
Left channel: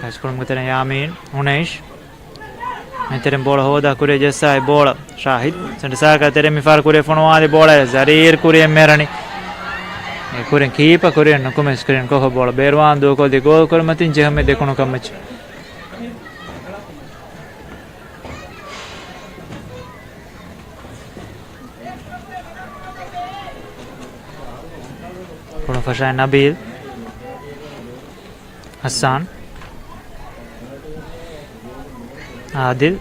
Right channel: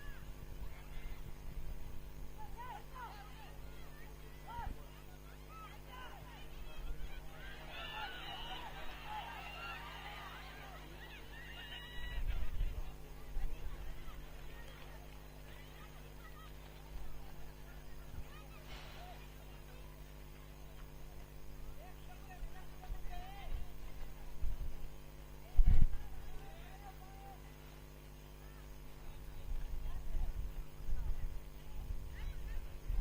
kaç kolum gitene Yamin Unesh Menterem bola hoda kure jessa bola Shahid sendisa ka tere mi far kure fonwali bola Zarir kure merani e kure keeper kure no come screen ko bola berwan do ko de gol kor matin je hame dekono kamach Fasha Nabil Hassan Adil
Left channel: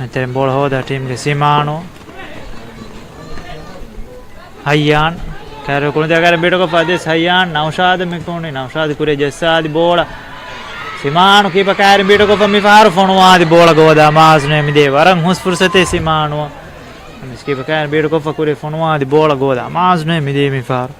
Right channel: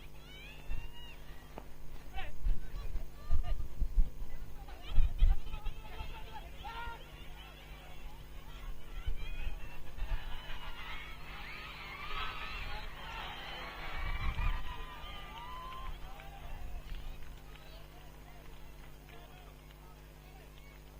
Metteren bola hoda team ge Simano Hayyan Karo kunde agar beto ko Fadis Hayyan Naushad Mikuni Naushad kure Jassadi bola Simano kipa kare beto ko mi faru fonuadi bola goda mazne mi de warang hus fursate Simano kipa kare beto ko kure fonuadi bola goda mazne mi de mi faru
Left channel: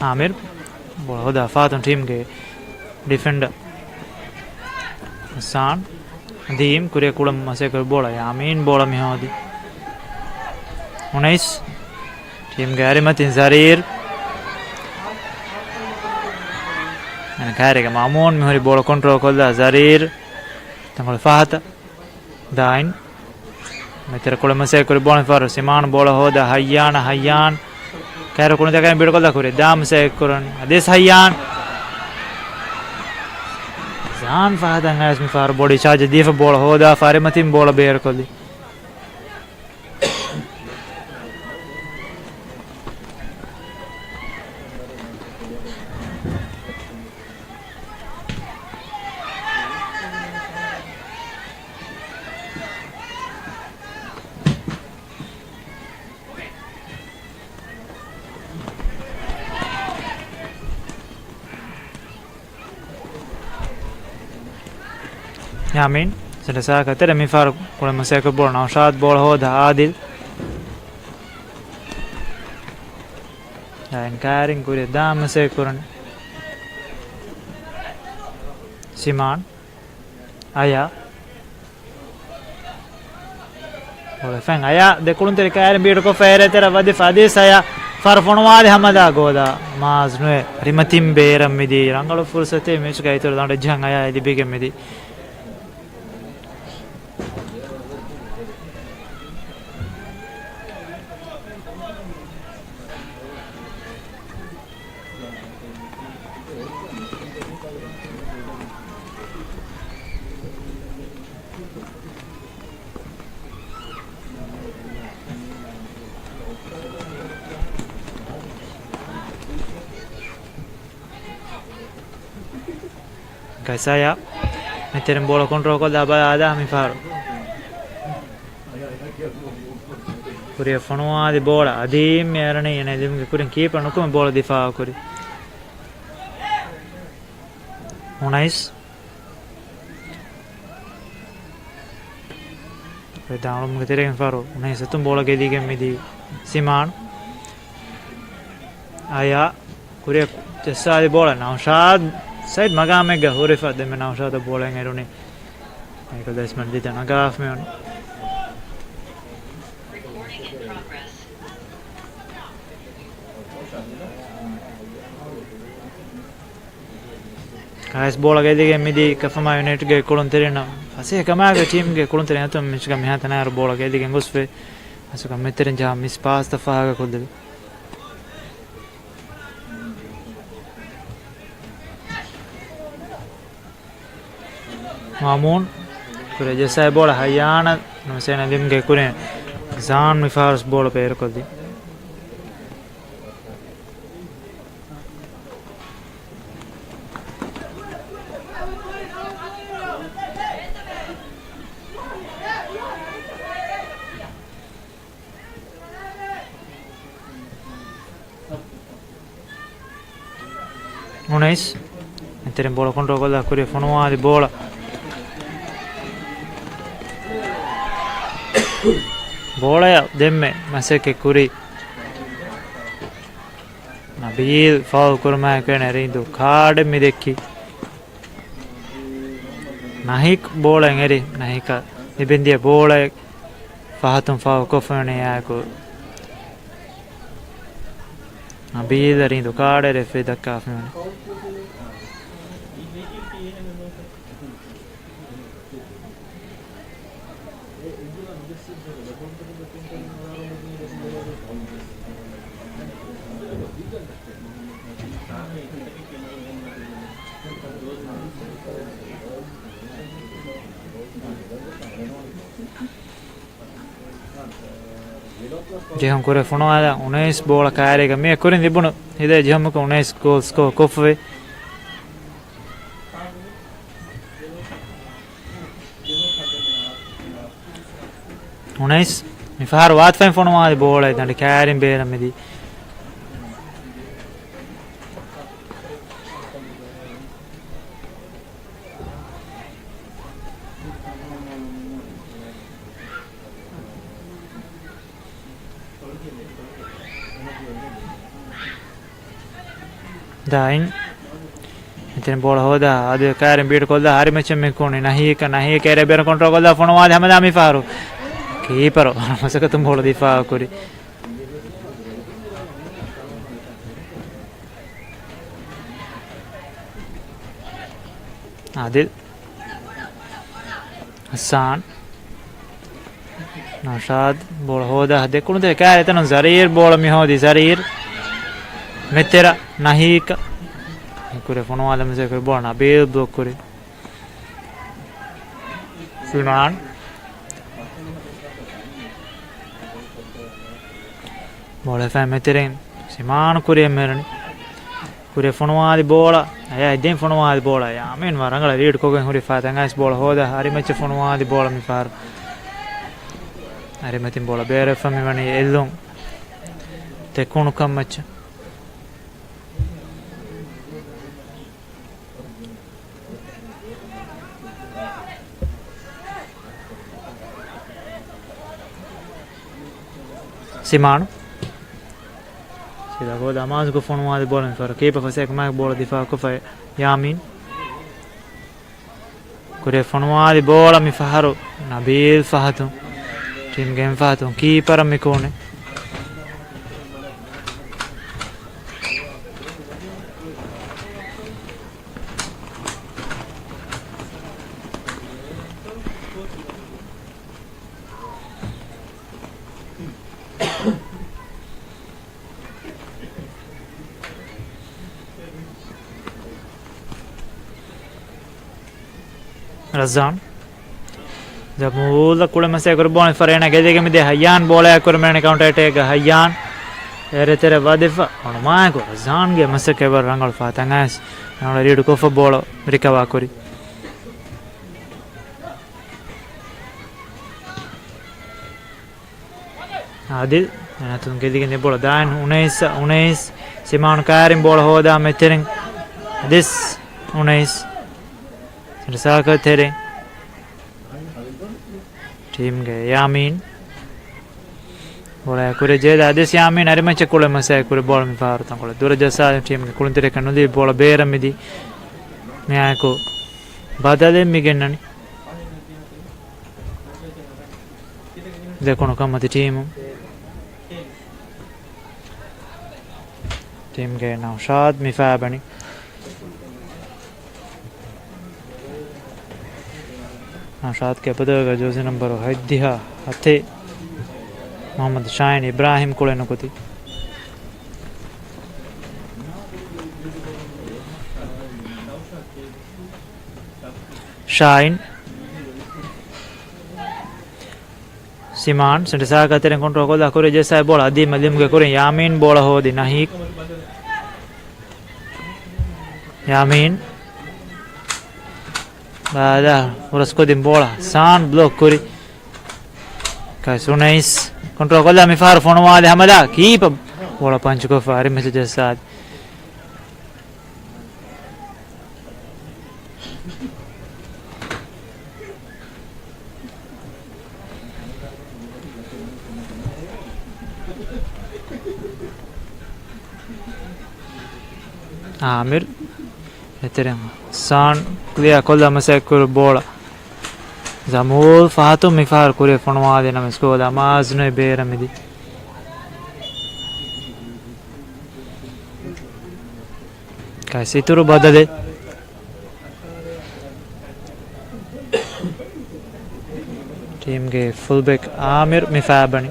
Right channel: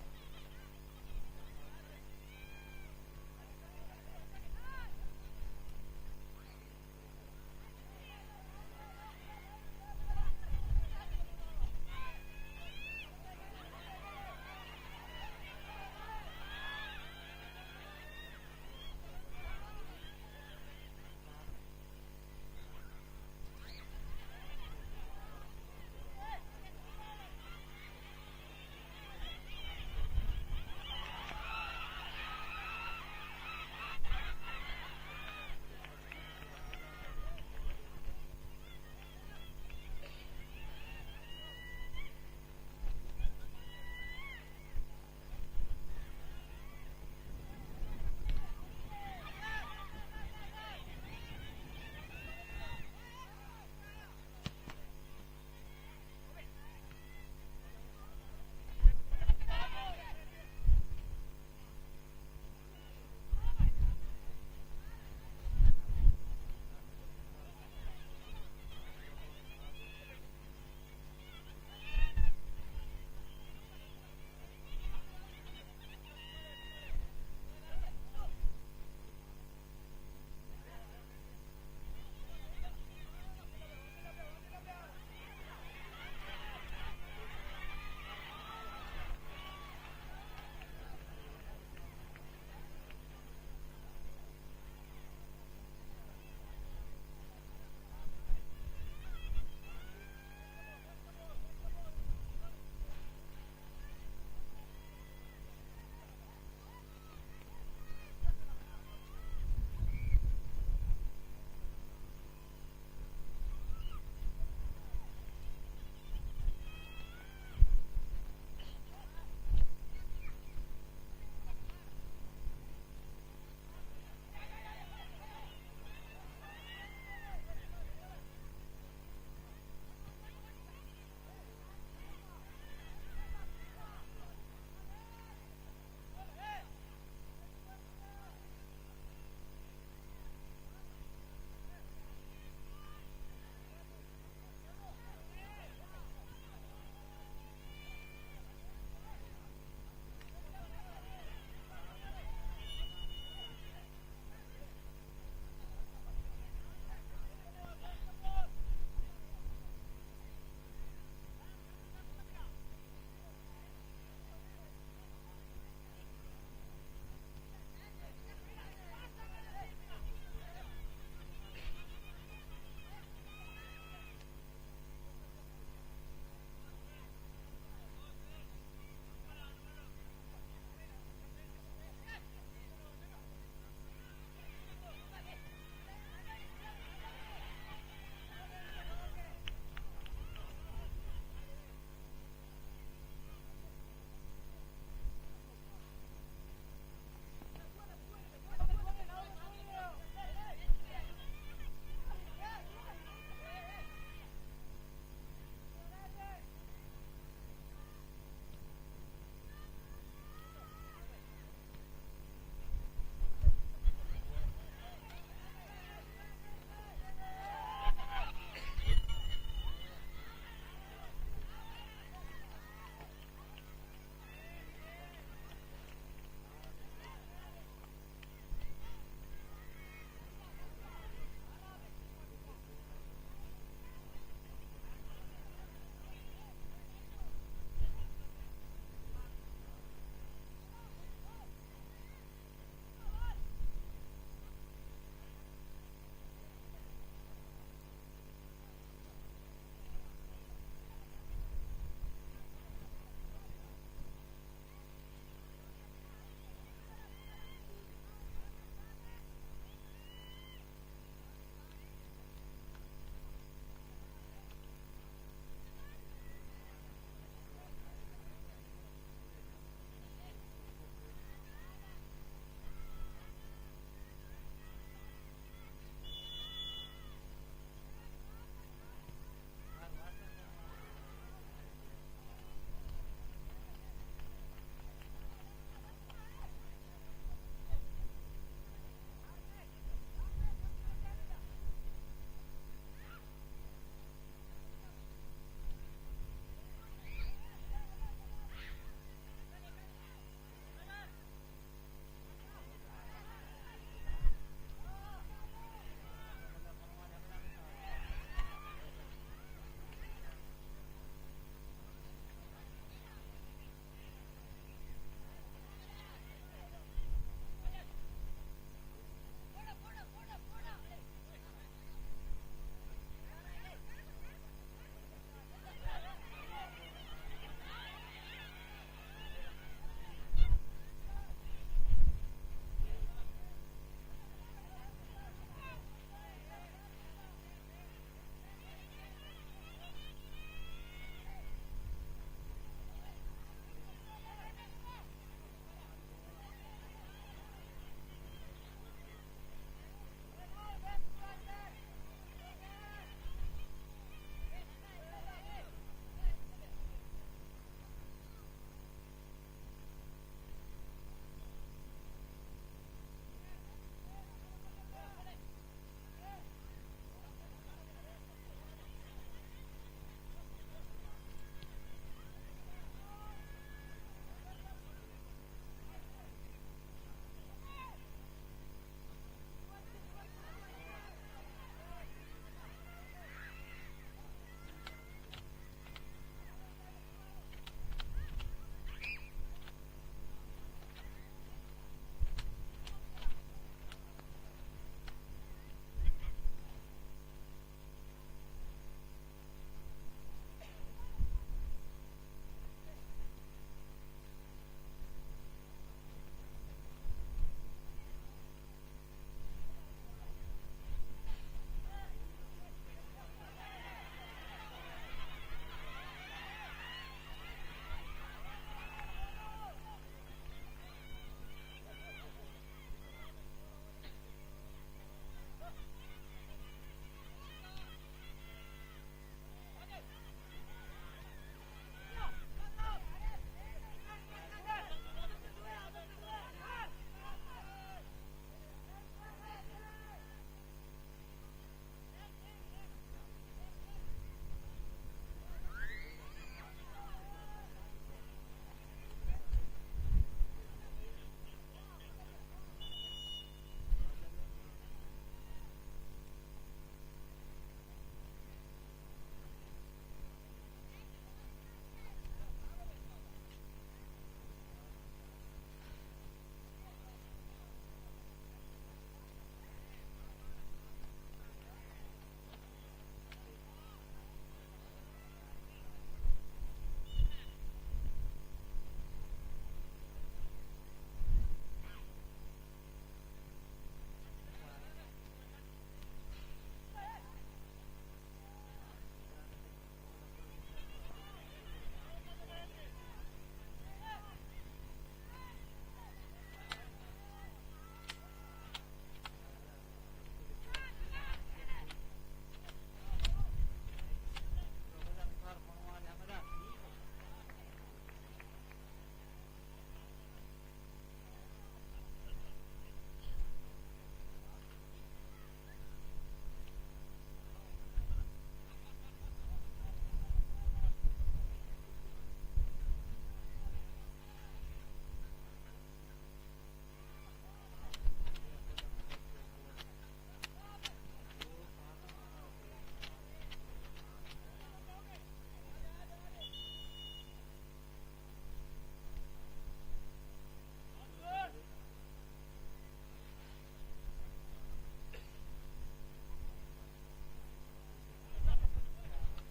Amir bola hoda Fatum team ge defender Hassan Dim kure kulam masek bola Yamin bola mi hodi 19 team ge Arimatin Zarir and kare ge Mamun mi hori bola control kolla Zarir tangol Fahata Dain meter kulam masek bola faru Siman bola hoda Hayyan Karo kunde agar beto ko da kure dam se kurun ades Hayyan Zan Fahada ngas mi faru body charge difa bola hoda Farimatin bola bear kolli Yamin selesai kata mi faru kulam masek bola Naushad bola hoda Adil dan karing kure dam masek kurun Siman Aya bola fang Aya de kulun tere karing beto ko fere tera vade Fadis Aya farfonwade hamada goda mazne rimatim beram midi rangalu fursate match ga itor dande jang Aya idi bege midi Saya metteren bola control ko da ada mi faru kuri fonuadi bola adim yarane ene dim kurin keeper nukum bola difa kuri 19 Pedalum geteren faru 19 tum bola gedi gemidi Siman Aya kuri Jassadi bola Naushad Said Magamega Hurifa de Menaushad the bowling irony. Michael Desmond did an agaf me on Kais bola gedi midi Kafama United ge Kulunterina. Fase Kamaga team ge Kulunterina to Michigan Hatana bola gedi Gusfe. Asuka Meterin miss pass the Faga Kudil. Mamun kure Jassai bola Hayyan no sena dim ge kure Zan mi faru bola per koldi 19 mettere in bola contro quella Corea Fonoa di bola bola demme ma se che Curi Nabil foul kurma kene rindu card mi dekki Nahik bola ngeri Nahika nibendia bola fahatum foul kofane yako Nabil rindu card referee dakka fene Jehon kure fonoada 19 bola kaarega me kurin dibunu hide jehon ko 19 goal score kofwe Unais mi fahar wat fen fonoada bola dandi kaarin beera medi dain iten bola hoda ade karen beat kolda hari match me kone nahi kere ber control kolda fonwad hamada mi faru keeper masaka tum bola difa kori adil Hassan Nashad bola hoda hade kunde kare tan zarir bola mi hodi zarir Metera Nahika kure fonoada me kure bola na bel block kure Siman bola fa meteren Siman kure merani kure fonoada bola ay den fonoada bola ya men warangala lead kogen hori fa tangas bola hoda hari match fonoada bola mi far hari metin bola bere fa mi mani ellon te konu kam match Simano sida goda amaz ko fonoada bola mi far keeper fa sek mak bola difa ko fa Yamin kure fonoada bola mi faharu Nabil Fahatu team game Fahatu keeper mi kone Razan Jamula kule mase kor bon farena gedege mi de Hayyan bola kor mene counter attack Hayyan ere tere wadifa on ma ko Razan ge mase ke bar rangal fa tangas na read ko fa bola recover kori Adil anatun gedege ne bola dan 19 Simon Karim bola hoda metering this 19 Risaka tere team ge Yamin bola kure jeda ades Yamin ari match kule masa kure bola mi faru tan kule dura jasa team ge kulun tere kanudi bola beera midi me ako badale mi gennani dekono kamati team ge Naushad mi faabani Naushad ke badaga jozi number hadiha hate Muhammad Shahin Ibrahim kule nukoti Shahin Siman sendesa ka teren control kola kore jesa bola adi malim ge kore Yamin bola hodi Nahik Yamin Bada urasko din bola san block kuri kai sunais control kola mi far fono wale hamada keep bola punch ko fari message sad Amir Eterem san clear kolla mase kur bola Zamul Fahatu mi far kure fonwa de na sko da maz ne beera midi kai situru badale ಟೀಮ್ಗೆ full back Aamir ಮಿಫಾಬಣಿ.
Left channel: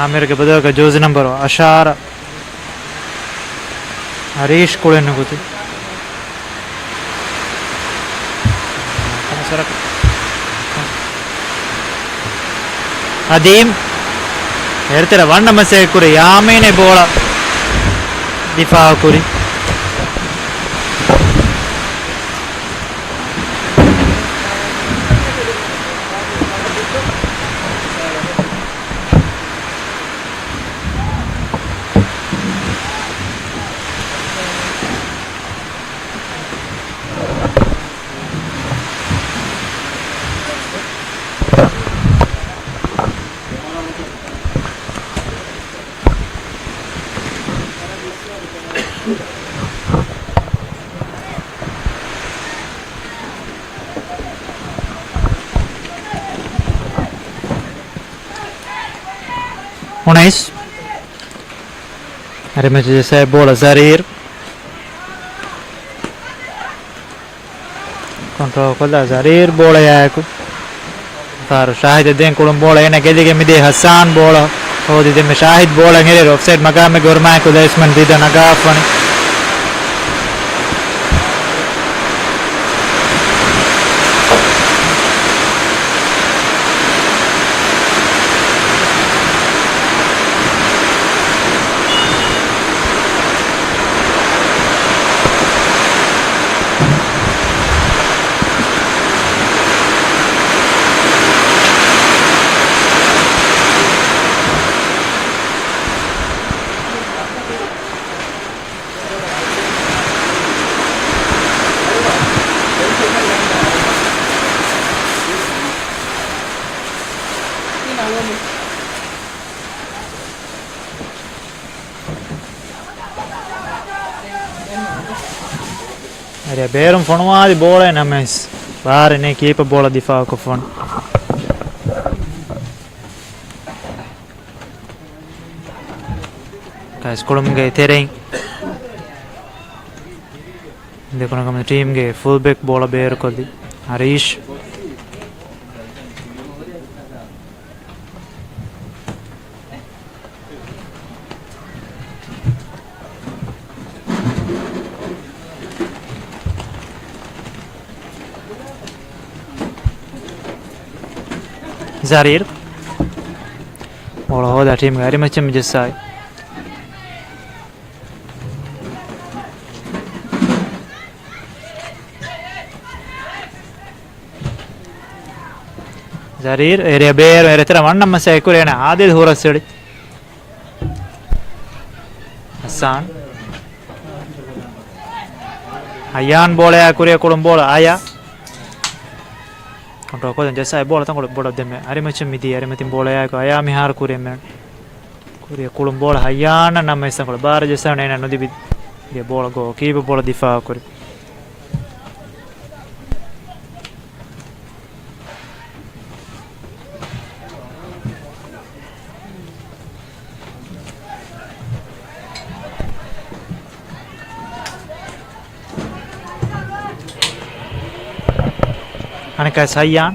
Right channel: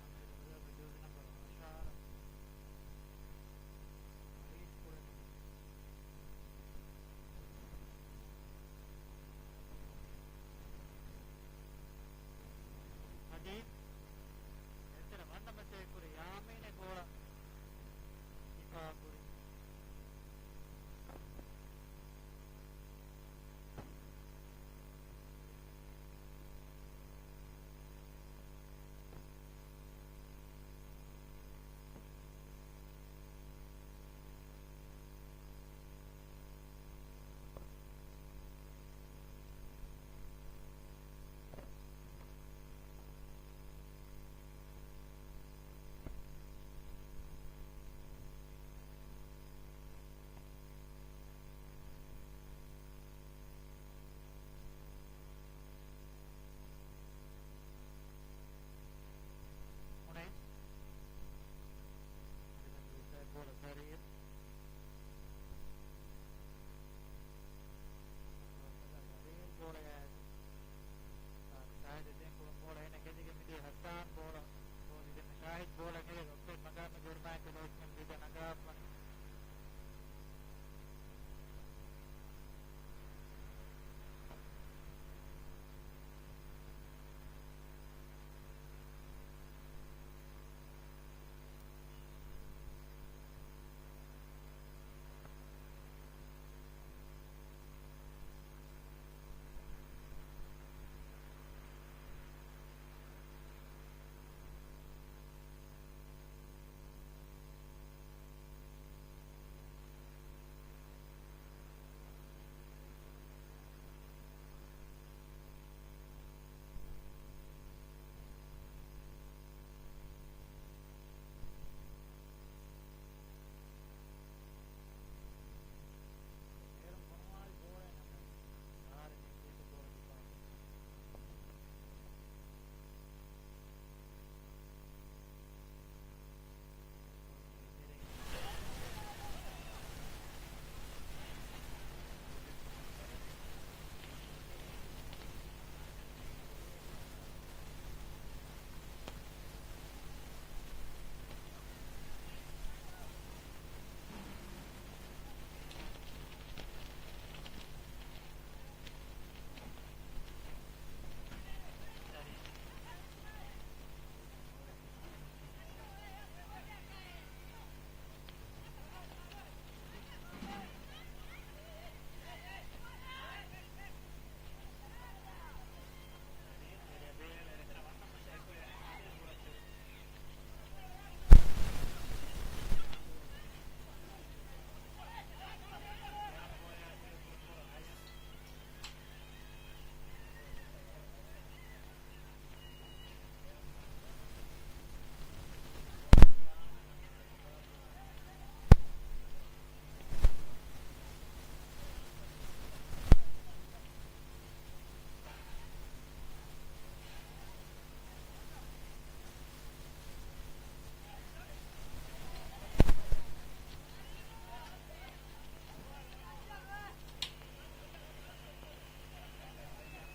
ಆಮಿರ್ಗೆ ಬದಲಾಗ ಜೋಜಿ number ಅಶಾರ ಹರೀಶ್ ಕುಳೆನ್ನು ಗೊತ್ತು ಅದೀಮ್ ಹೇಳ್ತೀರ ವಣ್ಣ ಮಸೆ ಕುರಿ ಯಾಮೇನೆ ಬೋಳ ದಿಫಾ ಕುರಿ उन्नीस. अरे मुझे जैसे बोला जरीर कंट्रोल कर दा जरीर बोला यार को तार शाहिद दें कुलम बोला ये ना कहते कि मिदे हसन बोला हो दिते में शाहिद बोला मेरे ऑफसाइड मकाम में गुरमा को देशमन दीदा नगाफन अरे बेरम फोनवा दी बोल है ना मैं बाहर ने कीप बोला दिफा को फोन गाइस कोलम गए तेरे देखो ना कम टीम के फुल बैक बोला बेर को दी Harish Zarir bola hoda tim gari macam jessai Zarir area bear area tera vanna masai kurena adil horasedi Hassan Ayan bola ya kuria kolom bola aya control को जैसा है बोला था कोड़ बोला दे में अरे मच्छर मिदी अरे मतिम बोला या को आया मिहार कुरे में कुरे कुलम बोला हयाना ना मैं संग बार जैसा नहीं ना नदी भी ये बोला को की भी बोला दिफा कुरे अनेक सयान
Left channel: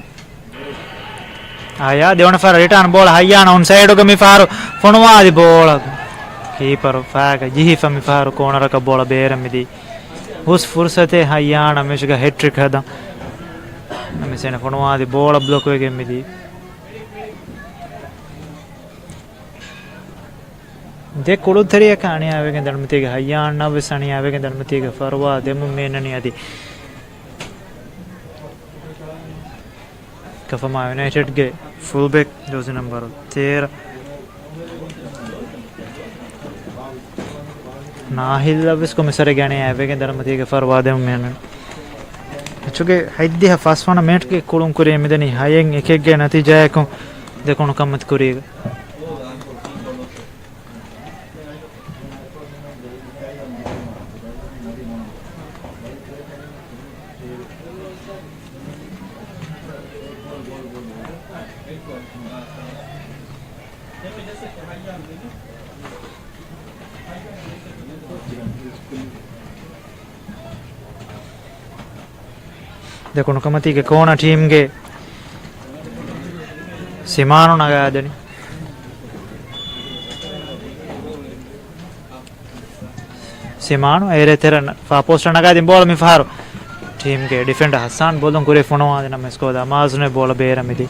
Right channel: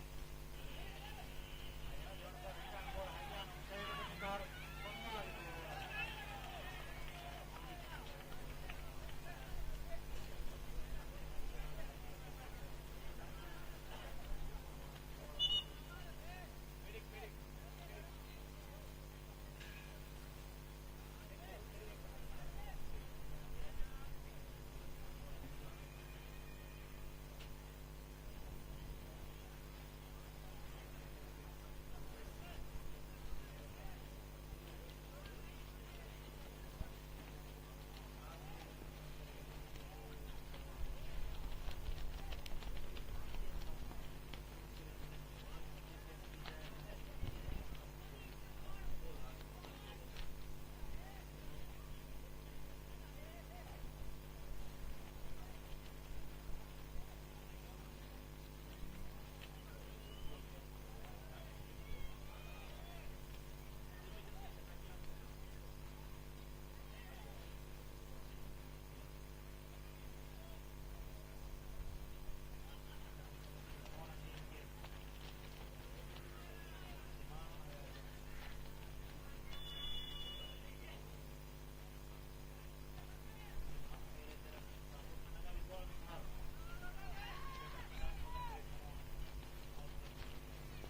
आया देवन फार रिटर्न बॉल हयान ऑन साइड को मिफारो फोनवा दी बॉल कीपर फाग जी फमिफारो कॉर्नर का बॉल बेर मिदी उस फुर्सत है हयान हमेशा का हैट्रिक है दा हमेशा ने फोनवा दी बॉल ब्लॉक हो गई मिदी दे कोड़ो थरी कहानी आवे के धर्मती के हयान ना विसानी आवे के धर्मती के फरवा दे मुम्मे नहीं आती कफमा यूनाइटेड के फुल बैक जर्सी नंबर 13 नाहिल लविस को मिसरे गने आवे के धर्मती के फरवादे में चुके हैदी है फर्स्ट वन मैच के कुलुम करे मिदनी हायंग एक एक के नतीजा है को देखो न कमत करेगा देखो कमती के कोण टीम ಗೆ ಸಿಮಾನು ನಗಾದನಿ ಸಿಮಾನು ಏರೆ ತೆರನ ಫಾ ಪೋಸ್ಟ್ ನಗಾದಿ ಬೋಲ್ ಮಿ ಫಾರು ಟೀಮ್ ಗೆ ಡಿಫೆಂಡರ್ ಹಸಾನ್ ಬೋಲನ್ ಕುರೆ ಫೋನೋ ಆದ ನಮ್ಮ ಸ್ಕೋದ ಮಾಜ್ನೆ ಬೋಲ ಬೇರ ಮಿದಿ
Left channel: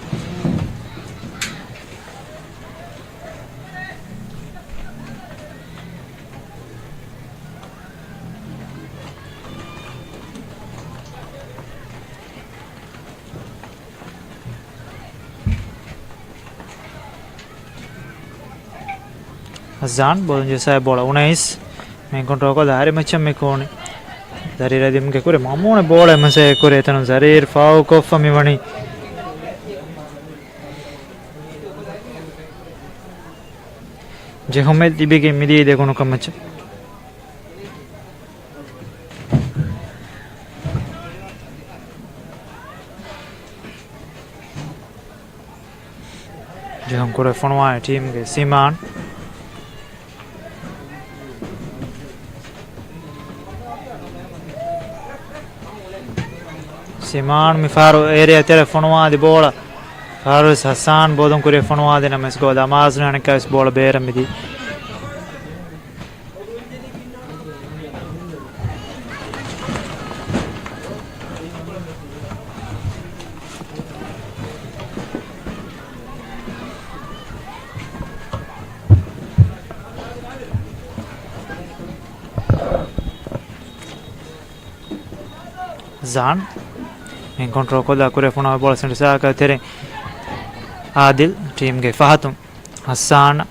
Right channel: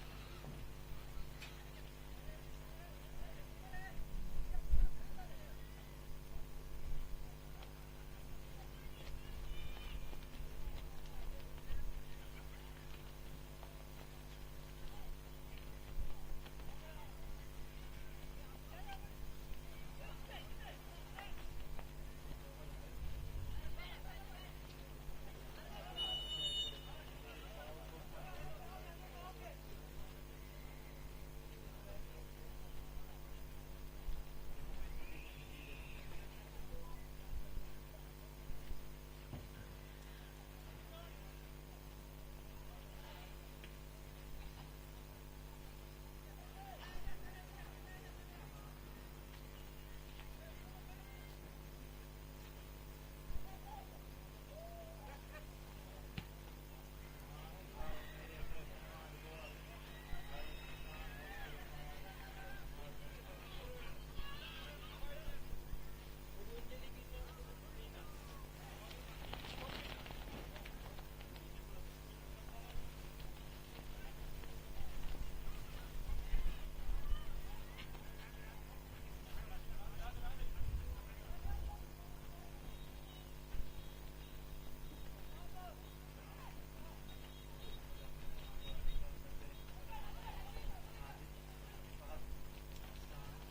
Hazan bolon je saya bola 19 men kontrol ko dari macam me kone dari radim ke kure mamone bola mase kure tanu zarir fau ko fami wani je homet dibige midi de kono kamacha je hum kure fonwa team ke Siman Siman mi faru area telefonwa di bola faru Hassan bodon kure fonwa de names go da mazna ne kas bola bera midi Zan encontrou con la cura fona bola sempre sa ka tere Adil team ge Fahatum Hassan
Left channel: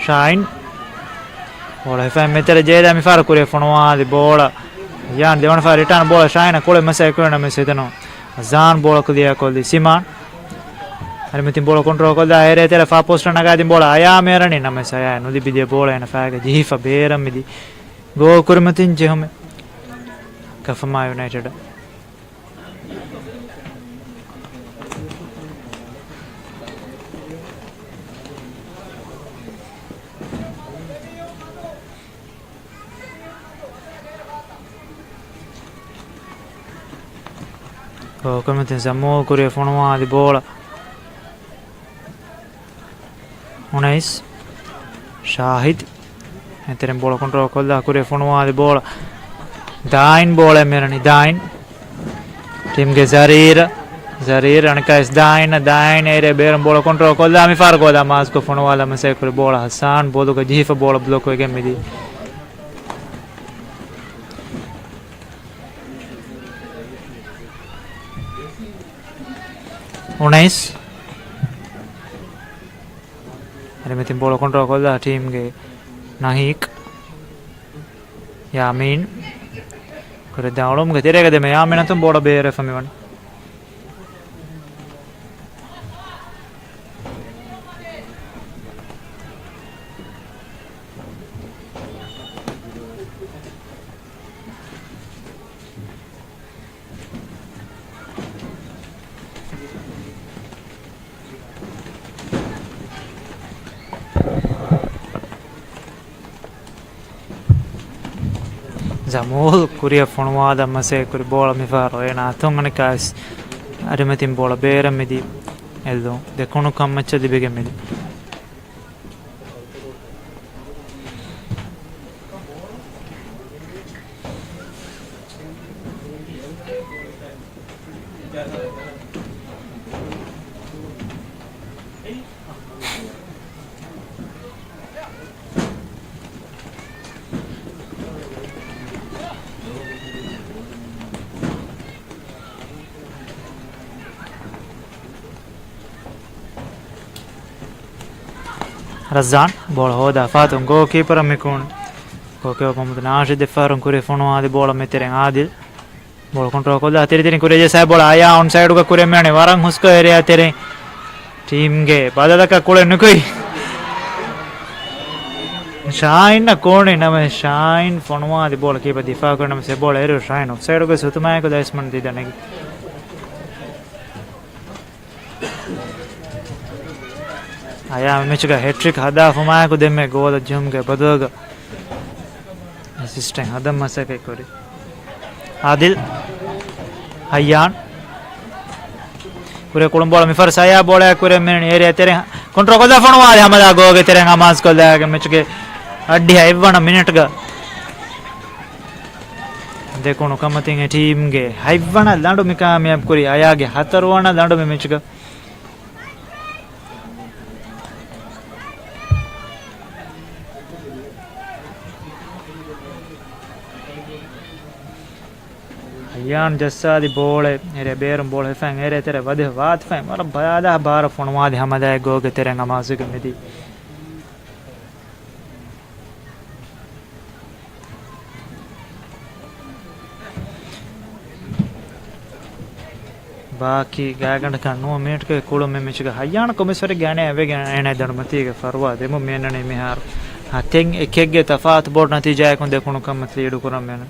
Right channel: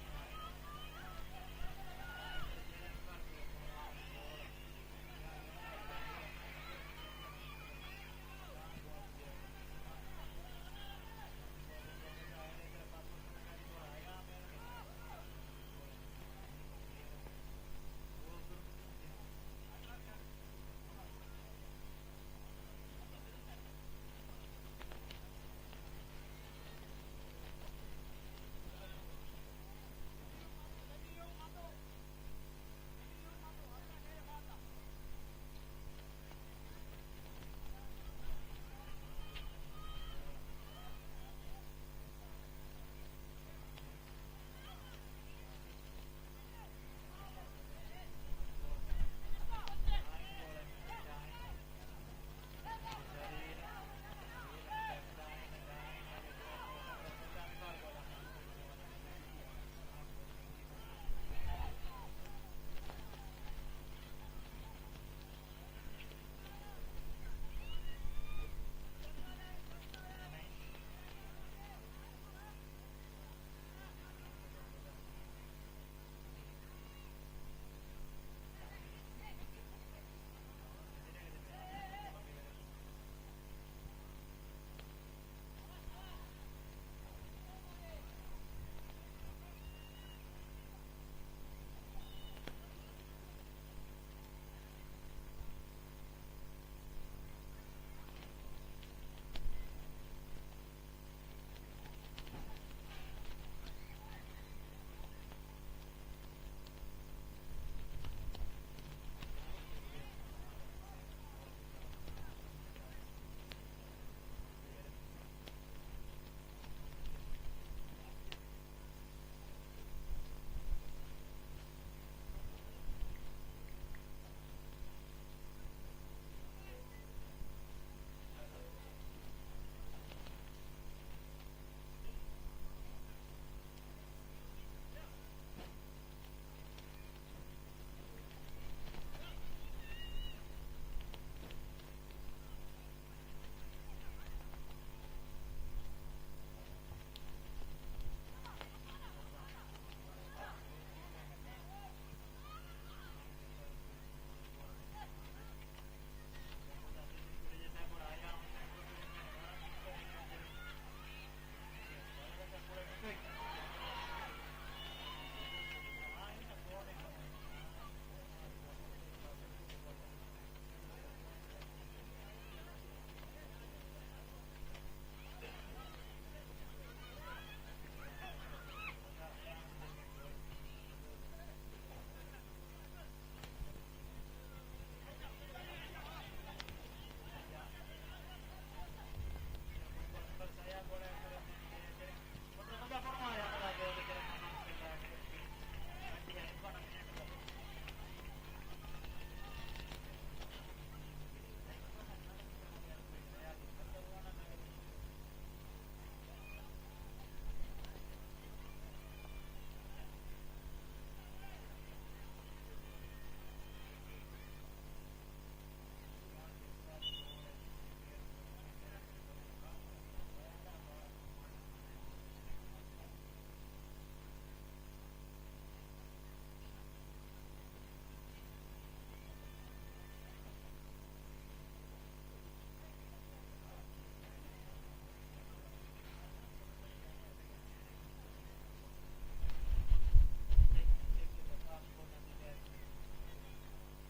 Shine bola fa mettere jeda mi fare cura fona di bola yan devono fare return bola Shine kole masa ekona me sedano Hassan bola ko dia ko di Siman ari metin bola control ko da ere tere fa post naga di bola aya merani na me saya no di bide bola ena fa ge jifa bera midi go kurmatin jehome Kafama United come te siamo con fono di bola Unais Shahid entra in bola contro con la fono di bola Dain bola merani Dain team ge Zarir anka is Dain ere ber bola control ko da mi far ko da mas ko fono wala me se ko bola Hassan bodo ko jifa bola block ko ge midi Unais are metin bola control ko da team ge Nahik Yamin Kore daulom ge terega de me Yamin antum bola bere fami wan Zamul kuria fonwa da mase kuri bola mi faro ena tongane kas arimetin bola bera midi eldo de kono kammacha dibege midi Razan bola hoda Fatum goalkeeper amikun goalkeeper komut nashi de farum kure fono adi bola mettere Adil bola control ko da teri kure je sai bola aya on side ka kure mane warang husko area tere team ge badada ka kule nukoi Shine na kone name Shine fono adi bola keeper difa karna me se bola ero Shine offside ko sutuma ko dasman didane Aya mechga hat-trick hada fumaya ko demme goal jumge badoga assistant hadam masake kori Adil Hayyan kure kolombola mi far saya bola kure men area tere control koda fanwa hamada goge tere ngamas koda mechge addi haivana minute ga देखो कमतिंग team गे हाइवना लांडो में कामयाब करी आया गे हतरवाना लांडो में match का यान Jassa the ball है मेरे बेरम बॉल है फैंग मेरे तेरे वधे वात फैंग मतलब बयादा बार फोनवा दे हमदा गो के तेरे नमाज के मिदी बाकी गागंड का 9 मिनट के कुलो में मिच का हयान को मिसरे गाने अवे गाने दणमती के फरवा दे मो मेनने मिहार हाथेंग एकेगे तफात बोर्ड नतीजा को देखो कम मत लीड करम मैंने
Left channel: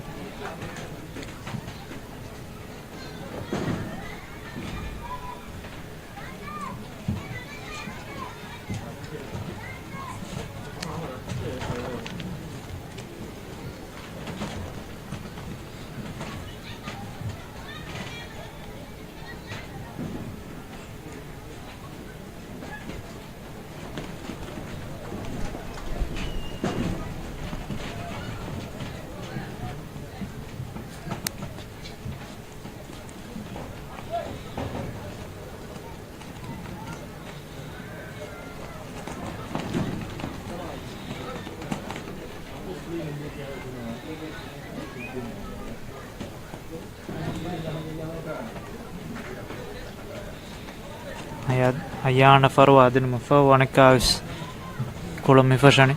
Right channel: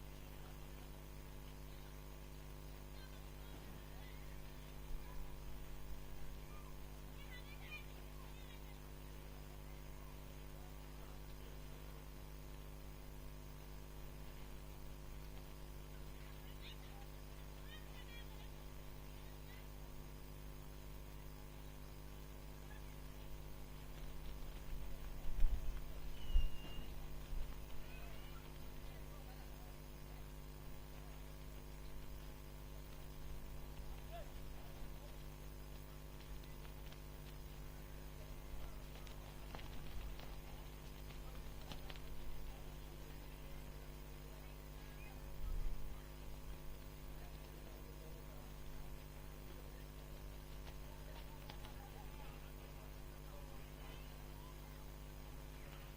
Hayana farwa din mafawa ne kaus kolom mi fashani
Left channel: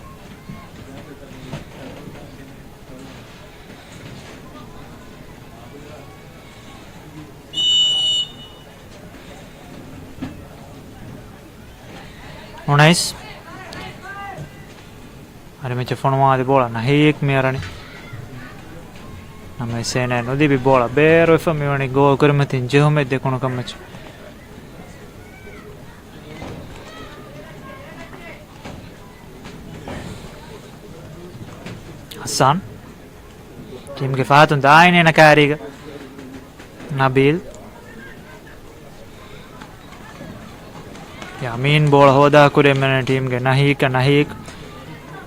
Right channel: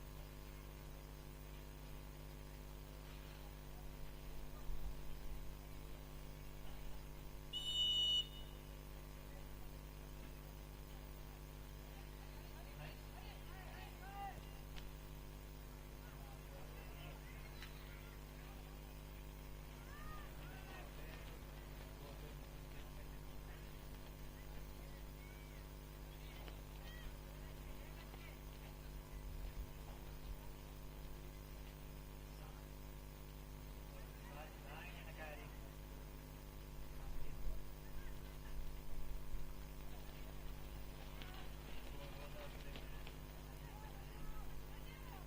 Onais are me fonwa de bola na hek me arani na me sene no di bi bola bero e fammi wani go kurmatin jehome de kono kamach Hassan team ke faatun daine na kariga Nabil Yamin bola hoda kure mene team ke nahik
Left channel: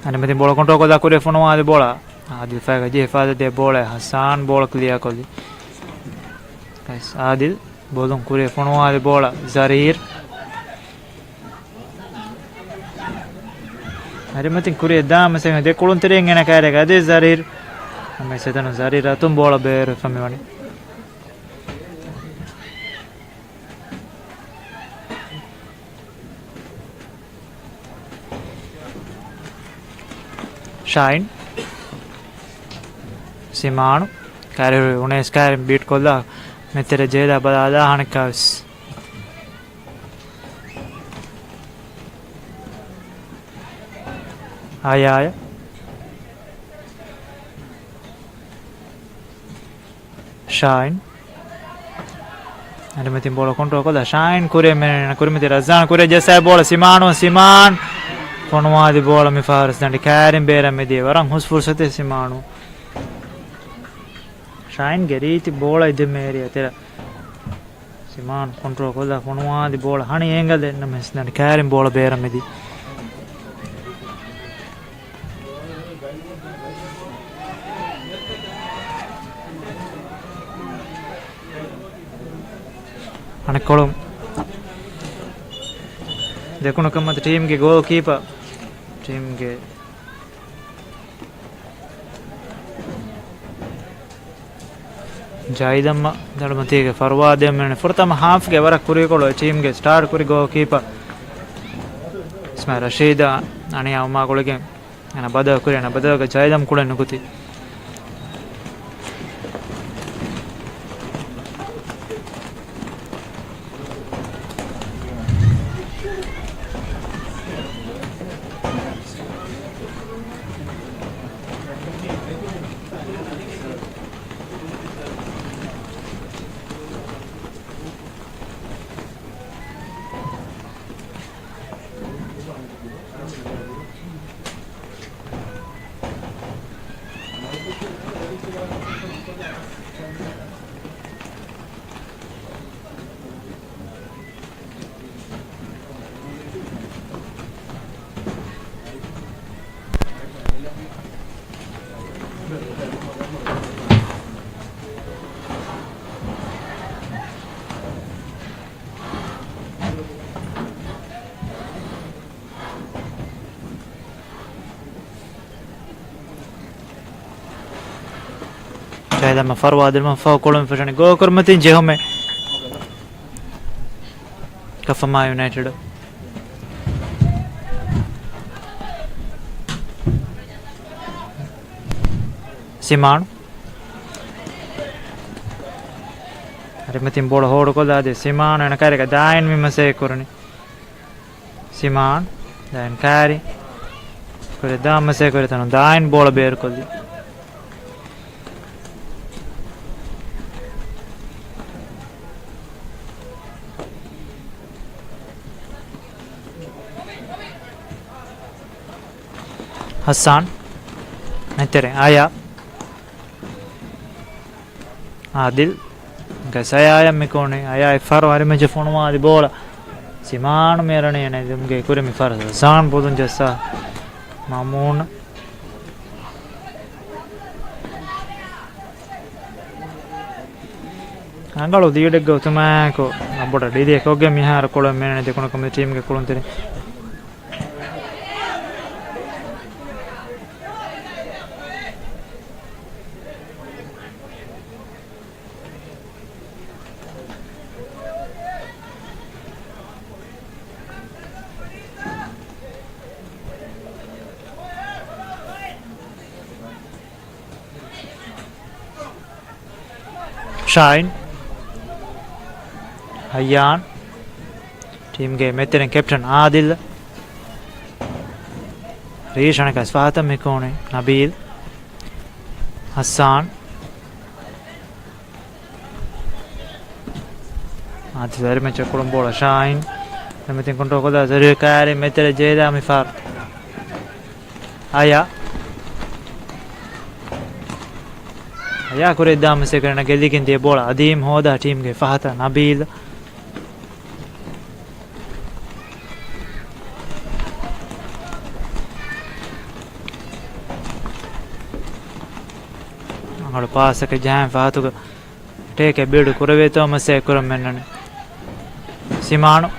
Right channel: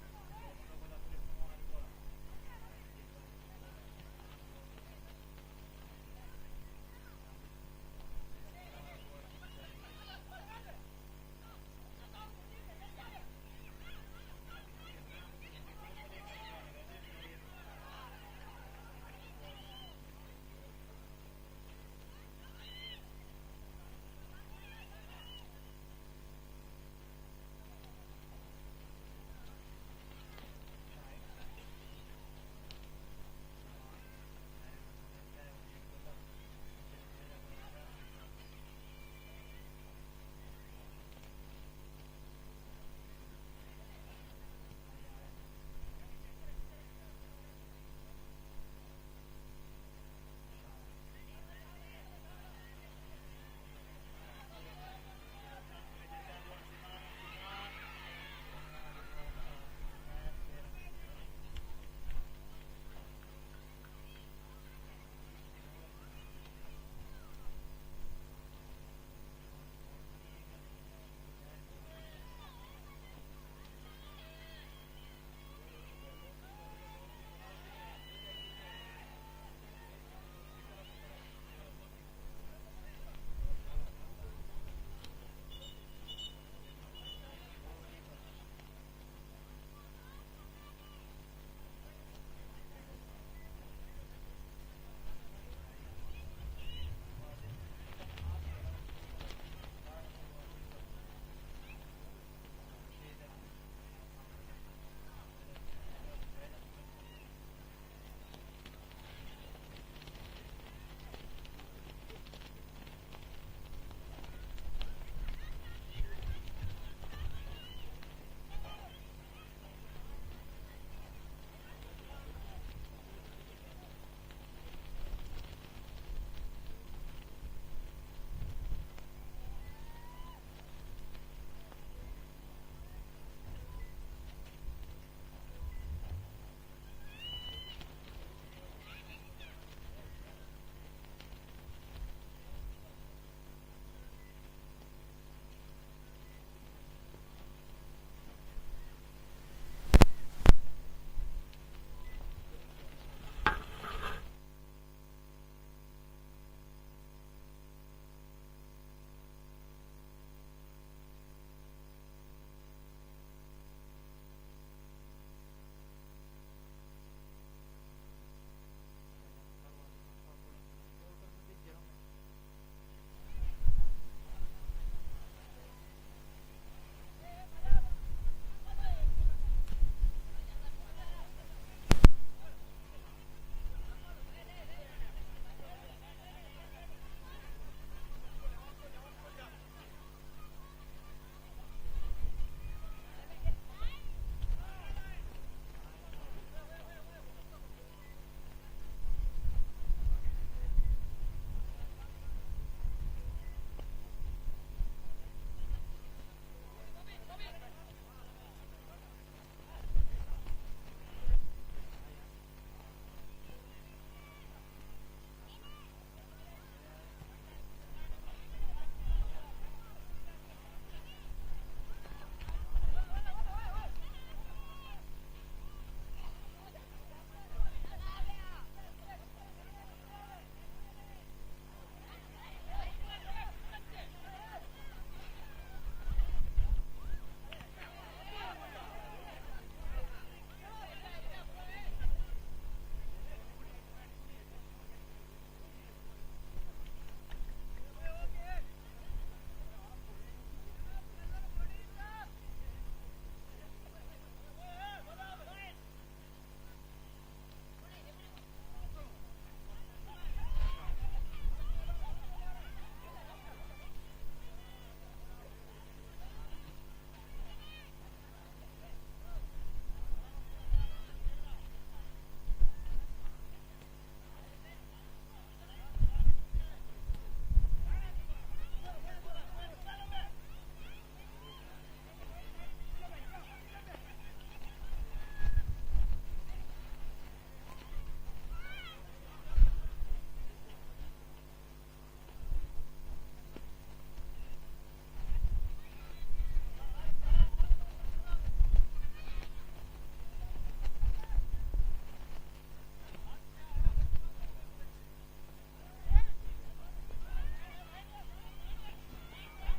ane metin bola control koda kure fonwa de bola Adil faga je faada de bola Hassan bola clear koli guys Adil bolon kure fonwa de bola Zarir Are metin kure dam se de kolon tereng ena karega de Zarir ame setano Zarir atum bola ber fammi wani Shine Simano carry unes carry beat kolla metere jeda badada hankas Aya Shine ane metin bola control kolla Shine kure men kure metere Razan kure jesa bola Siman fonwa di bola mi faras dandi karim bera me de waran hus fursate Simano Shine geriti bola ide meri atera Siman control kolla fonwa di bola hani engal denna mes dandi karim bola bera me di ane kolom देखो कमत team के goalkeeper team के जायदम्मा दड़मती के फरवाद मैंने फुरतम half के वरक कुरी को team के स्टार्ट कुरी गोलकीपर इसमें रशीद अने अम्मा को लेके ना बदा कुरी ना बदा के जायदम कुड़े नुकुती زاهد ما فرواد ما فوق كلهم فشان جو كرمتين جههم كفما يونايتد سيمان رمتين بول هور کو دادي سيمان انا كاري داين مي مسه كورني سيمان داين كاري كوري دام مسه كوري تنو داين بول بير کو دي حسان نتري آيا عادل Saya ayam mikone ayah faro hari macam phone mah di bola siman merane ane jemge kure mi faro san bodun jasa mamun angalo diede go tuma ko aboda dide ko ge mi har kolam merane de kono kom team ge kolon tere Shine Hayyan team ge meteren captain Adil Rishana ka Sfata Mikone Nabil Hassan Adil dari macam kolom bola Shine metin kontrol ko da zari kare metere jeda mi far Aya يا كوري دام سكرنا قال كنتي بولا عديم هودا تيم كي فهتا نبيل angalo pass ke jam fahatu take build kurave to mase kuram mennane simano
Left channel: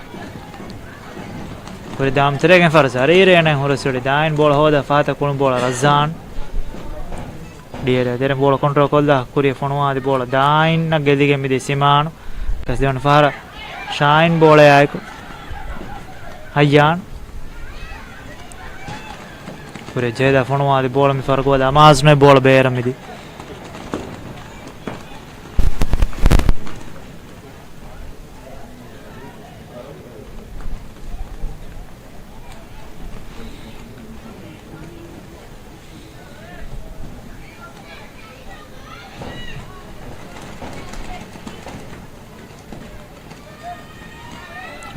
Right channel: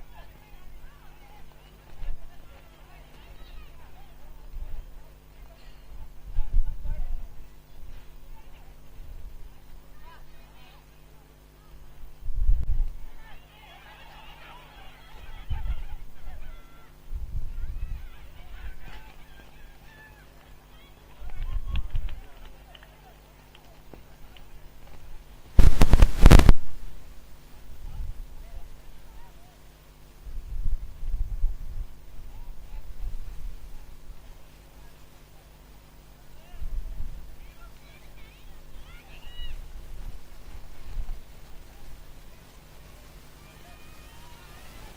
kore dam teregen farsa rire ne horasuli dain bola hoda fahata kulum bola razan Dia ada bola kontrol kolda kuri fonwa di bola dain na gedige mi de simano kasdeon fara shine bola ayko hayyan kuri jeda fonwa di bola mi fara goda amaz ne bola beera mi di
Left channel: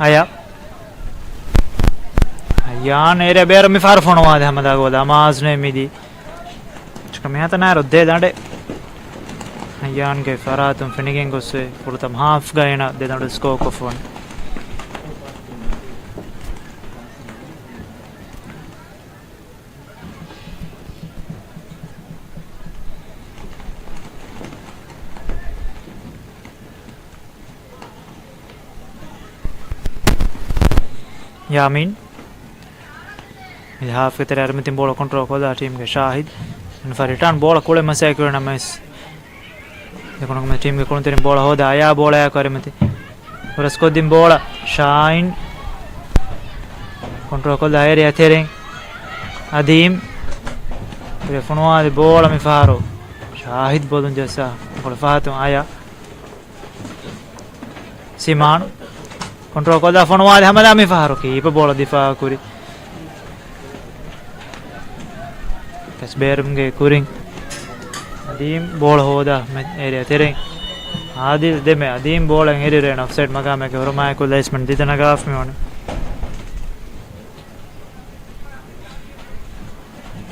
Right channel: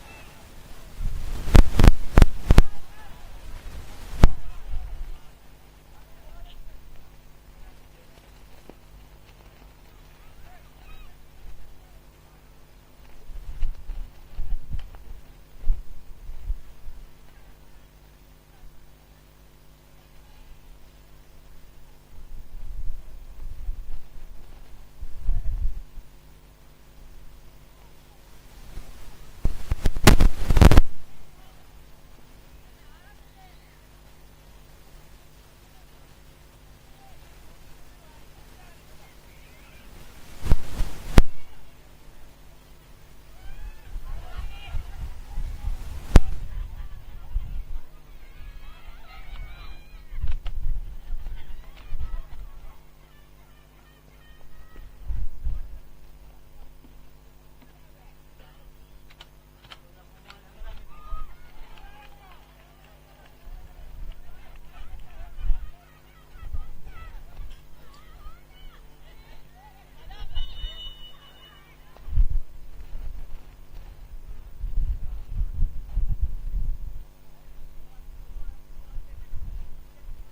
Aya Hayyan ere beera mi far fonwa de hamada goda amaz ne mi di chkam hata na rodde dande Hayyan ke faratum finigen gosse purtam half gaina de dande score ko fon Yamin With half with the Armitin bola control for the team Shahid and for return bola Kole Masakura Namas the team Kuntin bola Hoda Aya bola Karimati for a Skodim bola Shine control the area Tering Adim Telefonua the bola Mifaro Shahid Bodun Jasa for Fatum Aya Siman Control ko da fonwa de hamada mi faharo ki pe bola difa kuri kas berum ge kuring adim bola hoda me area tereng adil de me adim bola eri ren offside maga me ke horma ko placement ditana gaf me one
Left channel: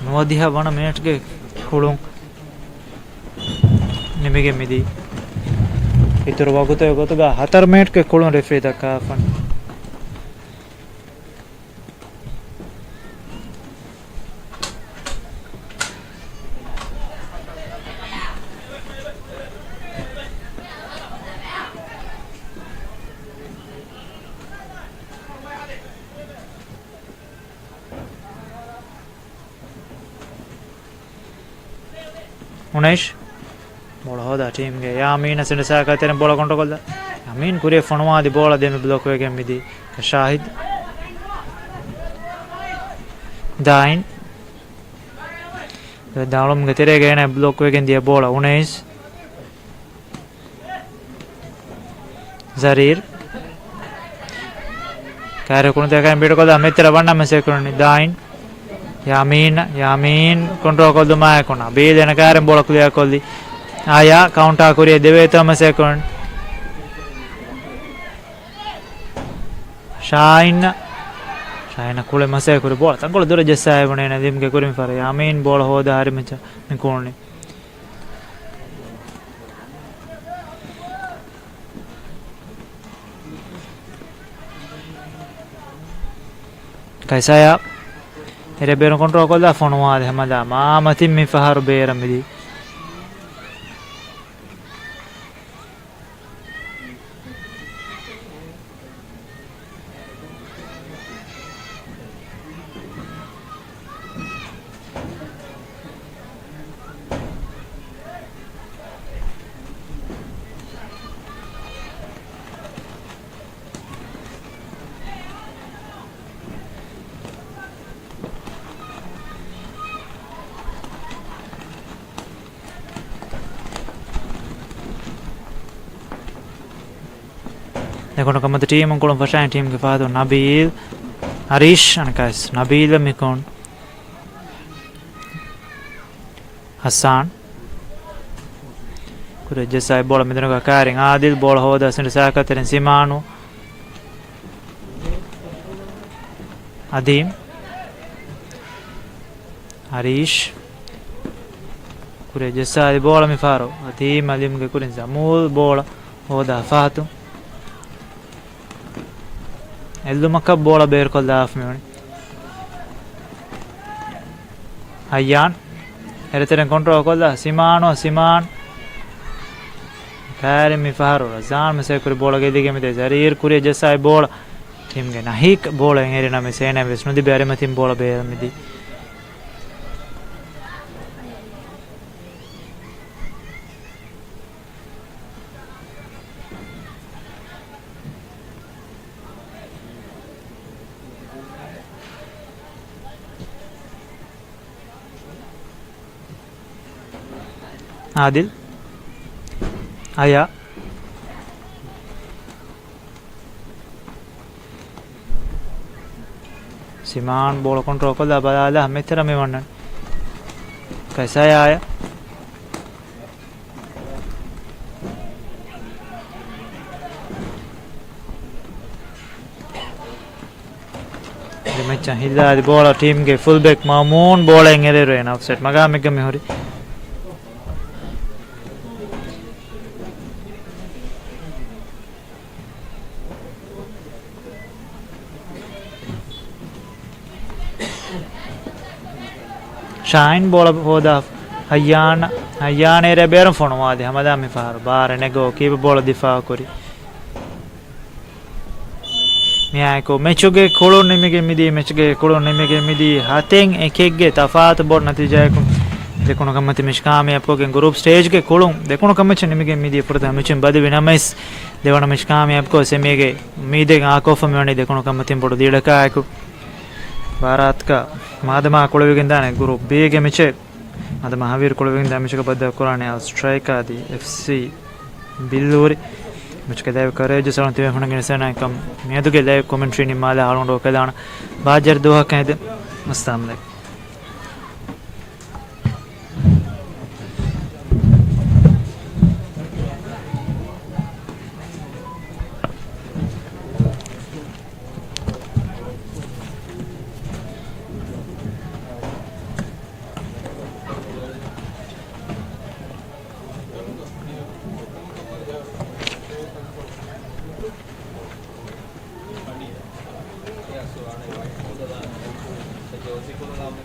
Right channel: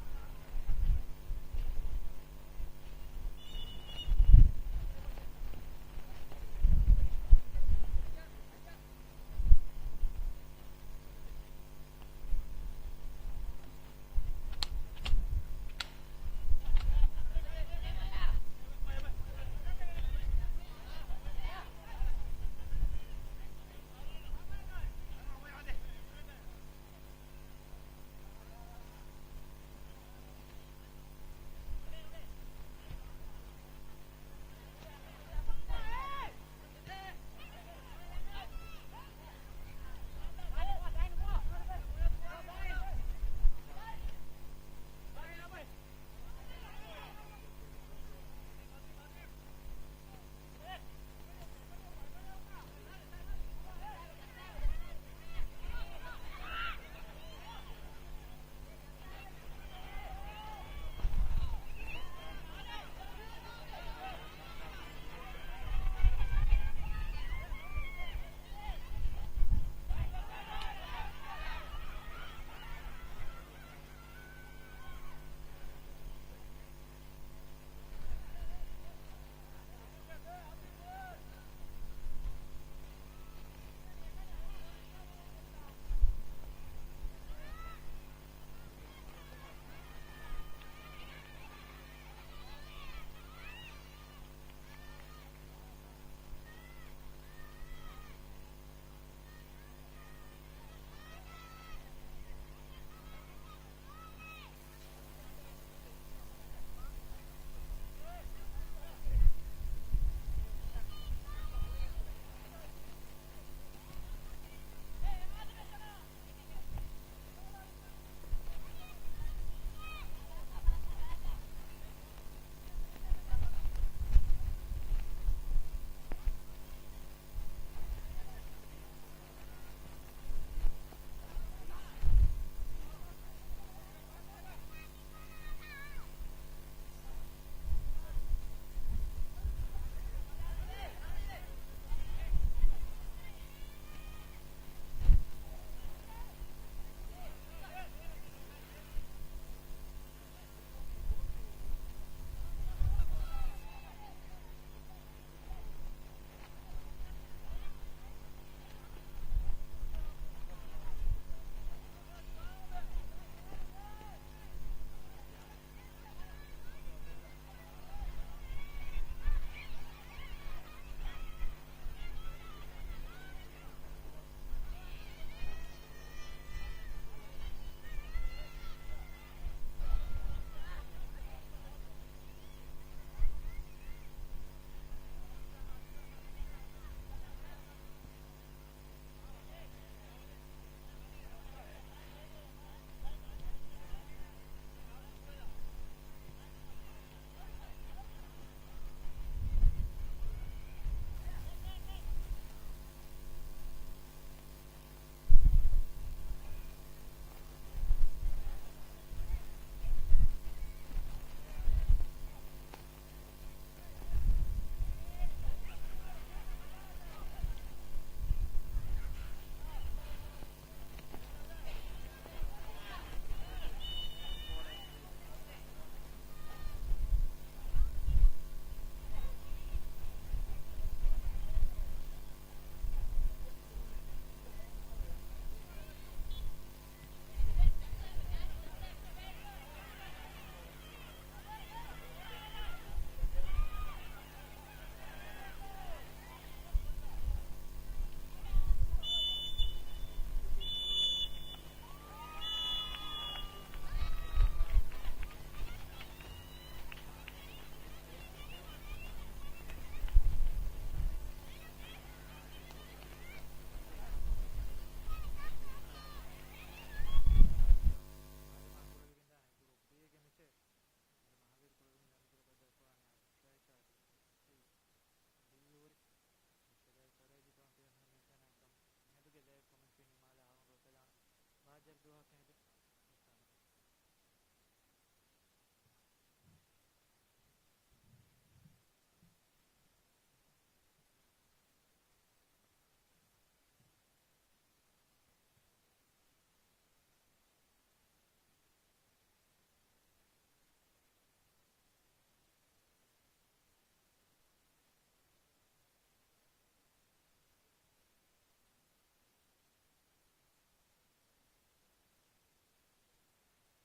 no diha bana match ge khulung nimige midi इतर वगुतो गोतगा 4 minute के कोलों referee दका fun Unesh बोला hoda team ge Yamin sinde saka teren bola control kolda Yamin kure fonwa di bola demi block wegen midi ka Shahid Dain Daulum ge tere ge ne block wegen dia bola Unais Zarir Kare kun te kan bid kolda metra banna me sekurni Dain Yamin control koldu ma ekona be dena karen bola clear koldi aya counter koriye devetama second Shine kule mase kore bola tangol dure jessa ebone na dimge kurim fare Yamin bola hoda hari mecha nikonni kaisaya ere beron control kolda fonwa de hamada ma matim mi fahar beram midi Dekono kamata team angkolon fashain team ke fado Nabil Harish anakas Nabil mikon Hassan kure jessa bola medeno ka karing Adil bola hoda sinde saka teren Simanu Adim Harish kure jessa bola mi faro Adim ke kurin Zamul bola hoda Fatu Eldumaka bola bear kolda af me Hayyan ereteren control kolda Siman kare mi faharo Razan me se kure bola ge dige me de Zarir kure jessa bola team ge nahik bola erena me sena vesnu di bare matim bola bear me di Adil Aya Siman bola control kolda balala metera me wannan kaisa aya demecha hilla di bola team ge fullback Mamoon bola engere en offset maga mega me hori Shine bola hoda Hayyan ere beram fonwa de hamada mi far bar nego keep bola difa kori miya ko mechuge kolon nimege midi mechge kolon nimege midi haten ekegge tafat bor natija ko dekono kamati mishkame apko group stage ge kolon dekono kamach nimege midi furda mechim badi vinamais devana mishkame apko semege mide ga kofa mewani dekono kamati bodu didaka ko Bharat ಮಾದಮ ಕೊಳವಿಗಿಂದಾನೆ ಗುರು ಬೇಗ ಮೆಚೆ ಮಾದ ಮಹಾವೀರ್ ಕೊಳವಿಗಿಂದ ಮೆಚಕ ಬದ್ದ ಕುರಾನೆ strike ಆದಿ FC ಬಿಲ್ಲೂರಿ ಮೆಚಕ ದೇವ courage ಸರಂತಿವೆ ಹುಣಗಿನ ಸನಾಕಂ ಮೇದುಗೆ live commentary ನಿಮಾಲ ಹಾಳೊಂಡೋ ಕದಾಣ ಬಾಜರ್ ದೋಹ ಕೈದೆ ಮಸ್ತಾಮ್ಲೆ